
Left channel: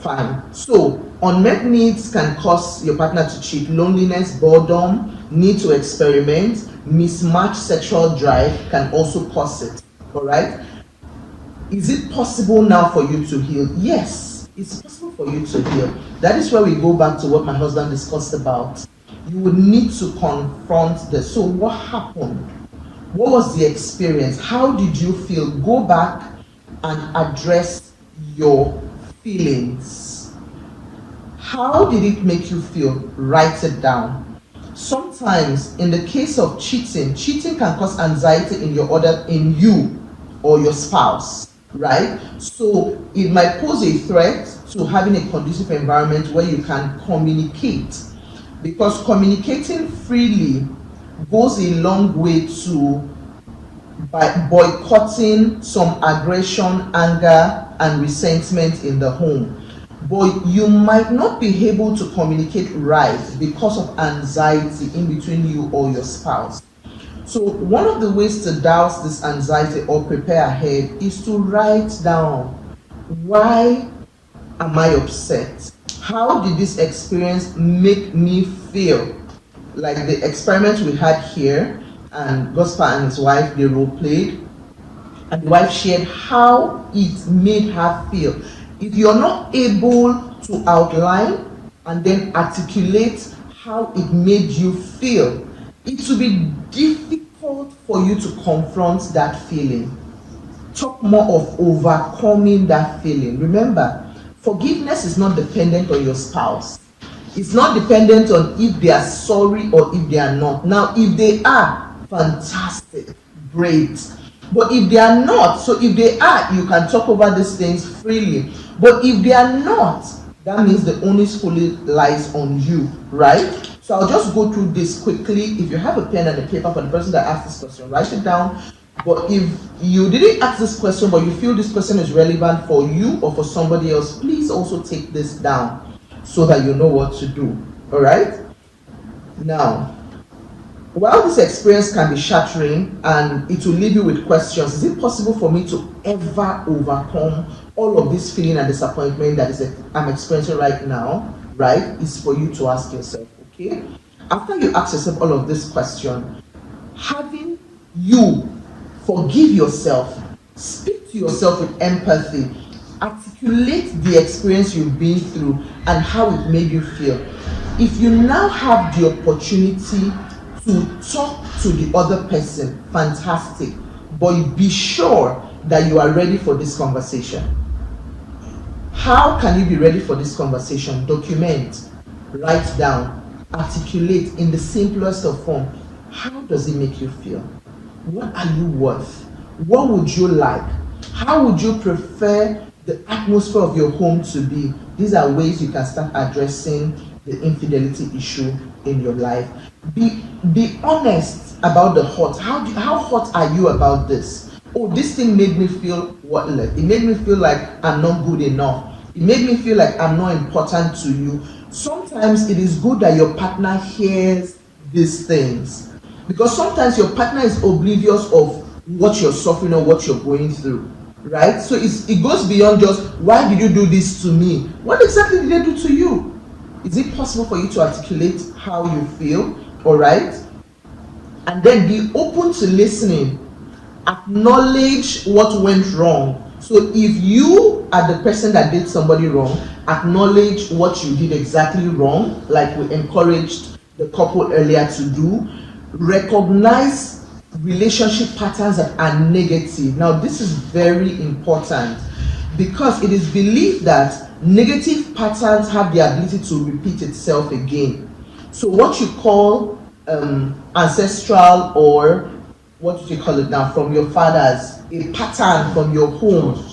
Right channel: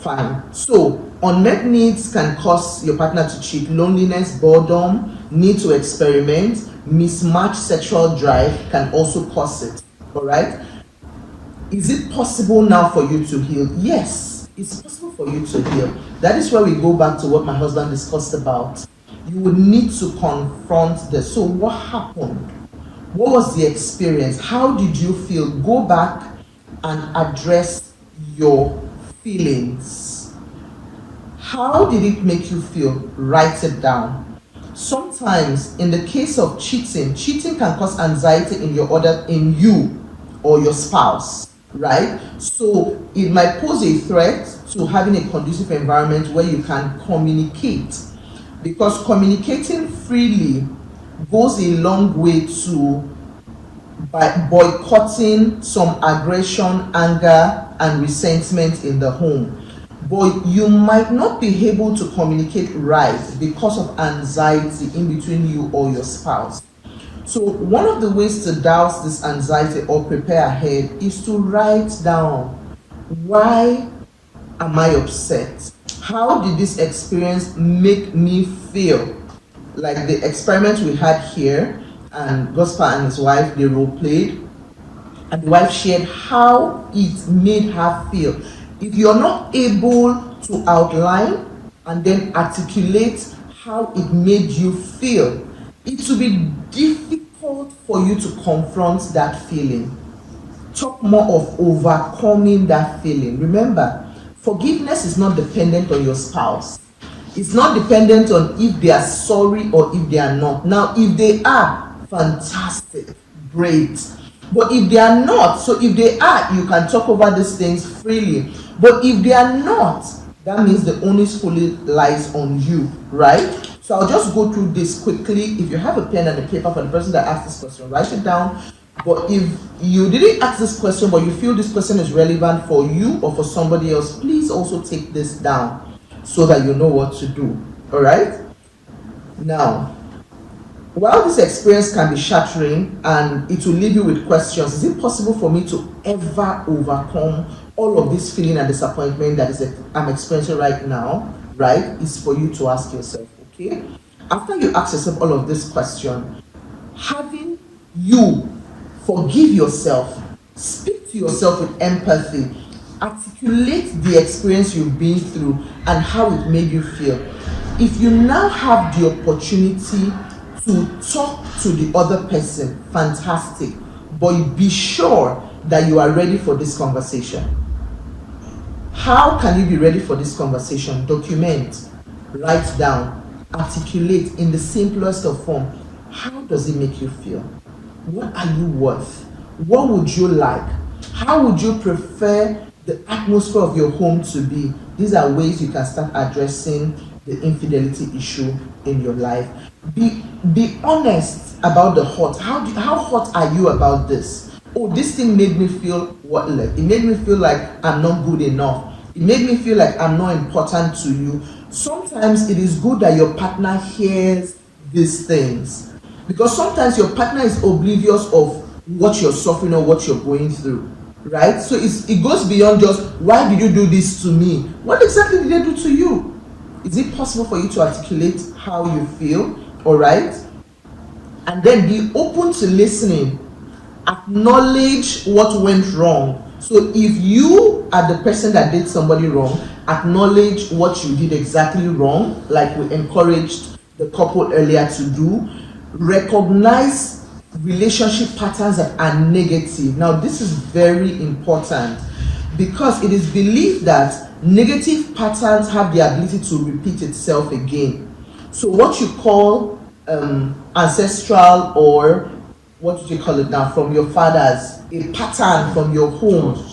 Fine. So unmet needs can cause your partner to cheat. Loneliness, boredom, need to experiment, mismatched sexual drive can also cause it. All right? Is it possible now for you to heal? Yes, it's possible for you to heal. That is where we go back to what my husband discussed about. You would need to confront this. So what happened? What was the experience? How did you feel? Go back and address your feelings. How did it make you feel? Write it down. Sometimes in the case of cheating can cause anxiety in you or your spouse, right? So it might pose a threat to having a conducive environment where you can communicate, because communicating freely goes a long way to boycotting some aggression, anger, and resentment in the home. But you might not be able to communicate right because of anxiety in between you or your spouse. So one of the ways to douse this anxiety or prepare ahead is to write down, why am I upset? How did this experience make me feel? Like the experiment we had here, and Gospel and his wife, they role played, and the wife shared how it made her feel. If you're not able to outline and then articulate how it made you feel, it will be difficult for you to confront that feeling. Talk more of overcoming that feeling. Remember, forgiveness is not dependent on your spouse. It's not dependent on if they are sorry or if they are not. Now, if they are, fantastic, great. But if they are not, so if they are, you can talk over these things freely. But if they are not, that means the onus fully lies on you, right? So I'll just go through this quickly. If you have a pen and a paper for the person that asked this question, write it down. But if you didn't ask this question, but you feel this question is relevant for you or for somebody else, please also take this down so that you know what to do. All right? Now, while this experience can be shattering and it will leave you with questions, is it possible for me to ever overcome all of this feeling and disappointment that I'm experiencing right now? Right? Is for you to ask yourself, okay? After you ask yourself all of this question, having you forgive yourself, speak to yourself with empathy, articulate the experience you've been through and how it made you feel. If you now have the opportunity to talk to the other person, fantastic, but be sure that you are ready for this conversation. How can you be ready for this conversation? Document, write down, articulate in the simplest of form. How does it make you feel? What are you worth? What would you like? How would you prefer the atmosphere of your home to be? These are ways you can start addressing the infidelity issue in your life. Be honest about the hurt. How hot are you about this? Oh, this thing made me feel worthless. It made me feel like I'm not good enough. It made me feel like I'm not important to you. Sometimes it is good that your partner hears these things, because sometimes your partner is oblivious of what you're suffering or what you're going through, right? So it goes beyond just, why did you do this to me? What exactly did they do to you? Is it possible for you to articulate how you feel? All right? And then be open to listening. Acknowledge what went wrong. So if you are the person that did somebody wrong, acknowledge what you did exactly wrong, like we encouraged the couple earlier to do. Recognize relationship patterns that are negative. Now, this is very important because it is believed that negative patterns have the ability to repeat itself again. So what you call ancestral, or what do you call it now, from your fathers, a pattern from your home,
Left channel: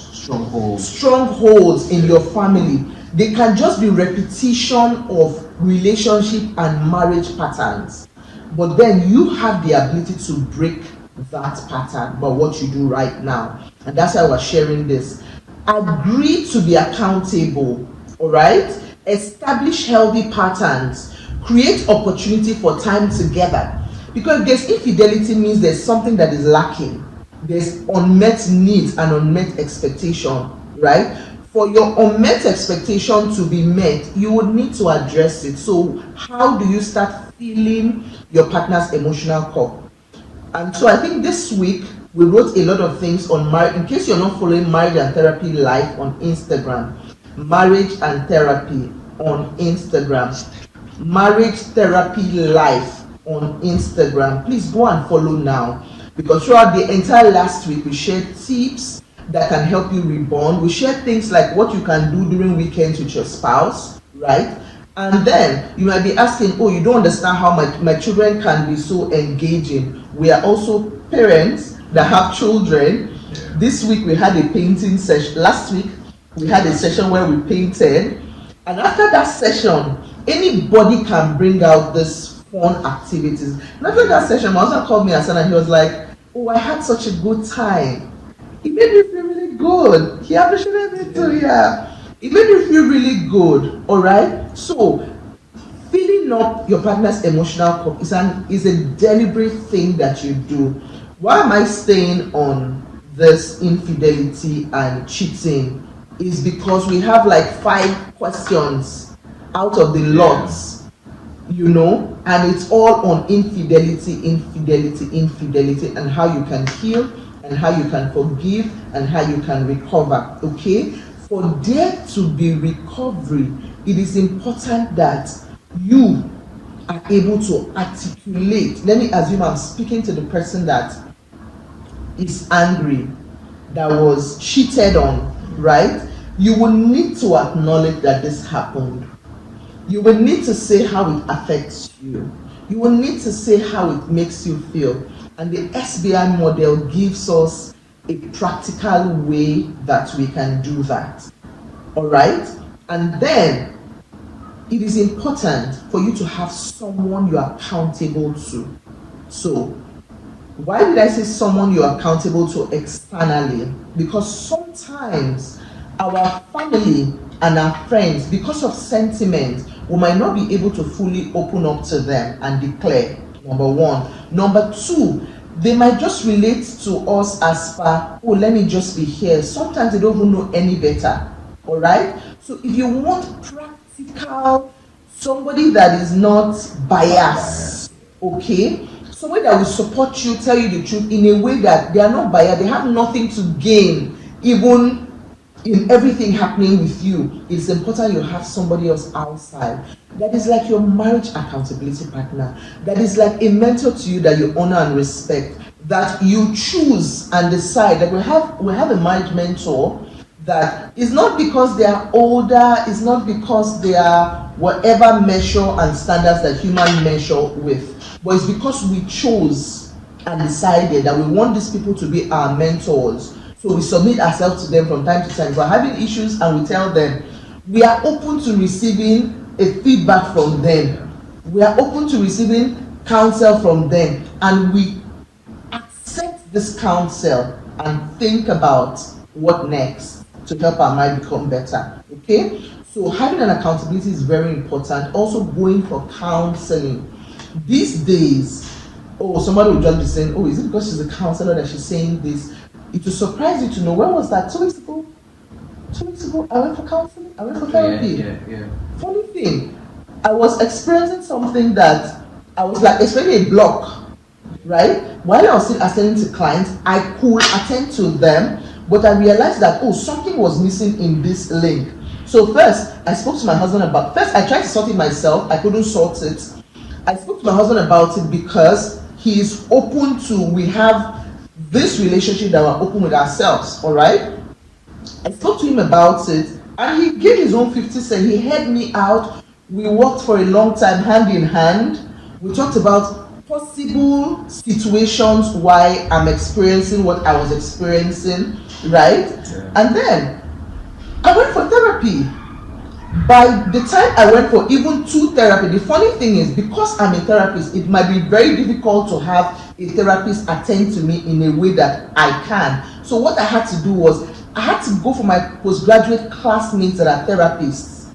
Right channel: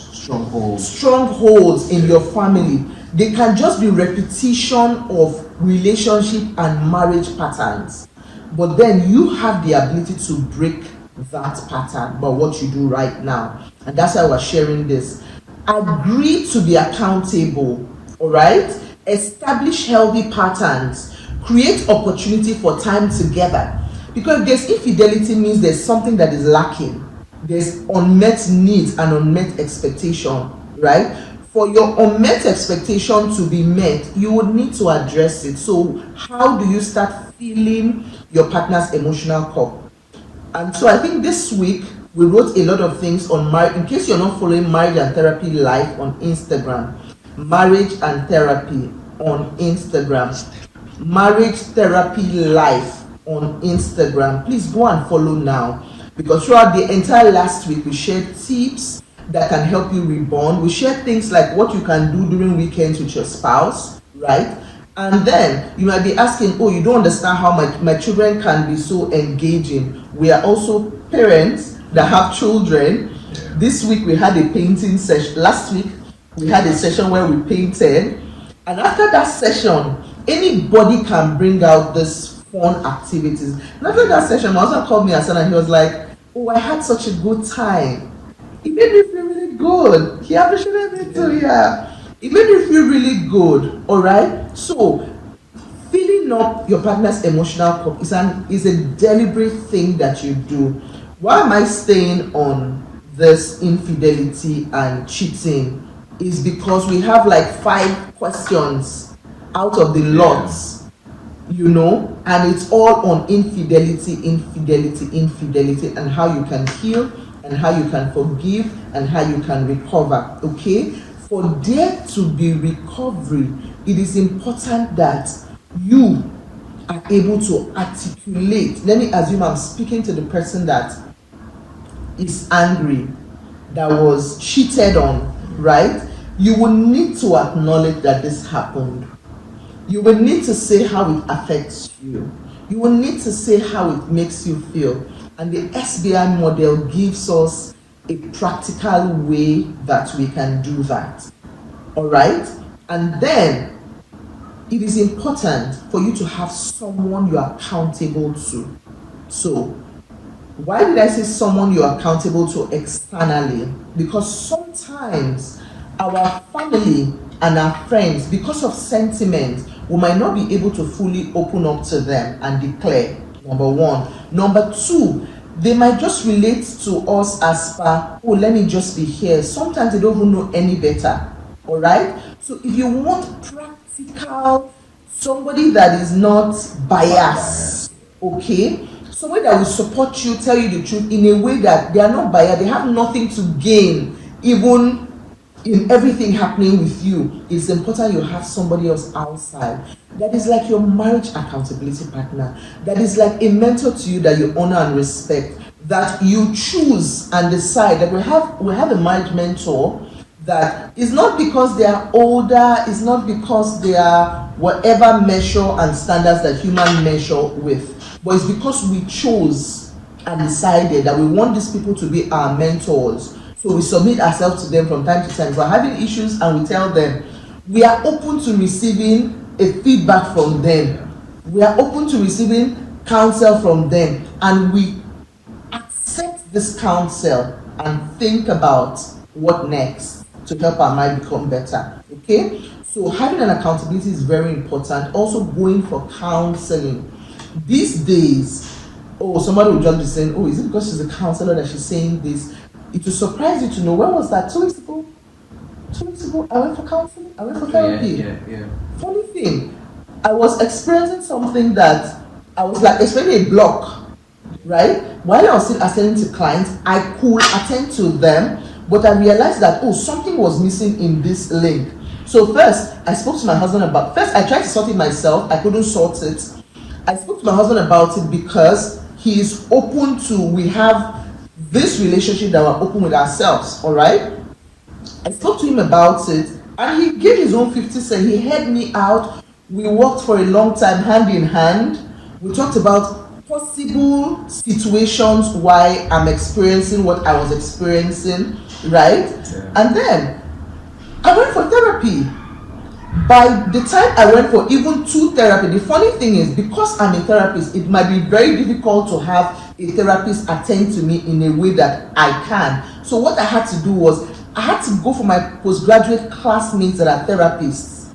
strongholds in your family, they can just be repetition of relationship and marriage patterns. But then you have the ability to break that pattern by what you do right now. And that's why we're sharing this. Agree to be accountable, all right? Establish healthy patterns. Create opportunity for time together. Because if there's infidelity, means there's something that is lacking. There's unmet needs and unmet expectation, right? for your unmet expectation to be met, you would need to address it. So how do you start filling your partner's emotional cup? And so I think this week we wrote a lot of things on marriage. In case you're not following Marriage and Therapy Live on Instagram, Marriage and Therapy on Instagram, Marriage Therapy Live on Instagram. Please go and follow now, because throughout the entire last week we shared tips that can help you reborn. We share things like what you can do during weekends with your spouse, right? And then you might be asking, oh, you don't understand how my children can be so engaging. We are also parents that have children. This week we had a painting session. Last week we had a session where we painted. And after that session, anybody can bring out this fun activities. And after that session, my husband called me and he was like, oh, I had such a good time. It made me feel really good. He appreciated me too, yeah. It made me feel really good, all right? So, filling up your partner's emotional cup is a deliberate thing that you do. Why am I staying on this infidelity and cheating? Is because we have like 5 questions out of the lots, and it's all on infidelity, and how you can heal, and how you can forgive, and how you can recover, okay? For there to be recovery, it is important that you are able to articulate. Let me assume I'm speaking to the person that is angry, that was cheated on, right? You will need to acknowledge that this happened. You will need to say how it affects you. You will need to say how it makes you feel. And the SBI model gives us a practical way that we can do that. All right? And then it is important for you to have someone you are accountable to. So, why did I say someone you are accountable to externally? Because sometimes our family and our friends, because of sentiment, we might not be able to fully open up to them and declare, number one. Number two, they might just relate to us as per, oh, let me just be here. Sometimes they don't even know any better. All right? So if you want practical, somebody that is not biased, okay? Somebody that will support you, tell you the truth in a way that they are not biased, they have nothing to gain, even in everything happening with you. It's important you have somebody else outside that is like your marriage accountability partner, that is like a mentor to you that you honor and respect, that you choose and decide. That we have a marriage mentor that is not because they are older, it's not because they are whatever measure and standards that humans measure with, but it's because we chose and decided that we want these people to be our mentors. So we submit ourselves to them from time to time. If we're having issues and we tell them, we are open to receiving a feedback from them. We are open to receiving counsel from them. And we accept this counsel and think about what next to help our marriage become better. Okay? So having an accountability is very important. Also going for counseling. These days, somebody will just be saying, is it because she's a counselor that she's saying this? It will surprise you to know, when was that? 2 weeks ago? 2 weeks ago, I went for counseling, I went for therapy. Yeah. Funny thing, I was experiencing something that I was like, especially a block, right? While I was still attending to clients, I could attend to them, but I realized that, something was missing in this link. So first, I spoke to my husband I tried to sort it myself, I couldn't sort it. I spoke to my husband about it because he is open to, we have this relationship that we're open with ourselves, all right? I spoke to him about it, and he gave his own 50 cents. He heard me out. We worked for a long time, hand in hand. We talked about possible situations why I'm experiencing what I was experiencing, right? And then I went for therapy. By the time I went for even 2 therapies, the funny thing is, because I'm a therapist, it might be very difficult to have a therapist attend to me in a way that I can. So what I had to do was, I had to go for my postgraduate classmates that are therapists,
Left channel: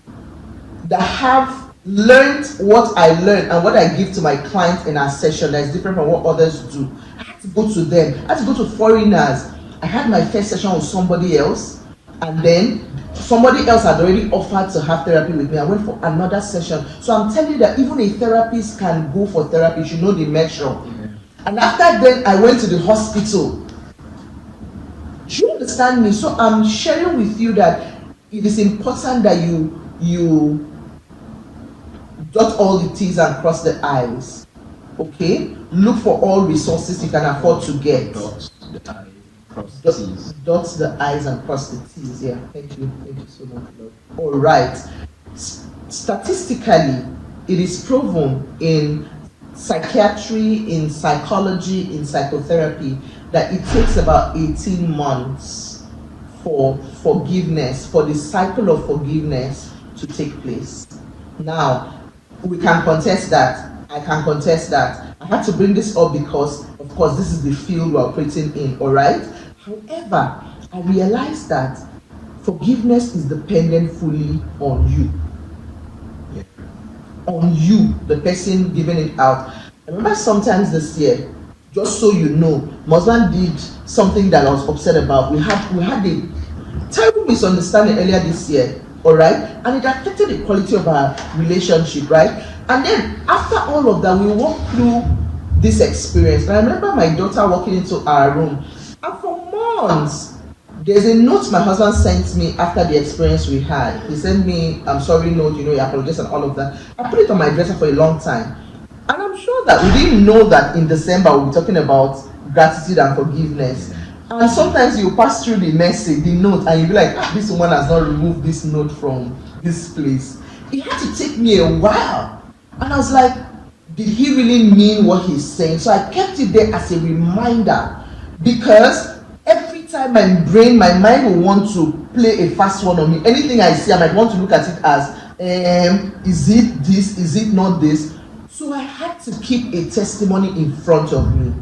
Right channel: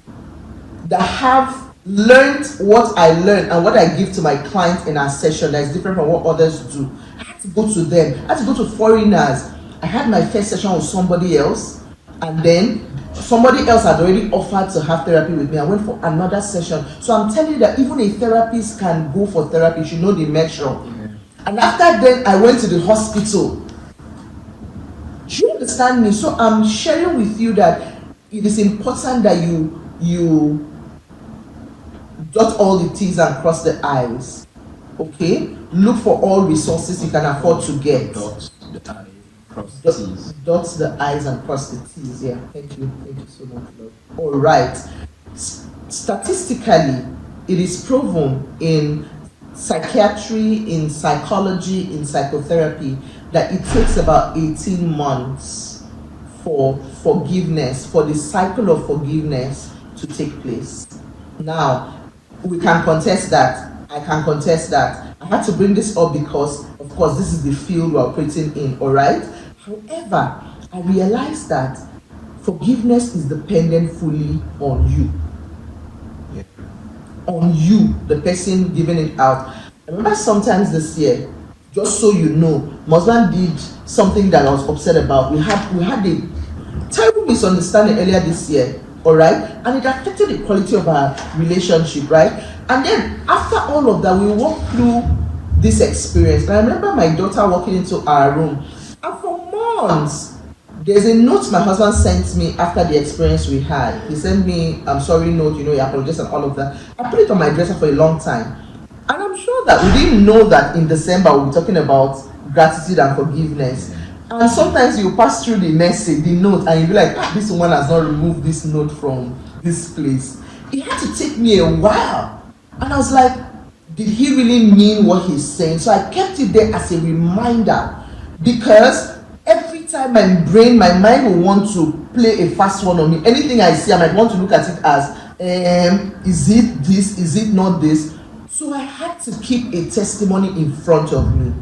that have learned what I learned and what I give to my clients in our session that is different from what others do. I had to go to them. I had to go to foreigners. I had my first session with somebody else, and then Somebody else had already offered to have therapy with me. I went for another session. So I'm telling you that even a therapist can go for therapy. You know the measure. And after then, I went to the hospital. Do you understand me? So I'm sharing with you that it is important that you dot all the T's and cross the I's. Okay? Look for all resources you can afford to get. Dot the I's and cross the T's. Yeah, thank you so much, love. All right. Statistically, it is proven in psychiatry, in psychology, in psychotherapy that it takes about 18 months for forgiveness, for the cycle of forgiveness to take place. Now, we can contest that. I can contest that. I had to bring this up because, of course, this is the field we're operating in, all right? However, I realized that forgiveness is dependent fully on you. On you, the person giving it out. I remember sometimes this year, just so you know, my husband did something that I was upset about. We had a terrible misunderstanding earlier this year, all right? And it affected the quality of our relationship, right? And then after all of that, we walked through this experience. And I remember my daughter walking into our room, and for months, there's a note my husband sent me after the experience we had. He sent me, I'm sorry note, he apologized and all of that. I put it on my dresser for a long time. And I'm sure that we didn't know that in December we'll be talking about gratitude and forgiveness. And sometimes you pass through the message, the note, and you'll be like, this woman has not removed this note from this place. It had to take me a while. And I was like, did he really mean what he's saying? So I kept it there as a reminder, because every time my mind will want to play a fast one on me. Anything I see, I might want to look at it as, is it this, is it not this? So I had to keep a testimony in front of me.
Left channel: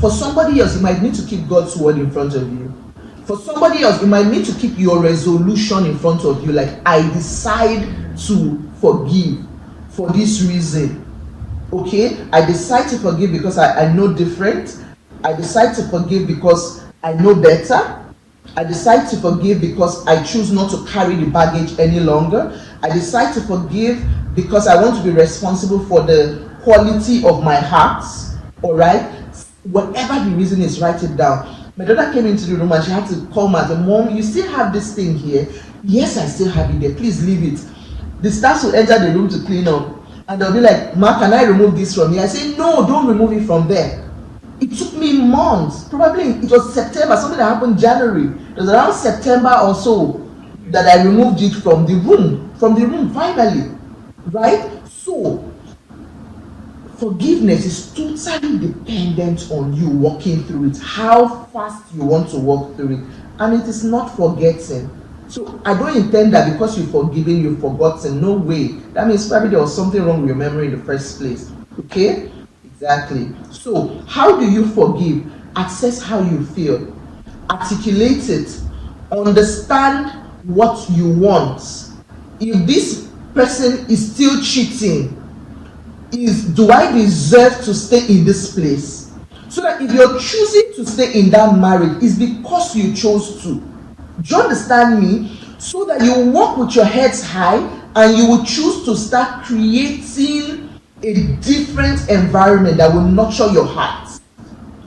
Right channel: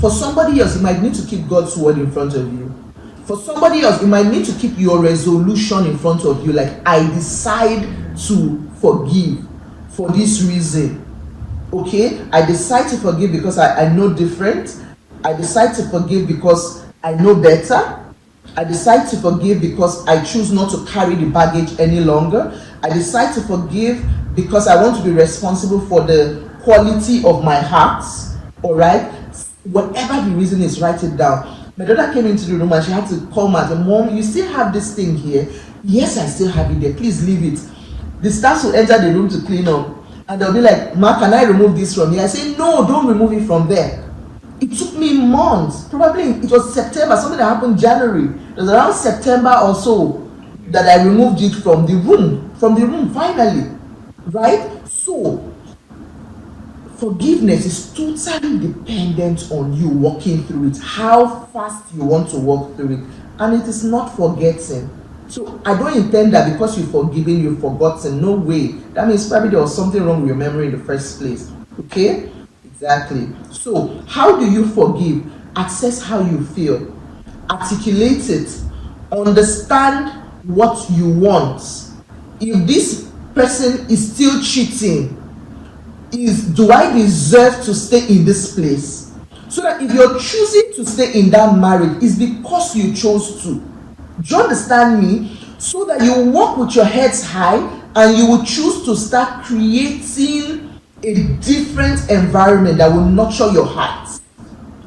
For somebody else, you might need to keep God's word in front of you. For somebody else, you might need to keep your resolution in front of you. Like, I decide to forgive for this reason. Okay? I decide to forgive because I know different. I decide to forgive because I know better. I decide to forgive because I choose not to carry the baggage any longer. I decide to forgive because I want to be responsible for the quality of my heart. All right? Whatever the reason is, write it down. My daughter came into the room and she had to call me and say, Mom, you still have this thing here? Yes, I still have it there. Please leave it. The staff will enter the room to clean up. And they'll be like, Ma, can I remove this from here? I say, no, don't remove it from there. It took me months. Probably it was September, something that happened January. It was around September or so that I removed it from the room. Finally. Right? So, forgiveness is totally dependent on you walking through it, how fast you want to walk through it. And it is not forgetting. So I don't intend that because you've forgiven, you've forgotten. No way. That means probably there was something wrong with your memory in the first place. Okay? Exactly. So how do you forgive? Assess how you feel. Articulate it. Understand what you want. If this person is still cheating, do I deserve to stay in this place? So that if you're choosing to stay in that marriage, it's because you chose to. Do you understand me? So that you walk with your heads high and you will choose to start creating a different environment that will nurture your heart.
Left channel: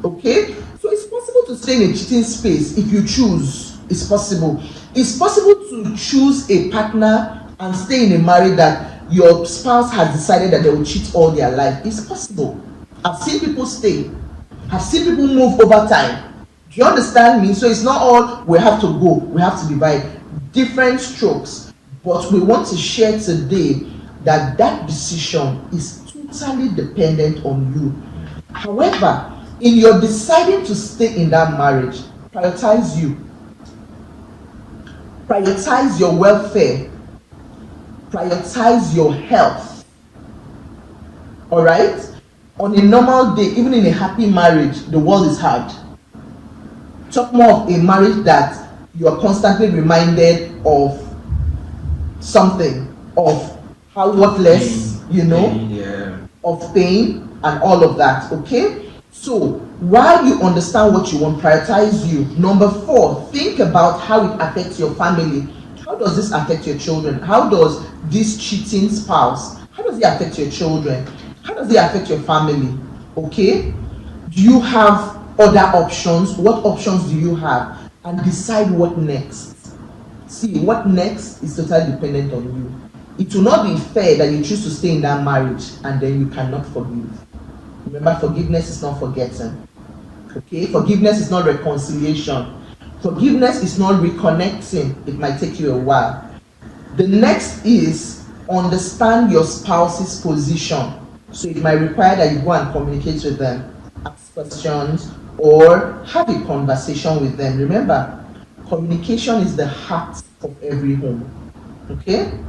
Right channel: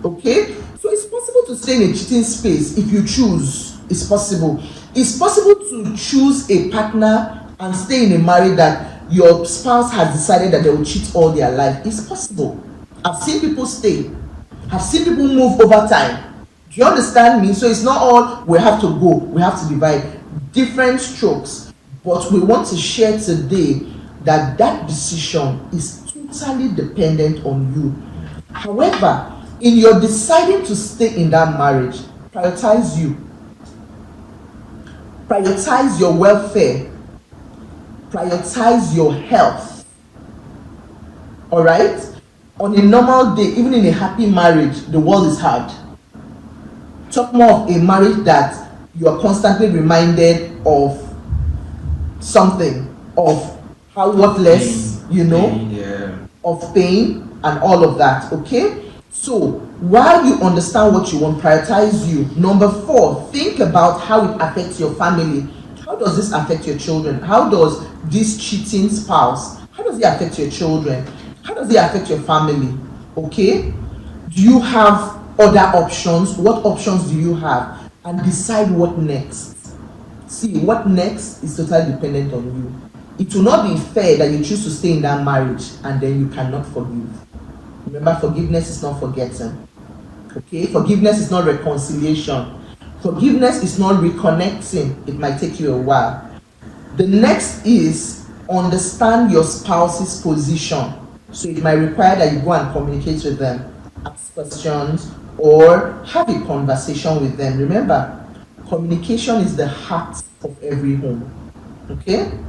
Okay? So it's possible to stay in a cheating space if you choose. It's possible. It's possible to choose a partner and stay in a marriage that your spouse has decided that they will cheat all their life. It's possible. I've seen people stay. I've seen people move over time. Do you understand me? So it's not all we have to go. We have to divide different strokes. But we want to share today that decision is totally dependent on you. However, in your deciding to stay in that marriage, prioritize you. Prioritize your welfare. Prioritize your health. Alright? On a normal day, even in a happy marriage, the world is hard. Talk more of a marriage that you are constantly reminded of something, of how worthless, of pain and all of that, okay? So, while you understand what you want, prioritize you. Number 4, think about how it affects your family. How does this affect your children? How does this cheating spouse, how does it affect your children? How does it affect your family? Okay? Do you have other options? What options do you have? And decide what next. See, what next is totally dependent on you. It will not be fair that you choose to stay in that marriage and then you cannot forgive. Remember, forgiveness is not forgetting. Okay? Forgiveness is not reconciliation. Forgiveness is not reconnecting. It might take you a while. The next is understand your spouse's position. So it might require that you go and communicate with them, ask questions, or have a conversation with them. Remember, communication is the heart of every home. Okay?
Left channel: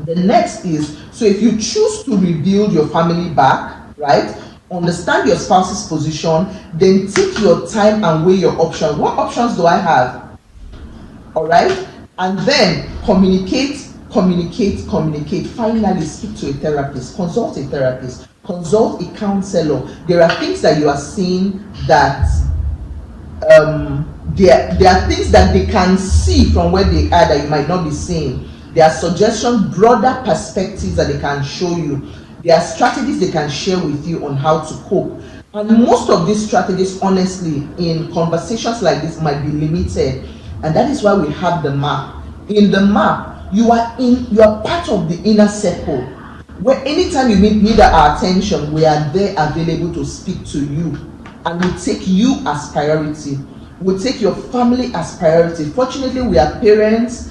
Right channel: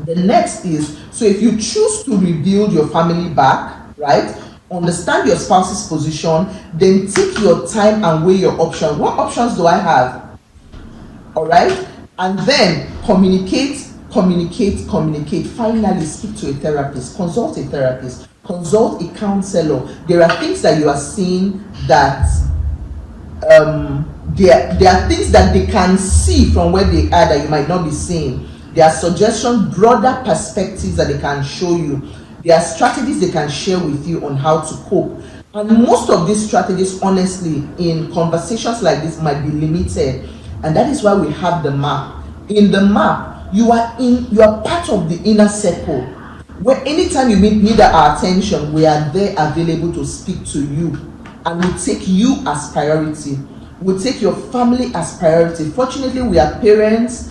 The next is, so if you choose to rebuild your family back, right? Understand your spouse's position, then take your time and weigh your options. What options do I have? All right? And then communicate. Finally, speak to a therapist, consult a therapist, consult a counselor. There are things that you are seeing that there are things that they can see from where they are that you might not be seeing. There are suggestions, broader perspectives that they can show you. There are strategies they can share with you on how to cope. And most of these strategies, honestly, in conversations like this might be limited. And that is why we have the map. In the map, you are part of the inner circle. Where anytime you need our attention, we are there available to speak to you. And we take you as priority. We take your family as priority. Fortunately, we are parents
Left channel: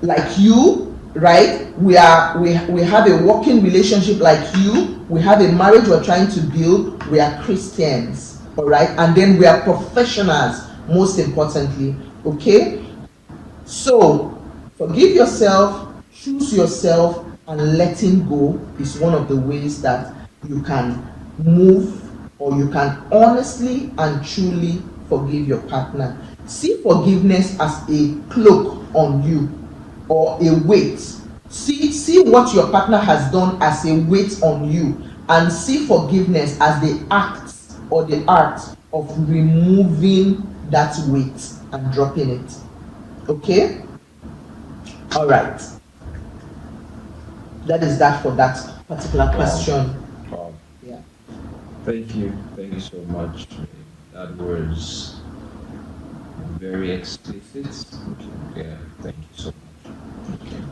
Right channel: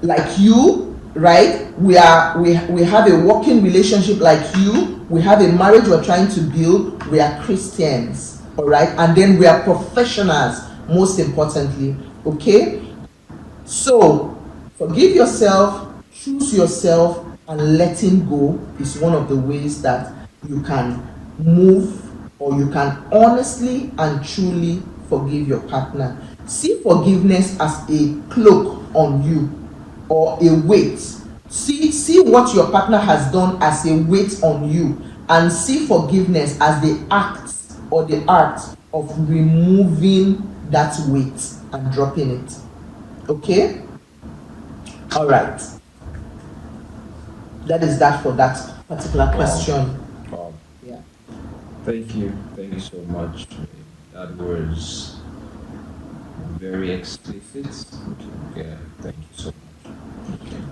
like you, right? We have a working relationship like you. We have a marriage we're trying to build. We are Christians, all right? And then we are professionals, most importantly, okay? So, forgive yourself, choose yourself, and letting go is one of the ways that you can move, or you can honestly and truly forgive your partner. See forgiveness as a cloak on you, or a weight. See what your partner has done as a weight on you, and see forgiveness as the act or the art of removing that weight and dropping it. Okay? All right. That is that for that particular question. Wow. Yeah. Thank you so much. That was very explicit. Yeah, thank you so much. Okay.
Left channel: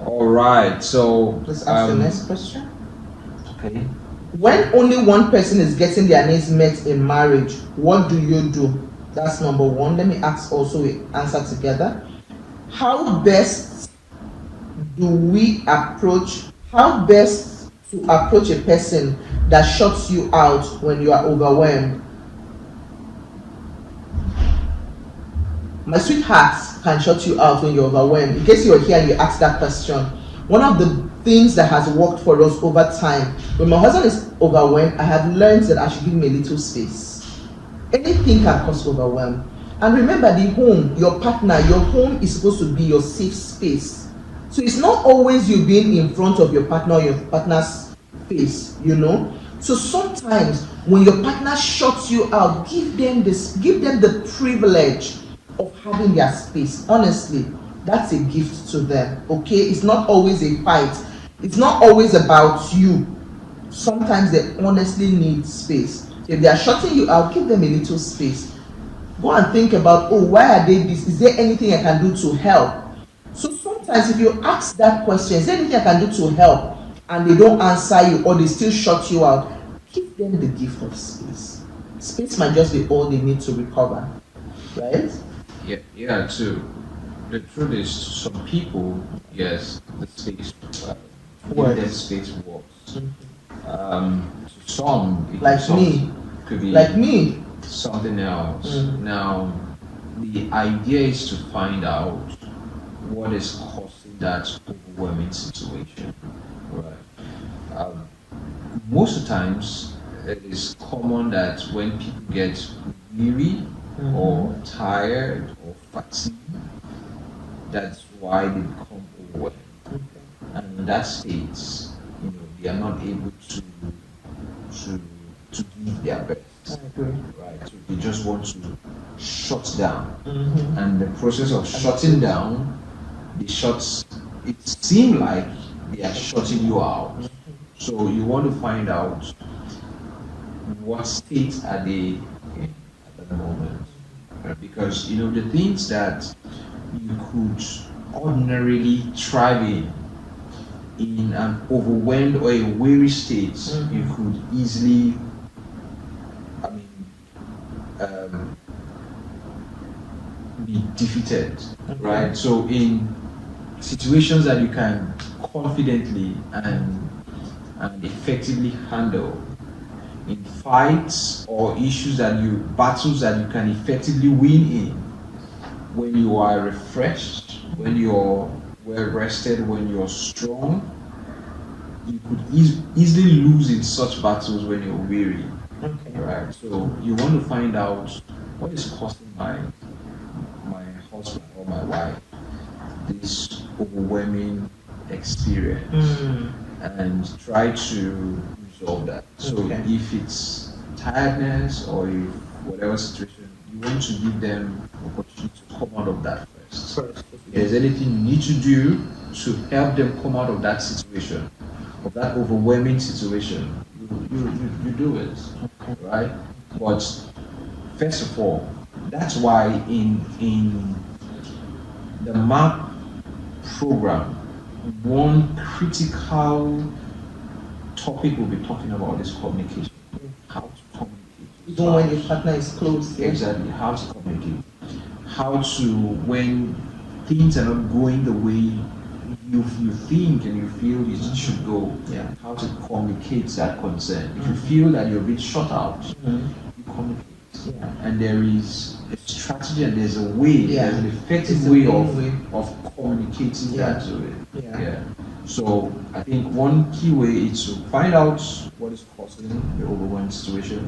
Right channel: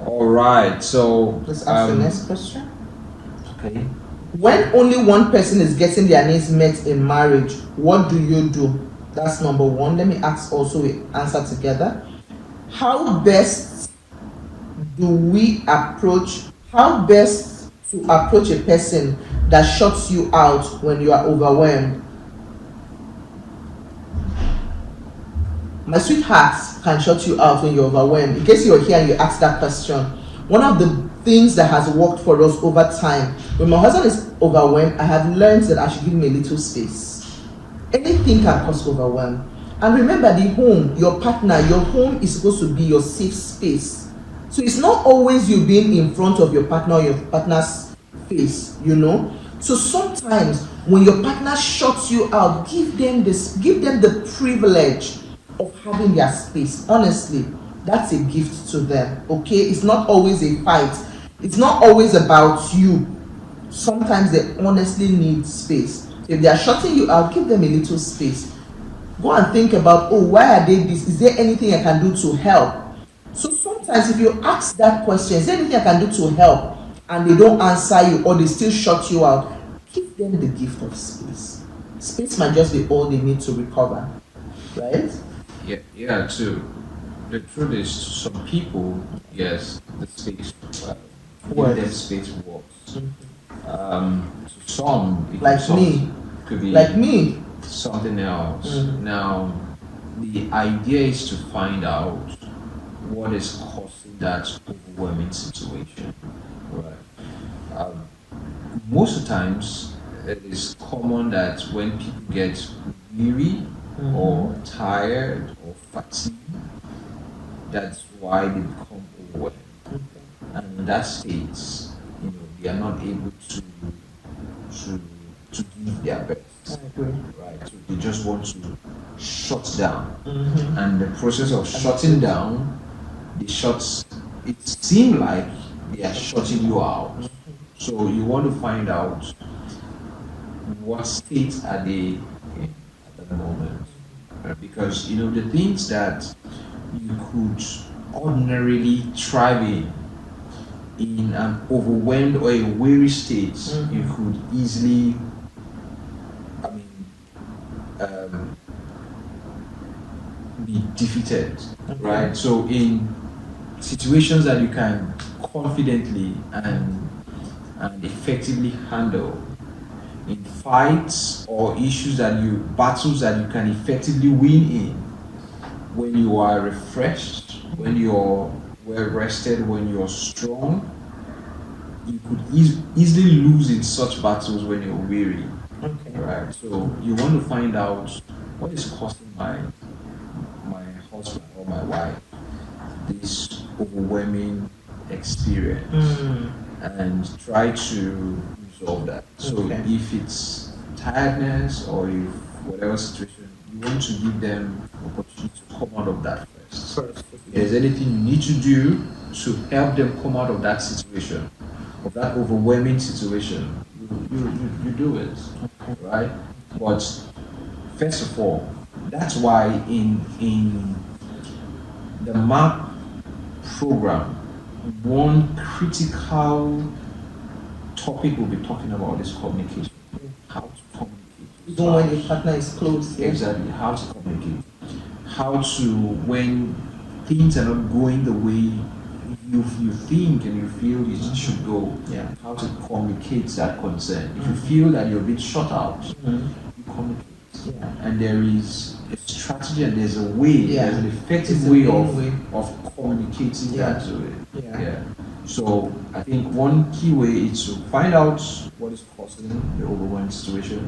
All right, so Let's ask the next question. okay. When only one person is getting their needs met in marriage, what do you do? That's number one. Let me ask also, we answer together. How best to approach a person that shuts you out when you are overwhelmed? My sweetheart can shut you out when you're overwhelmed. In case you're here and you ask that question, one of the things that has worked for us over time, when my husband is overwhelmed, I have learned that I should give him a little space. Anything can cause overwhelm. And remember, the home, your partner, your home is supposed to be your safe space. So it's not always you being in front of your partner or your partner's face, you know. So sometimes when your partner shuts you out, give them the privilege of having their space. Honestly, that's a gift to them. Okay, it's not always a fight. It's not always about you. Sometimes they honestly need space. If they are shutting you out, give them a little space. Go and think about, why are they this? Is there anything I can do to help? So sometimes if you ask that question, is there anything I can do to help? And they don't answer you, or they still shut you out, give them the gift of space. Space might just be all they need to recover, right? Yeah. So the truth is, some people, yes, the space, give them space works. Some, like me, could be like me. Something else. Now, the idea is to find out what is causing that overwhelming situation, right? Most of the times, it is common that when people get weary or tired or fatigued, that's why they become overwhelmed. And in that state, they are not able to give their best. Right, so they just want to shut down, and the process of shutting down it seems like they are shutting you out. So you want to find out what state are they in at the moment. Because the things that you could ordinarily thrive in an overwhelmed or a weary state, you could easily, be defeated, right? So in situations that you can confidently and effectively handle, in fights or battles that you can effectively win in, when you are refreshed, when you're well rested, when you're strong, you could easily lose in such battles when you're weary. Okay. Right. So you want to find out what is causing my husband or my wife this overwhelming experience, and try to resolve that. So Okay. if it's tiredness or if whatever situation, you want to give them opportunity to come out of that first. If there's anything you need to do to help them come out of that situation, of that overwhelming situation, you do it, right? But first of all, that's why in the MAP program, one critical topic we'll be talking about is communication. How to communicate. Even when your partner is close. Yeah? Exactly, how to communicate. How to, when things are not going the way you think and you feel it should go, how to communicate that concern. If you feel that you're a bit shut out, you communicate. Yeah. And there is a strategy and there's a way, there's an effective It's a way main of communicating Yeah. that to it. Yeah. So I think one key way is to find out what is causing the overwhelming situation,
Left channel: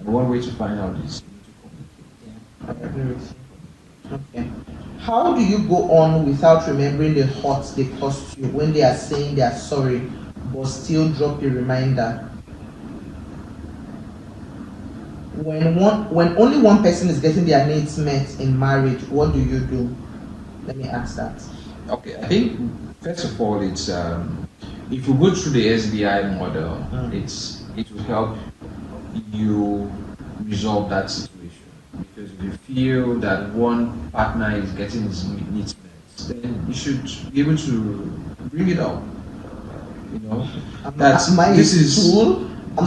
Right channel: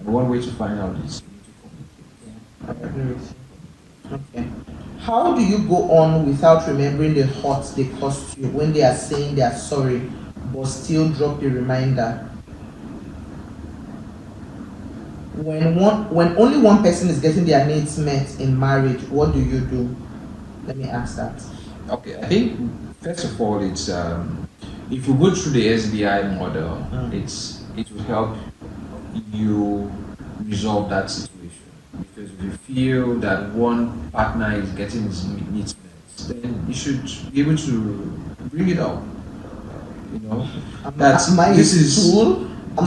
and one way to find out is you need to communicate. I agree with you. Okay. How do you go on without remembering the hurt they caused you when they are saying they are sorry, but still drop a reminder? When only one person is getting their needs met in marriage, what do you do? Let me ask that. Okay, I think first of all, it's if you go through the SBI model, it will help you resolve that situation. Because if you feel that one partner is getting his needs met, then you should be able to bring it up. Am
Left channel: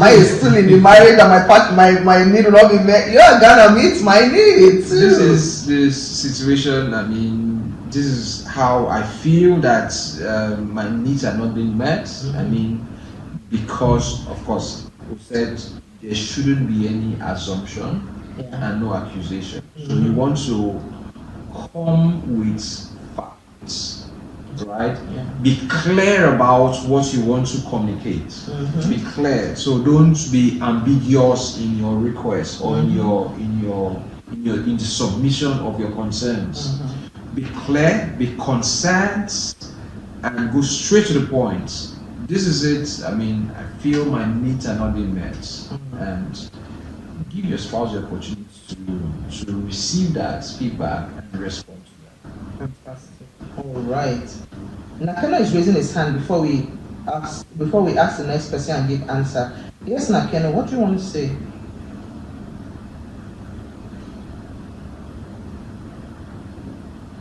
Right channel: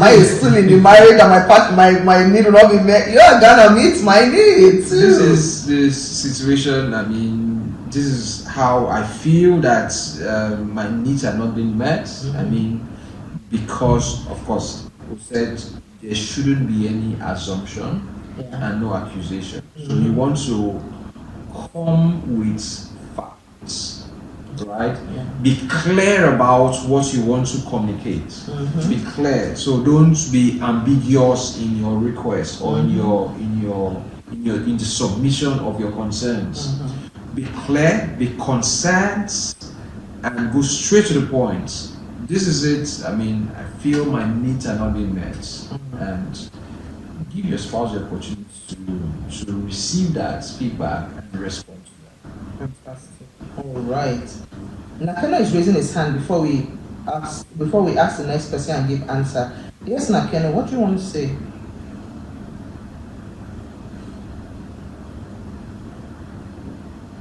I still in the marriage and my need will not be met? You're gonna meet my needs. This is the situation. I mean, this is how I feel that my needs are not being met. I mean, because of course we said there shouldn't be any assumption and no accusation. So you want to come with facts, right? Be clear about what you want to communicate. Be clear. So don't be ambiguous in your request or in the submission of your concerns. Be clear, be concerned, and go straight to the point. This is it. I mean, I feel my needs are not being met, and give your spouse the opportunity to receive that feedback and respond to that. Fantastic. All right. Nakeno is raising his hand before we ask the next question and give answer. Yes, Nakeno, what do you want to say?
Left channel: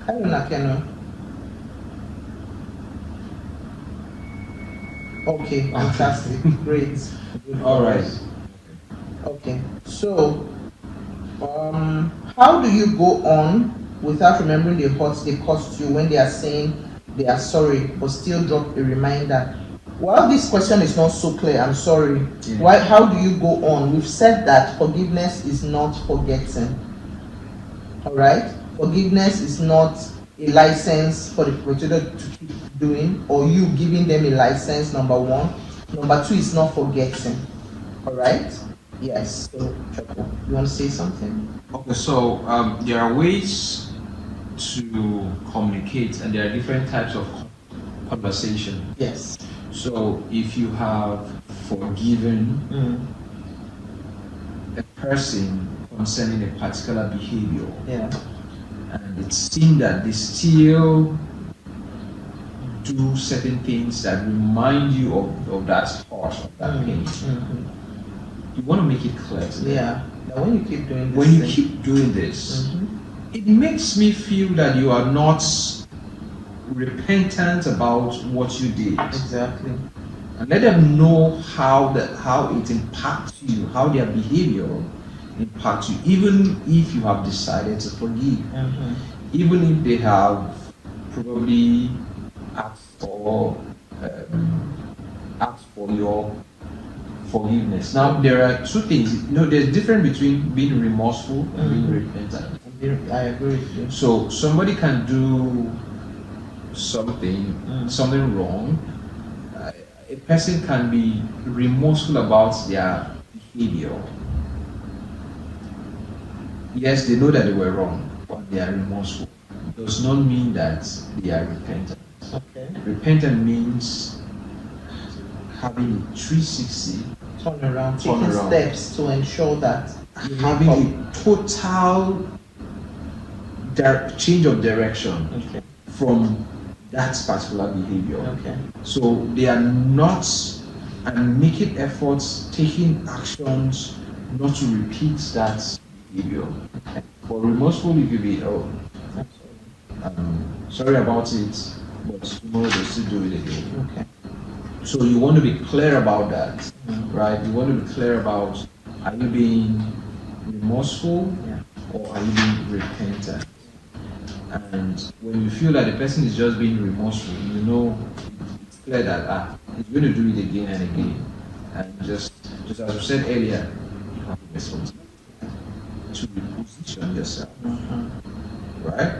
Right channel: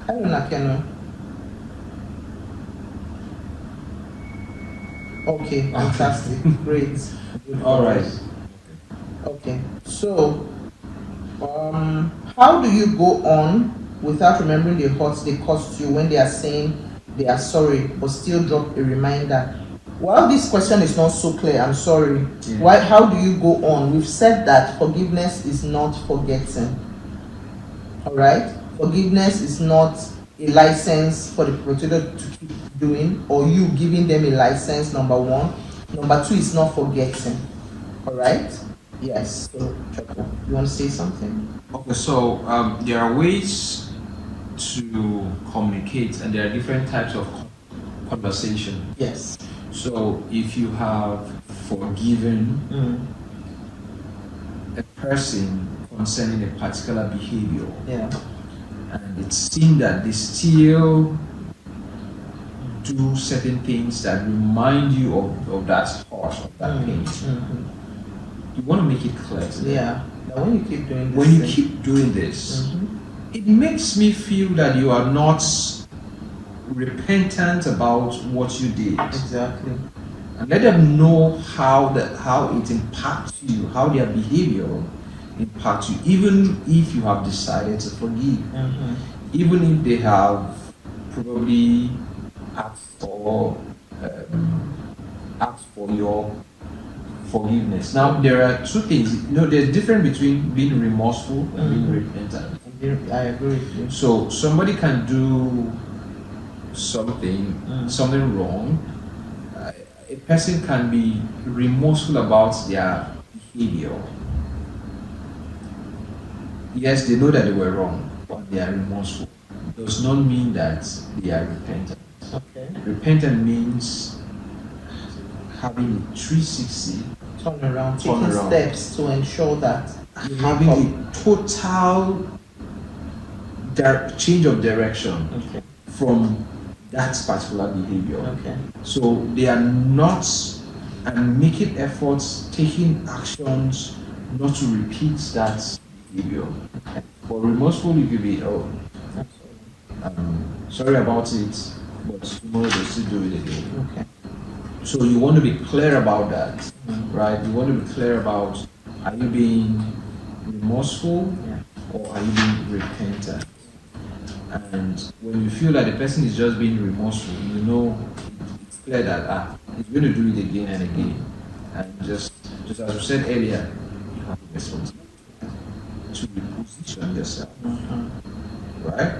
Hello, Nakeno. Okay, fantastic. Great. All right. Okay, so how do you go on without remembering the hurt they caused you when they are saying they are sorry but still drop a reminder? Well, this question is not so clear. I'm sorry. Why? How do you go on? We've said that forgiveness is not forgetting. All right, forgiveness is not a license for the perpetrator to keep doing, or you giving them a license. Number one. Number two is not forgetting. All right. Yes. So, you want to say something? Okay, so there are ways to communicate, and there are different types of conversation. Yes. So if you have forgiven a person concerning a particular behavior, and it seems that they still do certain things that remind you of that hurt, that pain. You want to make it clear to them. Yeah. That when you keep doing this, When you thing- keep doing this, it makes me feel that you are not repentant about what you did. Exactly. And let them know how it impacts you, how their behavior impacts you, even if you have decided to forgive, even if they have probably asked for your forgiveness. Now there are two things. There's a difference between being remorseful and being repentant. I agree with you. So somebody can do something wrong. A person can be remorseful about their behavior. Yes, they know that they were wrong, but they are remorseful. Does not mean that they are repentant. Okay. Repentant means having a 360, Turn around, Turn taking around. steps to ensure that you having make a total change of direction up. Okay. from that particular behavior. Okay. So they are not and making efforts, taking actions not to repeat that behavior. For remorseful, you could be, sorry about it, but tomorrow they'll still do it again. Okay. So you want to be clear about that, right? You want to be clear about, are you being remorseful or are you being repentant? And when you feel that the person is just being remorseful, you know it's clear that he's going to do it again and again. And just as we said earlier, you have a responsibility to reposition yourself, right?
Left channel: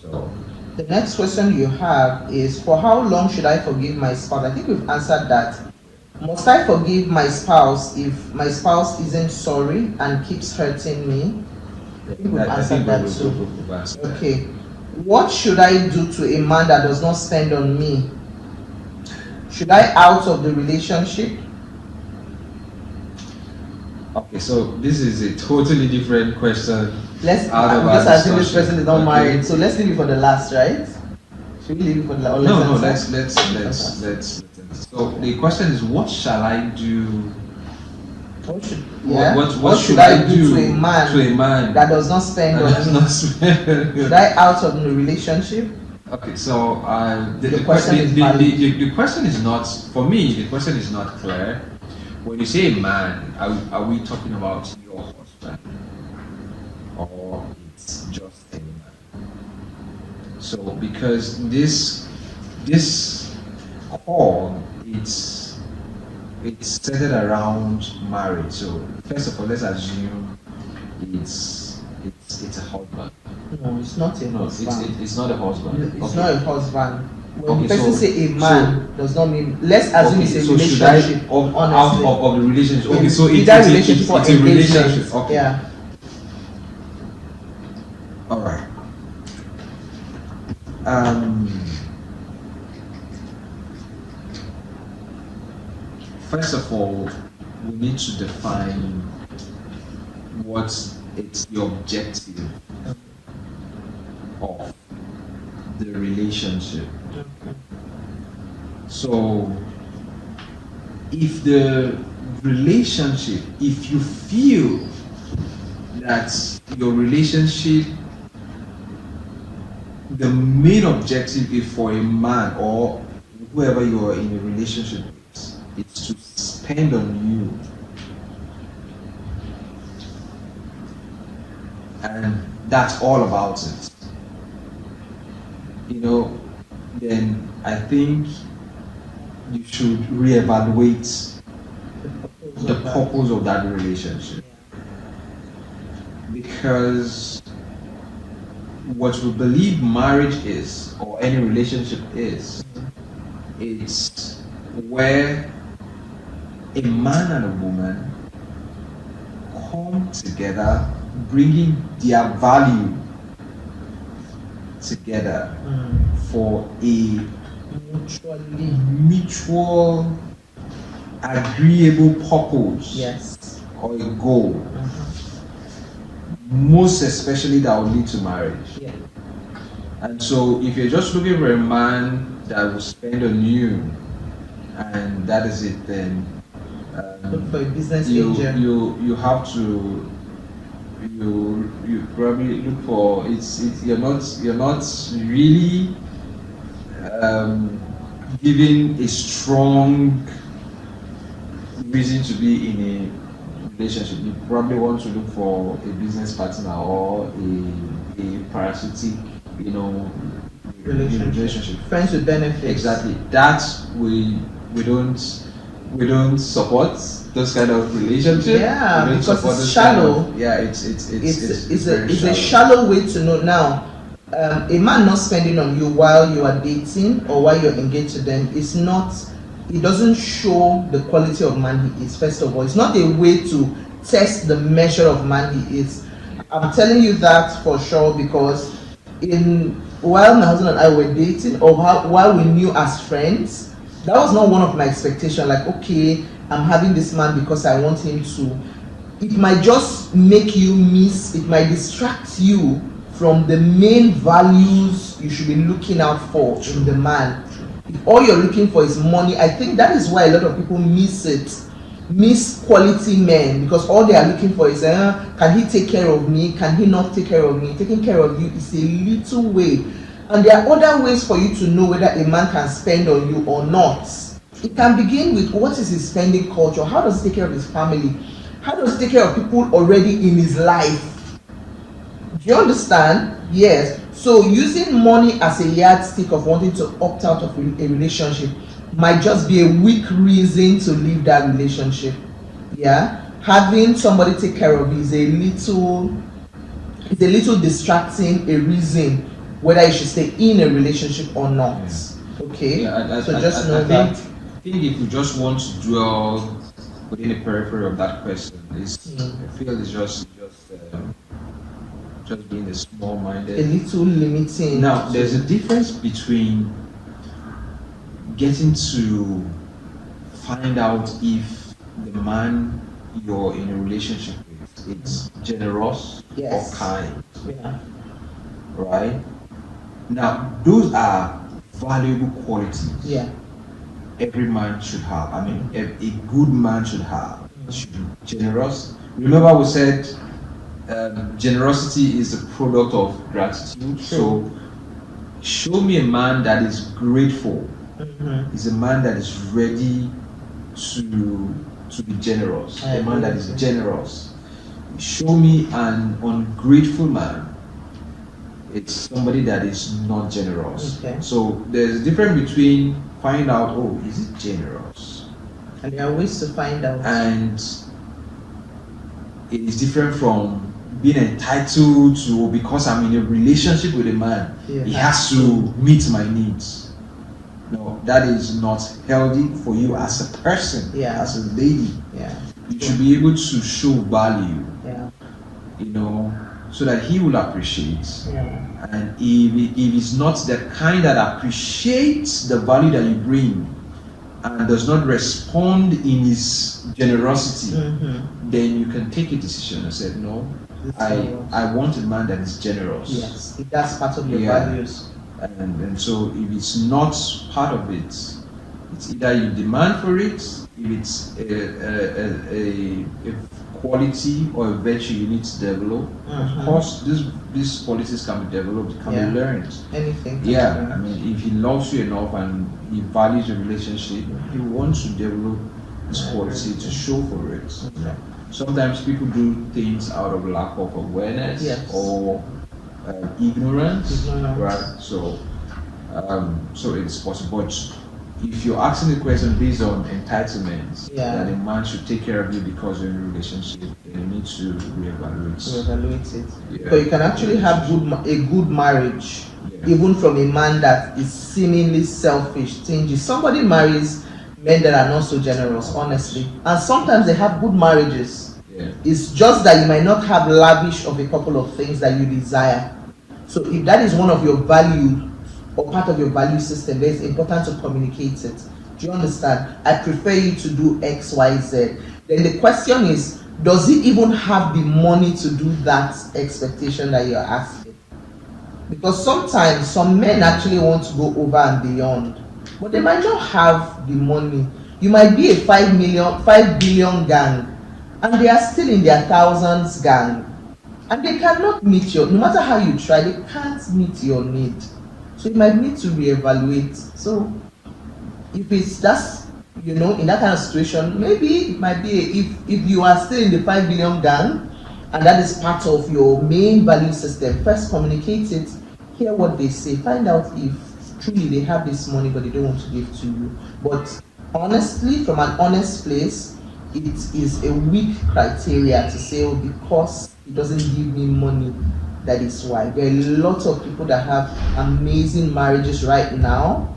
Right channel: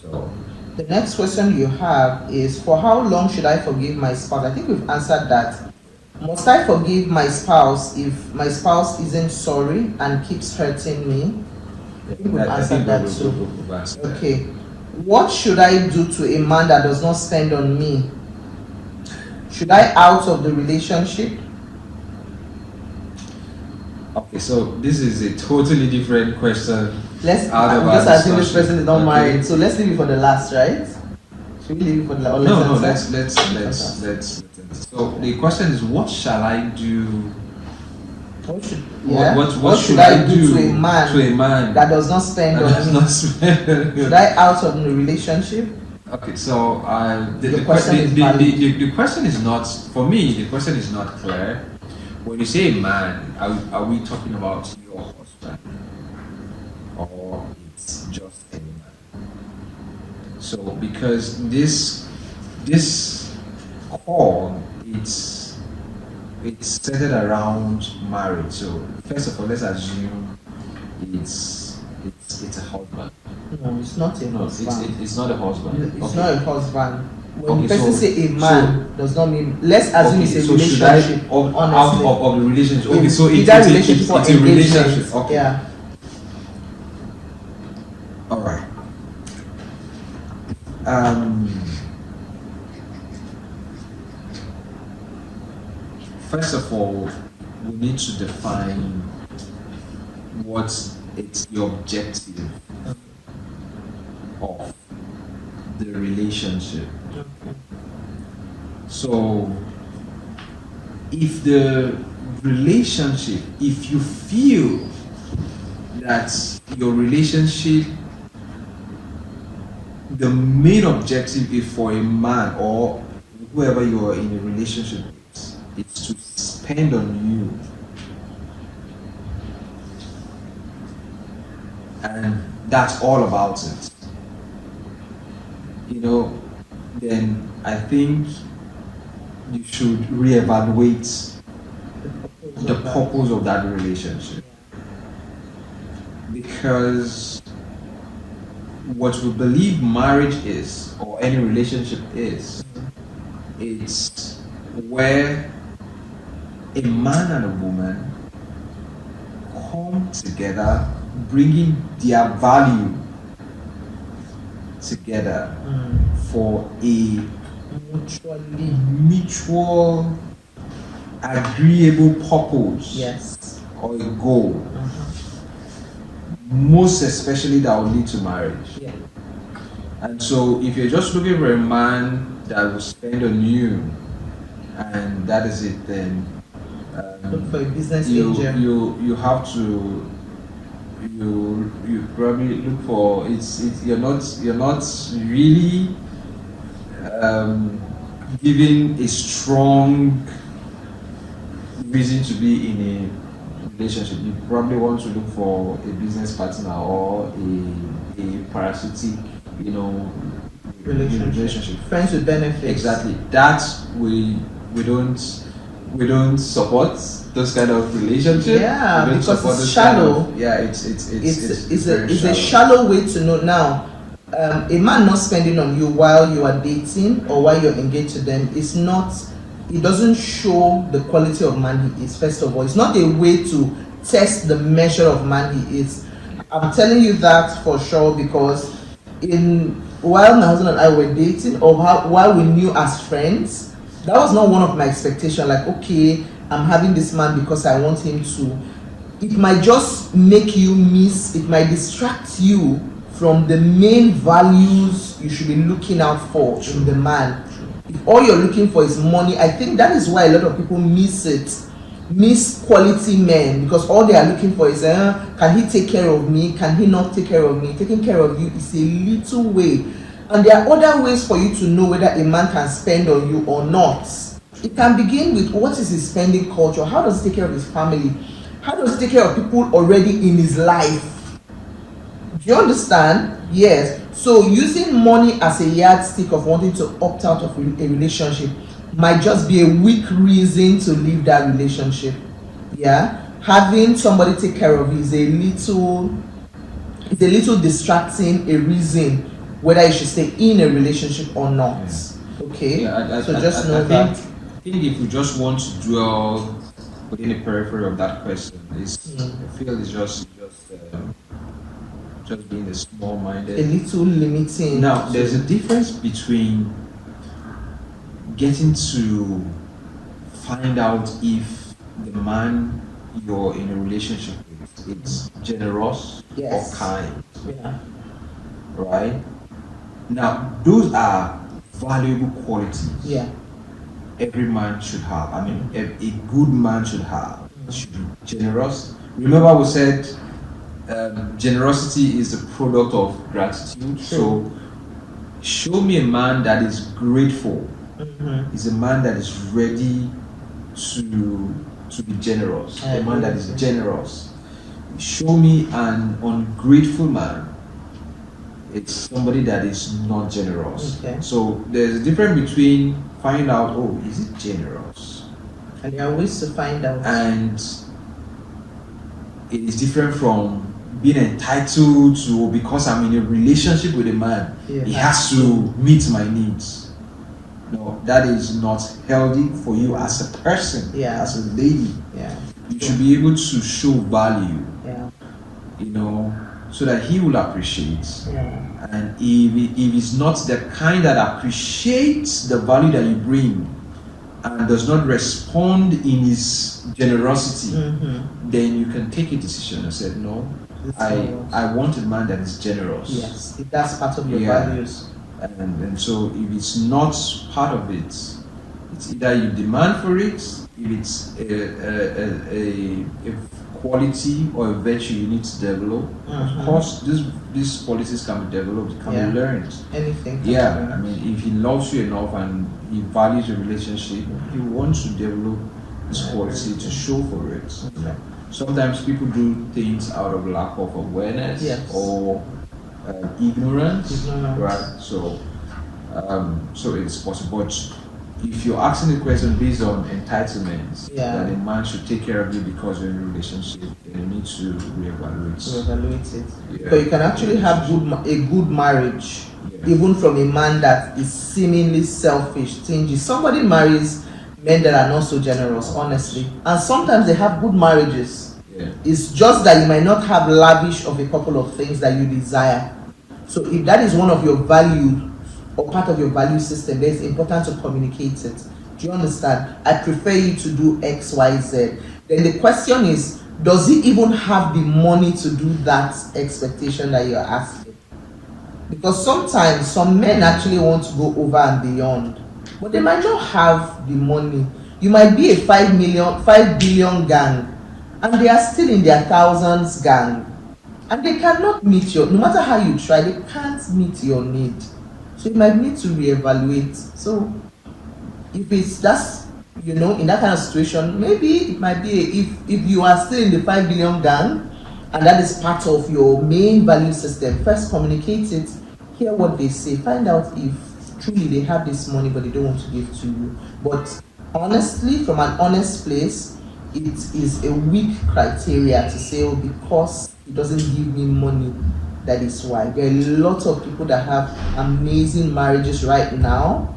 So The next question you have is, for how long should I forgive my spouse? I think we've answered that. Must I forgive my spouse if my spouse isn't sorry and keeps hurting me? I think we've answered that too. Okay. What should I do to a man that does not spend on me? Should I out of the relationship? Okay, so this is a totally different question. Let's Out of our because this discussion. person is not Okay. married, so let's leave it for the last, right? Should we leave it for the last? No, let's. So the question is, what shall I do? What should, What should I do to a man that does not spend that on does me? not spend? Should I out of the relationship? Okay, so the question is the question is not, for me, the question is not clear. When you say man, are we talking about your husband? Or it's just any man? So because this call, it's centered around marriage. So first of all, let's assume it's a husband. No, it's not a No, husband. it's not a husband. It's Okay. not a husband. When Okay, the person so- say a man does not mean. Let's assume Okay, it's a so should I relationship. out honestly. of the relationship? Okay, so Either it's relationship or a relationship. engagement. Okay. Yeah. All right. First of all, we need to define what it's the objective of the relationship. So, if the relationship, if you feel that your relationship, the main objective is for a man or whoever you are in a relationship with, is to spend on you, and that's all about it, then I think you should reevaluate the purpose of that relationship. Because what we believe marriage is, or any relationship is, it's where a man and a woman come together, bringing their value together for a mutual agreeable purpose. Yes. Or a goal, most especially that will lead to marriage. Yeah. And so if you're just looking for a man that will spend on you, and that is it, then Look for a business you angel. you have to you probably look for you're not really giving a strong reason to be in a relationship. You probably want to look for a business partner or a parasitic, relationship. Friends with benefits. Exactly. That we don't support those kind of relationships. Yeah, We don't because support it's those shallow. kind of- yeah, it's very It's a shallow. shallow way to know. Now, a man not spending on you while you are dating or while you're engaged to them is not. It doesn't show the quality of man he is. First of all, it's not a way to test the measure of man he is. I'm telling you that for sure because while my husband and I were dating or while we knew as friends, that was not one of my expectations. Like, okay, I'm having this man because I want him to. It might just make you miss, it might distract you from the main values you should be looking out for in the man. If all you're looking for is money, I think that is why a lot of people miss quality men, because all they are looking for is can he take care of me, can he not take care of me. Taking care of you is a little way, and there are other ways for you to know whether a man can spend on you or not. It can begin with what is his spending culture, how does he take care of his family, how does he take care of people already in his life. Do you understand? Yes. So using money as a yardstick of wanting to opt out of a relationship might just be a weak reason to leave that relationship. Yeah. Having somebody take care of you is a little distracting a reason whether you should stay in a relationship or not. Okay. Yeah, So just know I that. think if you just want to dwell within the periphery of that question, I feel it's just being a small-minded. A little limiting. Now, there's a difference between getting to find out if the man you're in a relationship with is generous Yes. or kind, Yeah. right? Now, those are valuable qualities Yeah. every man should have. I mean, a good man should have. Should be generous. Remember, we said generosity is a product of gratitude. So, show me a man that is grateful. Is a man that is ready to be generous. A man that is generous. Show me an ungrateful man. It's somebody that is not generous. Okay. So there's a difference between finding out, oh, is it generous? And there are ways to find out. And it is different from being entitled to, because I'm in a relationship with a man, Yeah. he has to meet my needs. No, that is not healthy for you as a person, Yeah. as a lady. Yeah. You should be able to show value, Yeah. so that he will appreciate. Yeah. And if he's not the kind that appreciates the value that you bring and does not respond in his generosity, then you can take a decision and say, no, I want a man that is generous. Yes. If that's part of your Yeah. values. And so if it's not part of it, it's either you demand for it, if it's a quality or a virtue you need to develop. Of course, these qualities can be developed, can Yeah. be learned. Anything. Yeah, I mean, if he loves you enough and he values your relationship, he wants to develop this quality to show for it. Sometimes people do things out of lack of awareness Yes. or ignorance, Ignorance. right? So it's possible. But if you're asking the question based on entitlement, Yeah. that a man should take care of you because we're in a relationship, then you need to reevaluate. To evaluate it. Yeah. So you can actually have a good marriage, Yeah. even from a man that is seemingly selfish, stingy. Somebody marries men that are not so generous, honestly, and sometimes they have good marriages. Yeah. It's just that you might not have lavish of a couple of things that you desire. So if that is one of your value or part of your value system, then it's important to communicate it. Do you understand? I prefer you to do X, Y, Z. Then the question is, does he even have the money to do that expectation that you're asking? Because sometimes some men actually want to go over and beyond, but they might not have the money. You might be a 5 billion gang, and they are still in their thousands gang, and they cannot meet your, no matter how you try, they can't meet your need. So you might need to reevaluate. So if it's that's, in that kind of situation, maybe it might be if you are still in the 5 billion gang and that is part of your main value system, first communicate it, hear what they say, find out if truly they have this money but they don't want to give to you. But honestly, from an honest place, it is a weak criteria to say, oh, because he doesn't give me money, that is why. There are a lot of people that have amazing marriages right now.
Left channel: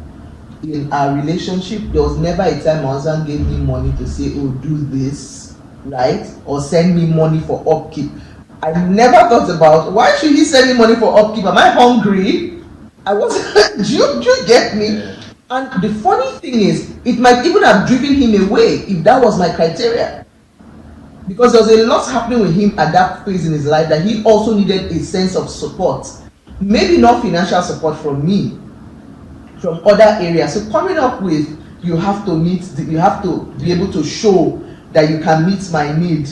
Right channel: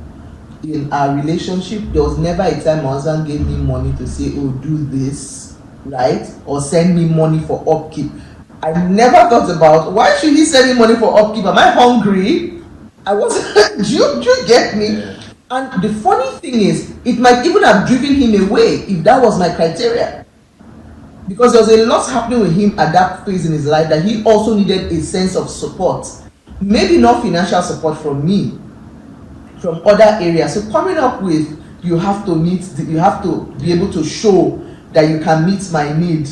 In our relationship, there was never a time my husband gave me money to say, oh, do this, right? Or send me money for upkeep. I never thought about, why should he send me money for upkeep? Am I hungry? I wasn't, do you get me? And the funny thing is, it might even have driven him away if that was my criteria. Because there was a lot happening with him at that phase in his life that he also needed a sense of support. Maybe not financial support from me, from other areas. So coming up with, you have to be able to show that you can meet my need,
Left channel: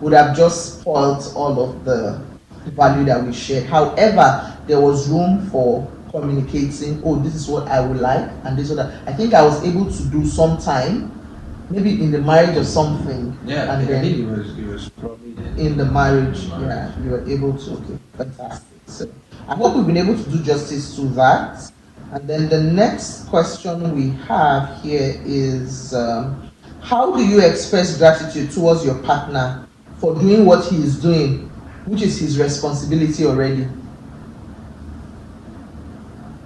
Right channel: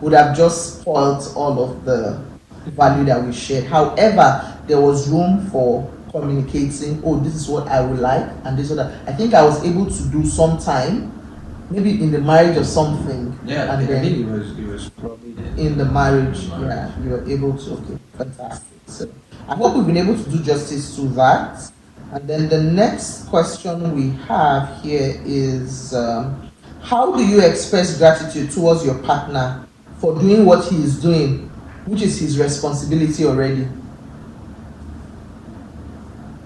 would have just spoiled all of the value that we shared. However, there was room for communicating, oh, this is what I would like, and this is what I think I was able to do sometime, maybe in the marriage or something. Yeah, and I think it was probably in the marriage. Yeah, you were able to. Okay, fantastic. So I hope we've been able to do justice to that. And then the next question we have here is, how do you express gratitude towards your partner for doing what he is doing, which is his responsibility already?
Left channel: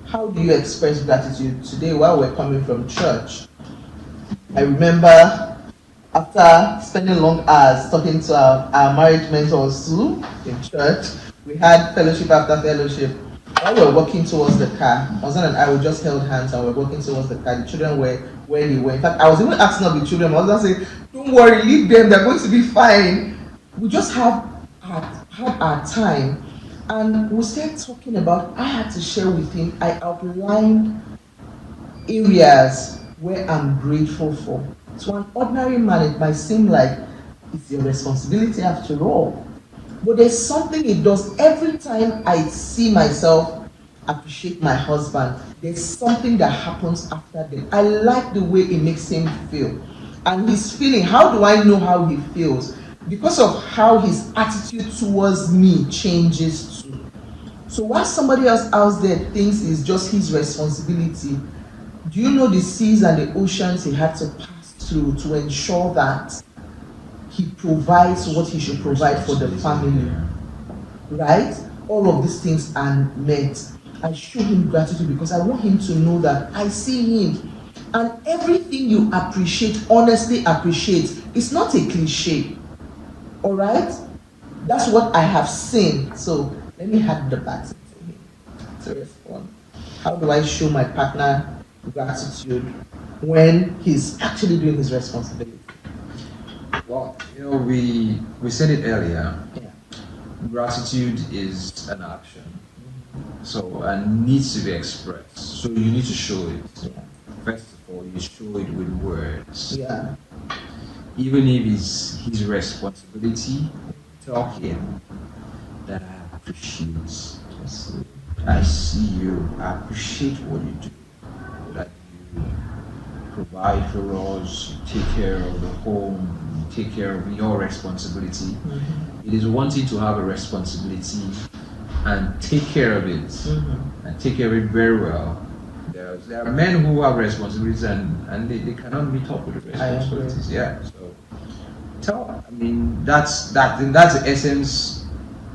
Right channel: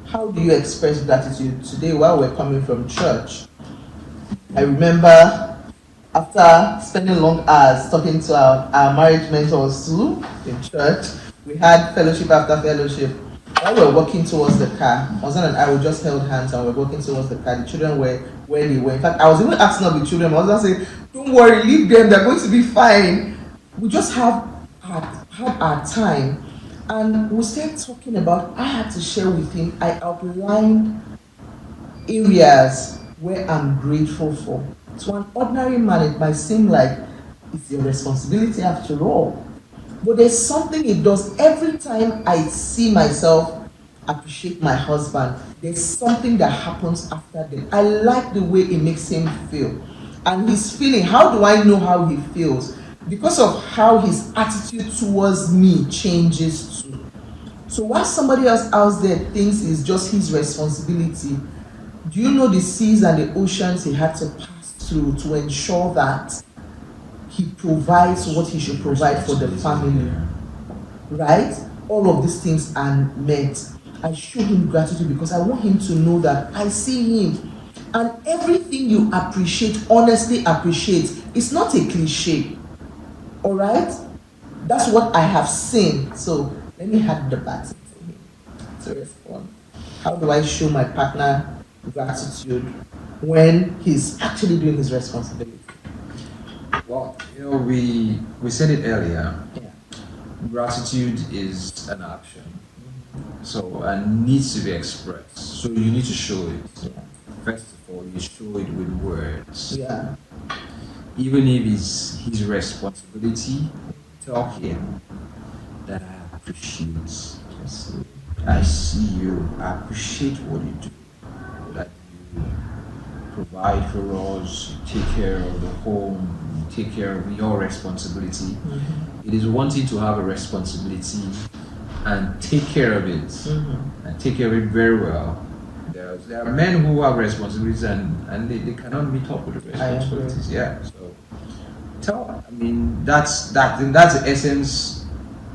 How do you express gratitude? Today, while we're coming from church, I remember after spending long hours talking to our marriage mentors too in church, we had fellowship after fellowship. While we were walking towards the car, my husband and I, we just held hands and we were walking towards the car. The children were where they were. In fact, I was even asking of the children. My husband said, "Don't worry, leave them. They're going to be fine." We just had our time, and we started talking about. I had to share with him. I outlined areas where I'm grateful for. To an ordinary man, it might seem like it's your responsibility after all. But there's something it does every time I see myself appreciate my husband. There's something that happens after that. I like the way it makes him feel. And his feeling, how do I know how he feels? Because of how his attitude towards me changes too. So while somebody else out there thinks it's just his responsibility, do you know the seas and the oceans he had to pass through to ensure that he provides what he should provide for the family, right? All of these things are meant. I show him gratitude because I want him to know that I see him. And everything you appreciate, honestly appreciate, it's not a cliche, all right? That's what I have seen. So let me hand the baton to him to respond. How do I show my partner gratitude when he's actually doing his responsibility? Well, we said it earlier. Yeah. Gratitude is an action, so and needs to be expressed. So you need to show it. Yeah. First of all, you show it with words. Yeah. Even if it's his responsibility, tell him that I appreciate. I see you. I appreciate what you do. That you provide for us, you take care of the home, you take care of your responsibility. Mm-hmm. It is wanting to have a responsibility and take care of it, and take care of it very well. There are men who have responsibilities and they cannot meet up with the responsibilities. Yeah. So that's the essence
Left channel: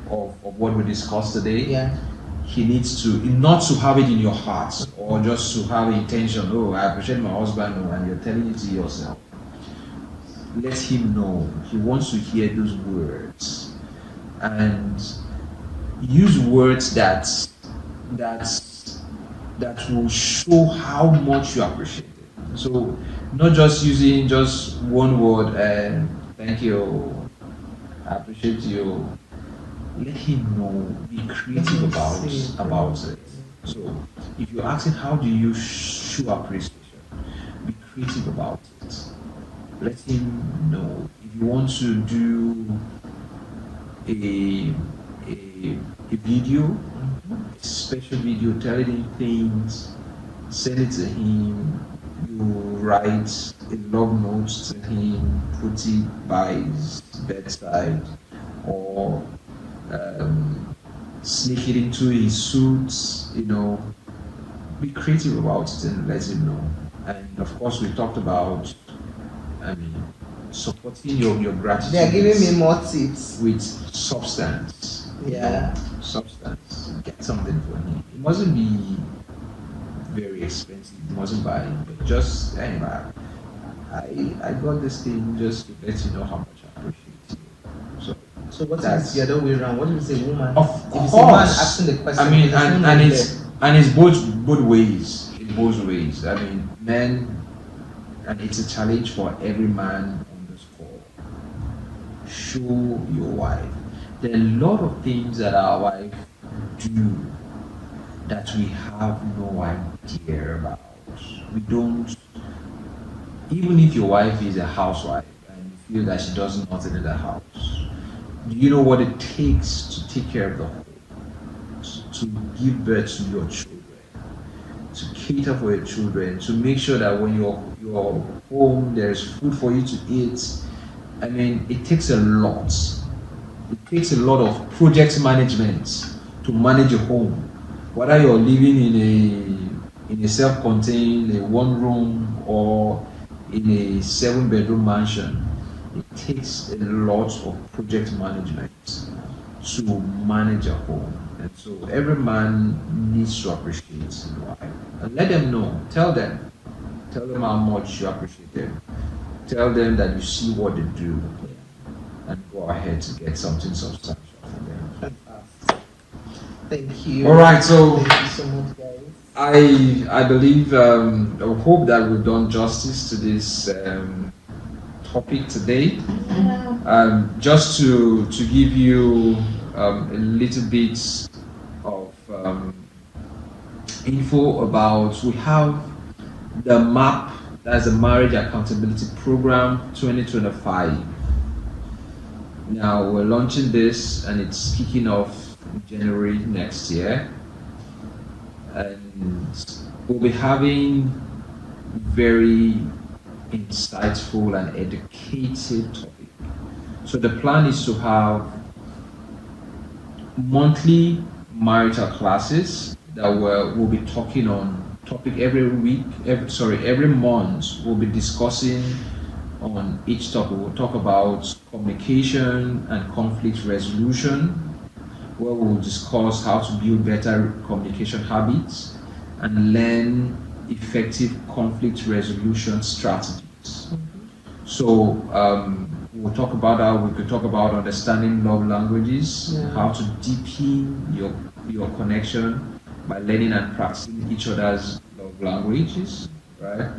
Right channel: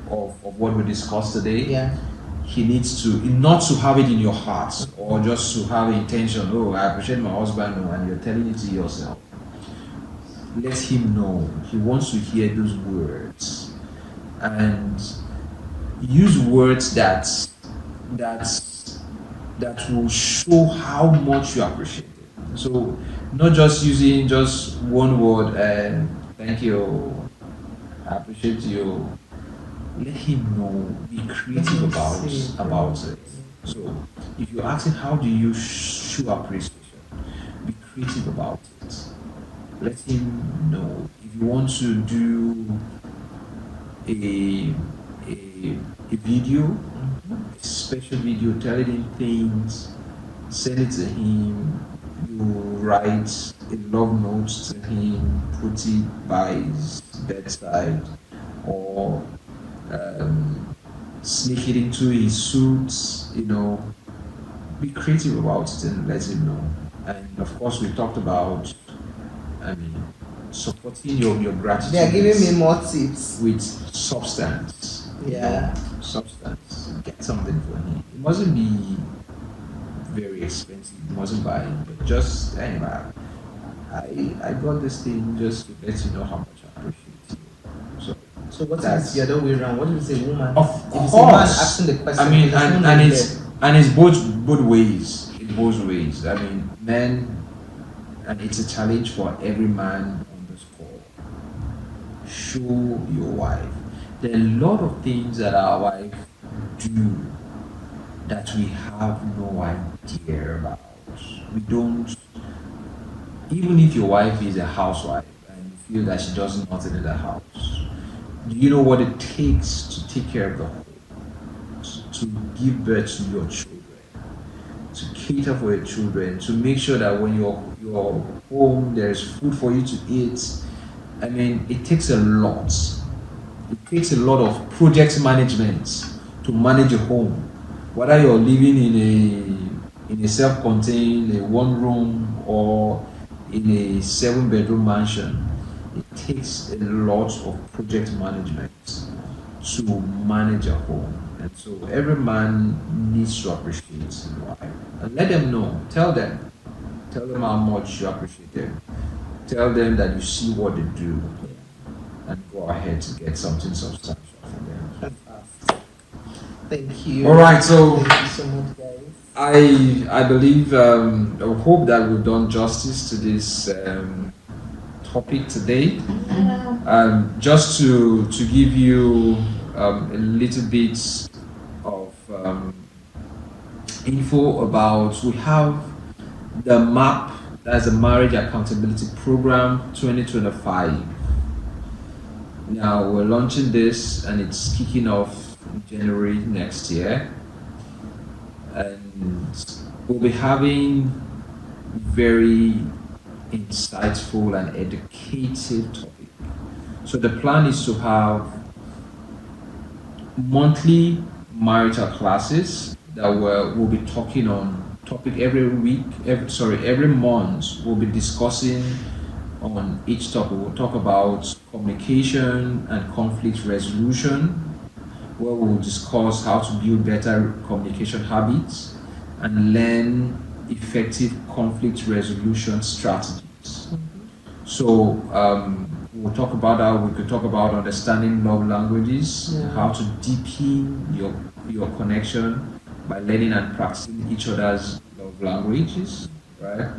of what we discussed today. Yeah. He needs to not to have it in your heart or just to have the intention, oh, I appreciate my husband, and you're telling it to yourself. Let him know. He wants to hear those words, and use words that will show how much you appreciate it. So not just using just one word and thank you, I appreciate you, let him know, be creative about it. So if you ask him how do you show appreciation, be creative about it. Let him know. If you want to do a video, a special video telling him things, send it to him. You write a love note to him, put it by his bedside, or sneak it into his suits. Be creative about it and let him know. And of course, we talked about, supporting your gratitude. They are giving me more tips. With substance. Yeah. Substance. Get something for him. It mustn't be very expensive. You mustn't buy it, but just anyway. I got this thing just to let you know how much I appreciate you. So what is the other way around? What if it's a woman? Of if course. it's a man asking the question, and it's both ways. In both ways. Men, and it's a challenge for every man on this call. Show your wife. There are a lot of things that our wife do that we have no idea about. We don't. Even if your wife is a housewife and you feel that she does nothing in the house, do you know what it takes to take care of the home, to give birth to your children, to cater for your children, to make sure that when you're home there's food for you to eat? It takes a lot. It takes a lot of project management to manage a home, whether you're living in a self-contained, a one-room, or in a 7-bedroom mansion. It takes a lot of project management to manage a home. And so every man needs to appreciate his wife. And let them know. Tell them how much you appreciate them. Tell them that you see what they do, and go ahead to get something substantial for them. Thank you. All right, so thank you so much, guys. I believe, I hope that we've done justice to this topic today. Just to give you a little bit of info about, we have the MAP, that's the Marriage Accountability Program 2025. Now we're launching this and it's kicking off in January next year. And we'll be having very insightful and educative topic. So the plan is to have monthly marital classes that we'll be talking on topic every month. We'll be discussing on each topic. We'll talk about communication and conflict resolution, where we'll discuss how to build better communication habits and learn effective conflict resolution strategies. So we'll talk about that. We could talk about understanding love languages, how to deepen your connection by learning and practicing each other's love languages, right?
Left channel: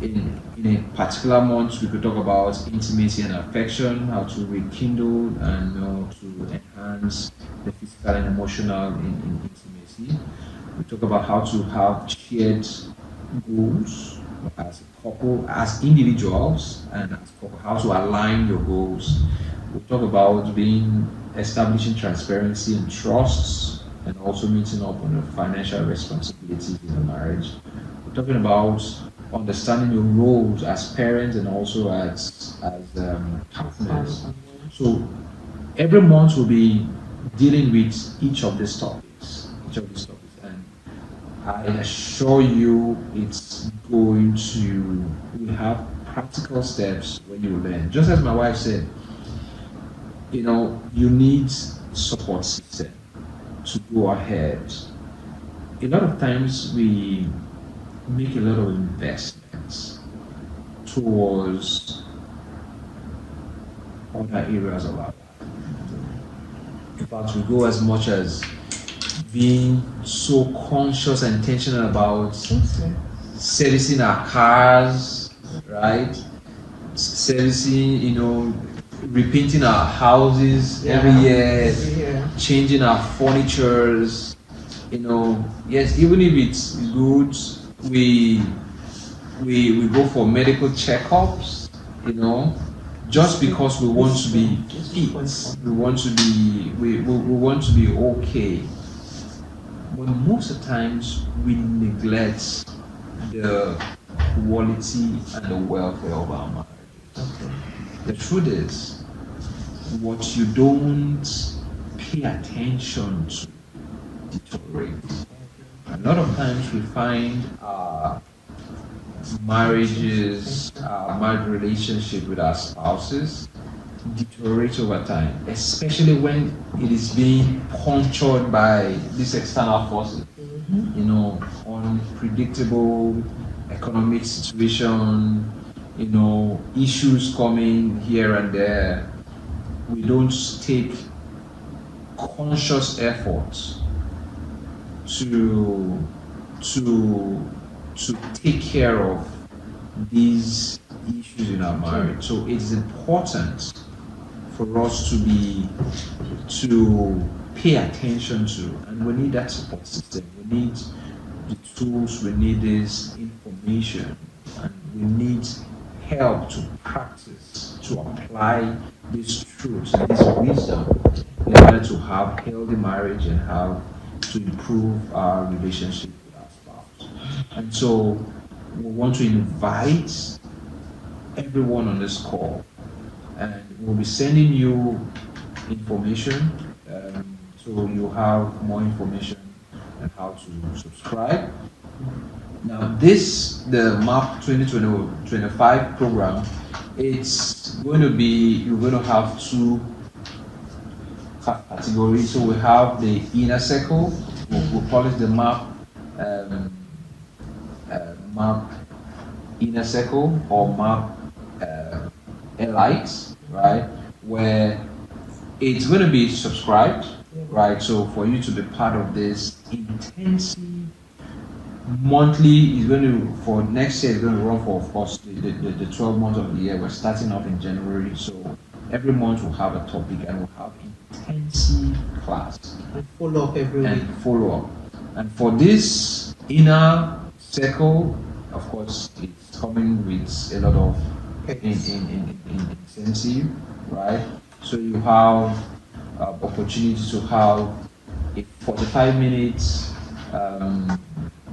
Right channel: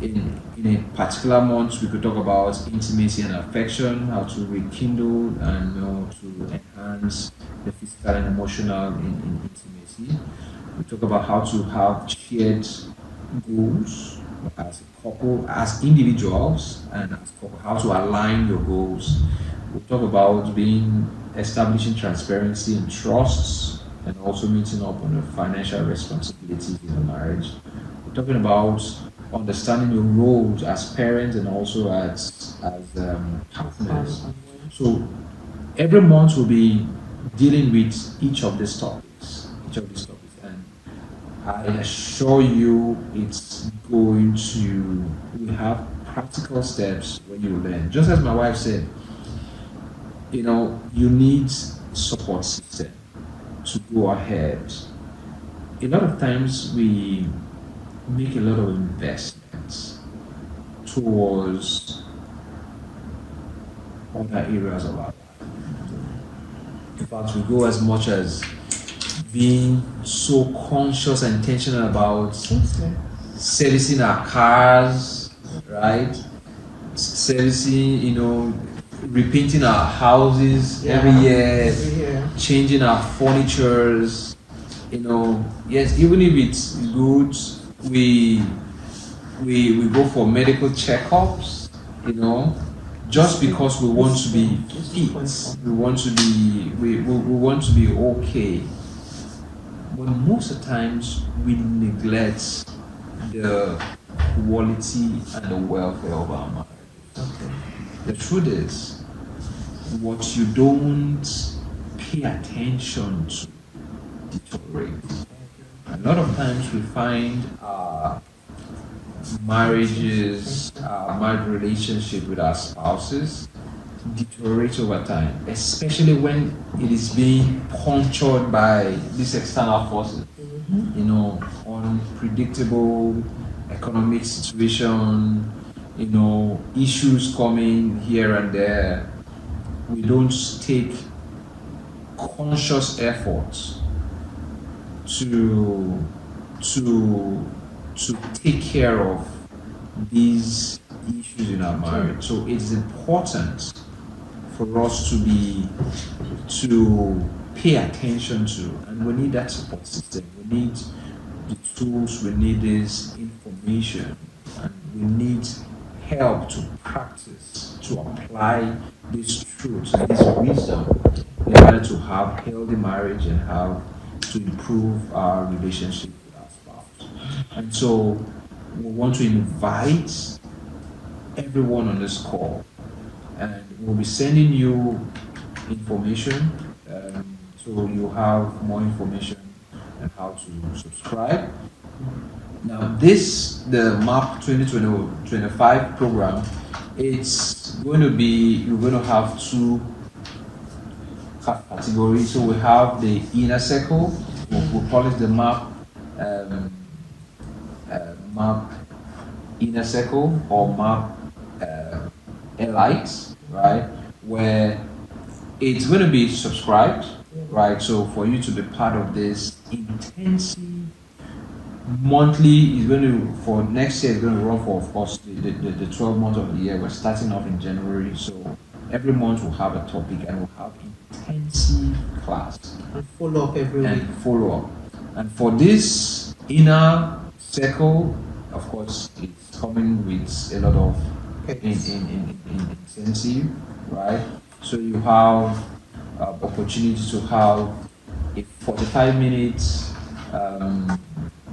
In a particular month, we could talk about intimacy and affection, how to rekindle and to enhance the physical and emotional in intimacy. We talk about how to have shared goals as a couple, as individuals, and as a couple, how to align your goals. We talk about establishing transparency and trusts, and also meeting up on the financial responsibilities in a marriage. We're talking about understanding your roles as parents and also as partners. So every month we'll be dealing with each of these topics, and I assure you we have practical steps when you learn. Just as my wife said, you need support system to go ahead. A lot of times we make a lot of investments towards other areas of our life. In fact, we go as much as being so conscious and intentional about servicing our cars, right? Servicing, repainting our houses every Yeah. year, Yeah. changing our furnitures. Yes, even if it's good, we we go for medical checkups. Just because we want to be fit, we want to be we want to be okay. But most of the times we neglect the quality and the welfare of our mind. Okay. The truth is, what you don't pay attention to deteriorates. A lot of times we find our marriages, our marriage relationship with our spouses deteriorate over time, especially when it is being punctured by these external forces. Unpredictable economic situation, issues coming here and there. We don't take conscious efforts to take care of these issues in our marriage. So it's important for us to pay attention to, and we need that support system. We need the tools, we need this information, and we need help to practice, to apply these truths, this wisdom, in order to have healthy marriage and have to improve our relationship with our spouse. And so we want to invite everyone on this call, and we'll be sending you information, so you have more information on how to subscribe. Now, the MAP 2025 program, it's going to be, you're going to have two categories. So we have the inner circle, we'll call it the MAP inner circle or MAP Elite, right? Where it's going to be subscribed, right? So for you to be part of this intensive monthly, is going to, for next year, it's going to run for, of course, the 12 months of the year. We're starting off in January, so every month we'll have a topic and we'll have intensive class. And follow up every week. And follow up. And for this inner circle, of course, it's coming with a lot of incentive, right? So you have opportunity to have a 45 minutes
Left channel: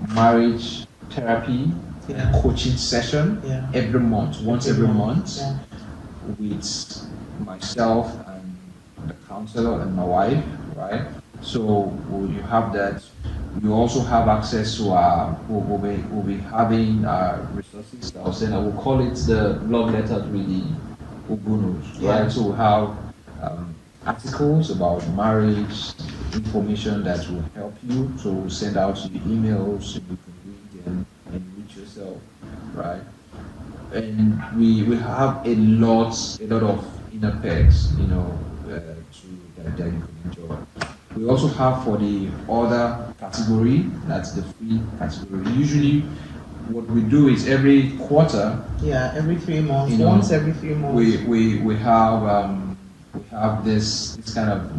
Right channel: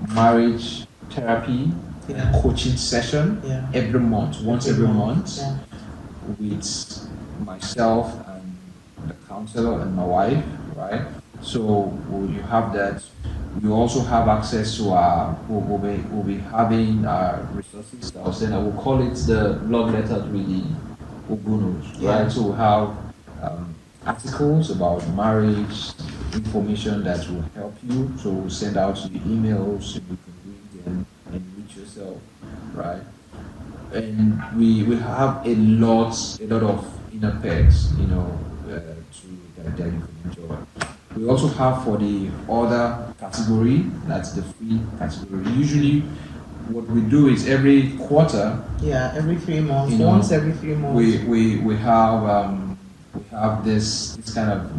marriage therapy coaching session every month, once every month, with myself and the counselor and my wife, right? So you have that. You also have access to our, we'll be having our resources that I'll send. I will call it the love letter to the Ubunus, right? So we have articles about marriage, information that will help you. So we'll send out to you emails so you can read them and read yourself, right? And we have a lot of inner perks, that you can enjoy. We also have for the other category, that's the free category. Usually, what we do is every quarter. Yeah, every 3 months. Once every 3 months. We have this kind of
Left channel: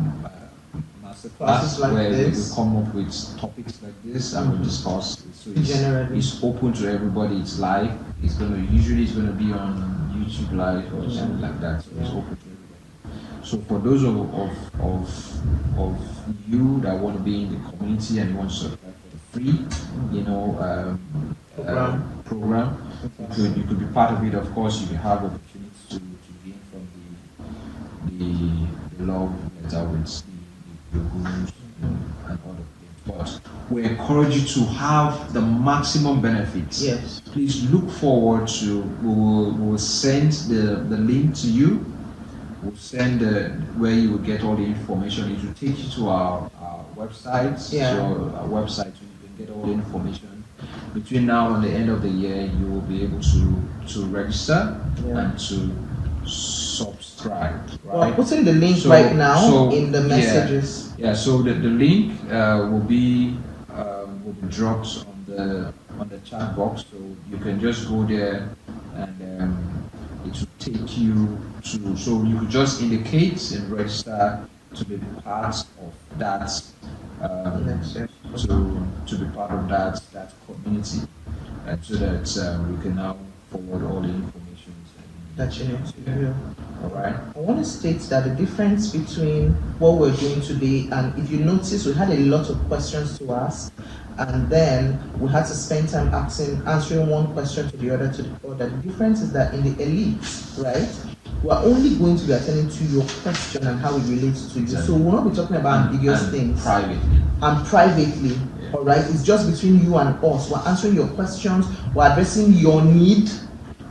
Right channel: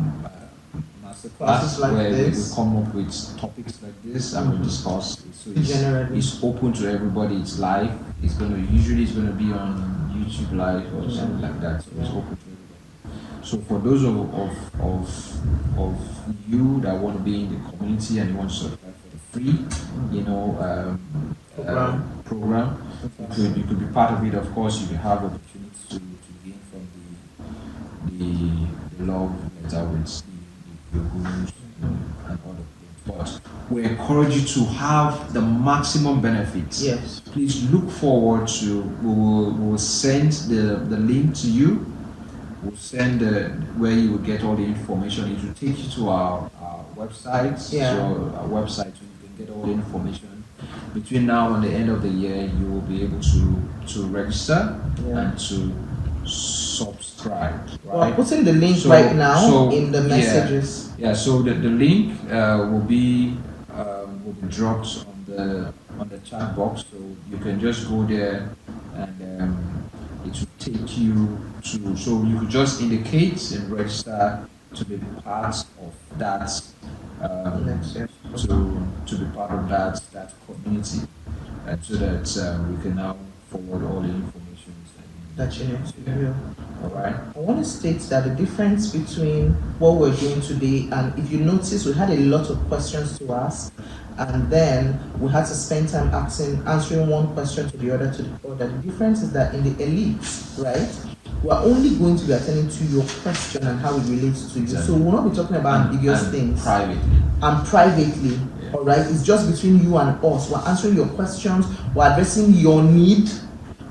master class like where this. we come up with topics like this and we discuss. So it's open to everybody. It's live. It's going to be on YouTube Live or something like that. So it's open to everybody. So for those of you that want to be in the community and you want to subscribe for the free, program, you could be part of it. Of course, you will have opportunity to gain from the love letter with the gurus and other things. But we encourage you to have the maximum benefits. Yes. Please look forward to. We will send the link to you. We'll send where you will get all the information. It will take you to our website. Yeah. So our website, you can get all the information. Between now and the end of the year, you will be able to register and to subscribe. Right? Well, putting the link right now in the messages. Yeah. So the link will be dropped on the chat box. So you can just go there and it to take you to, so you could just indicate and register to be part of that, to be part of that community, so that we can now forward all the information that you need to do. All right. I want to state that the difference between what we're doing today, and if you notice, we had a lot of questions to ask, and then we had to spend time answering one question to the other to the other. The difference is that in the elite, right, we're only going to be attending to your question and how it relates to you. Exactly. So we'll not be talking about ambiguous and things. privately. All right, it's just between you and us. We're answering your questions. We're addressing your need.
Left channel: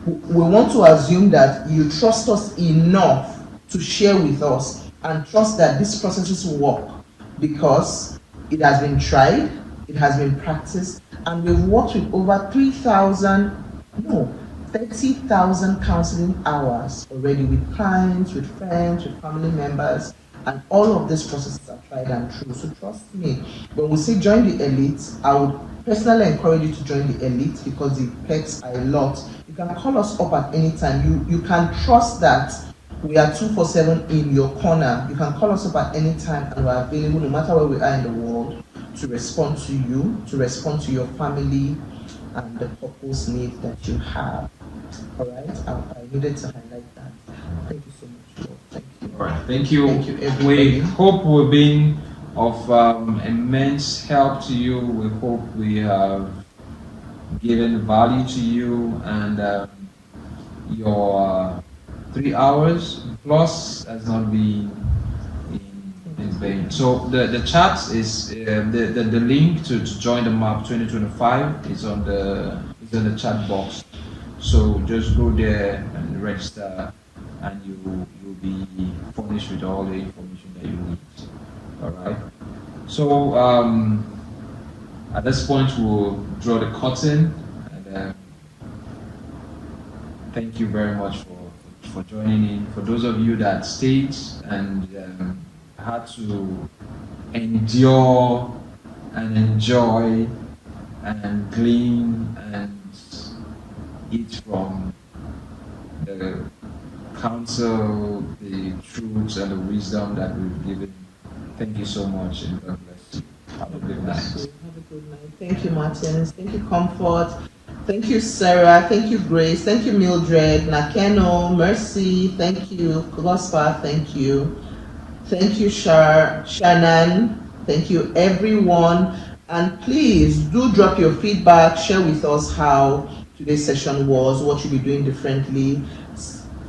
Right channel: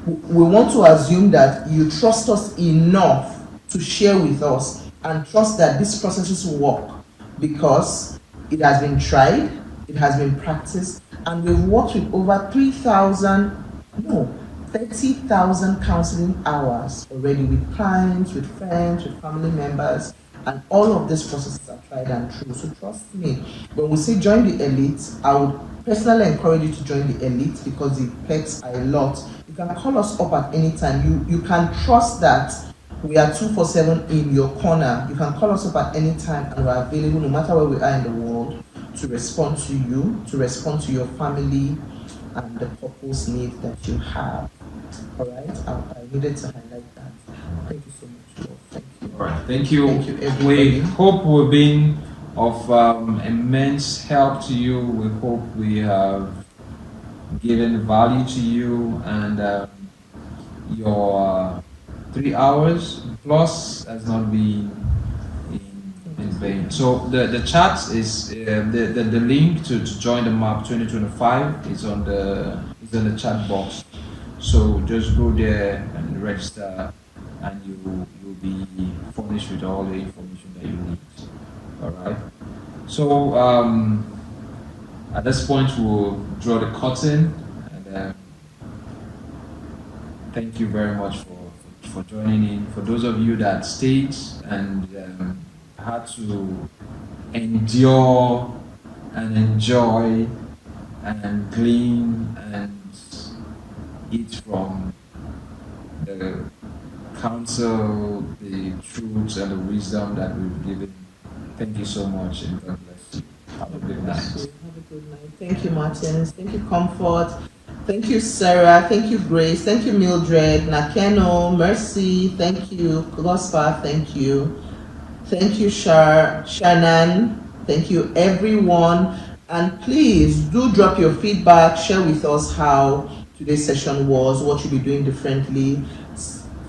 We want to assume that you trust us enough to share with us and trust that these processes will work, because it has been tried, it has been practiced, and we've worked with over 30,000 counseling hours already with clients, with friends, with family members, and all of these processes are tried and true. So trust me, when we say join the elite, I would personally encourage you to join the elite because the perks are a lot. You can call us up at any time. You can trust that we are 24/7 in your corner. You can call us up at any time and we're available no matter where we are in the world to respond to you, to respond to your family and the purpose need that you have. All right, I needed to highlight that. Thank you so much, Lord. Thank you. All right. Thank you. Thank you, everybody. We hope we've been of immense help to you. We hope we have given value to you, and your 3 hours plus has not been in vain. So the chat is the link to join the MAP 2025 is on the chat box. So just go there and register, and you'll be furnished with all the information that you need. All right. So at this point, we'll draw the curtain, and thank you very much for joining in. For those of you that stayed and had to endure and enjoy and glean and eat from the counsel, the truths, and the wisdom that we've given. Thank you so much, and God bless you. Have a good night. Have a good night. Thank you, Martins. Thank you, Comfort. Thank you, Sarah. Thank you, Grace. Thank you, Mildred. Nakeno, Mercy. Thank you, Gospa. Thank you. Thank you, Shannon. Thank you, everyone. And please do drop your feedback. Share with us how today's session was, what you'll be doing differently.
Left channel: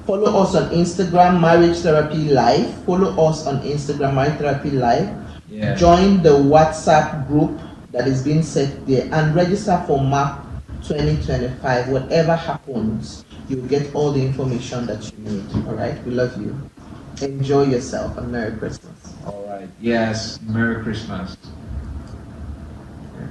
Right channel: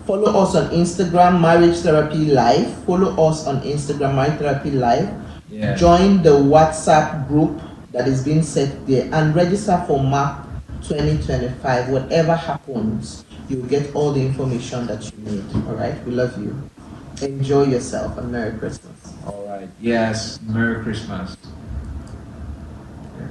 Follow us on Instagram, Marriage Therapy Live. Follow us on Instagram, Marriage Therapy Live. Yeah. Join the WhatsApp group that is being set there and register for MAP 2025. Whatever happens, you'll get all the information that you need. All right? We love you. Enjoy yourself and Merry Christmas. All right. Yes. Merry Christmas. Yeah.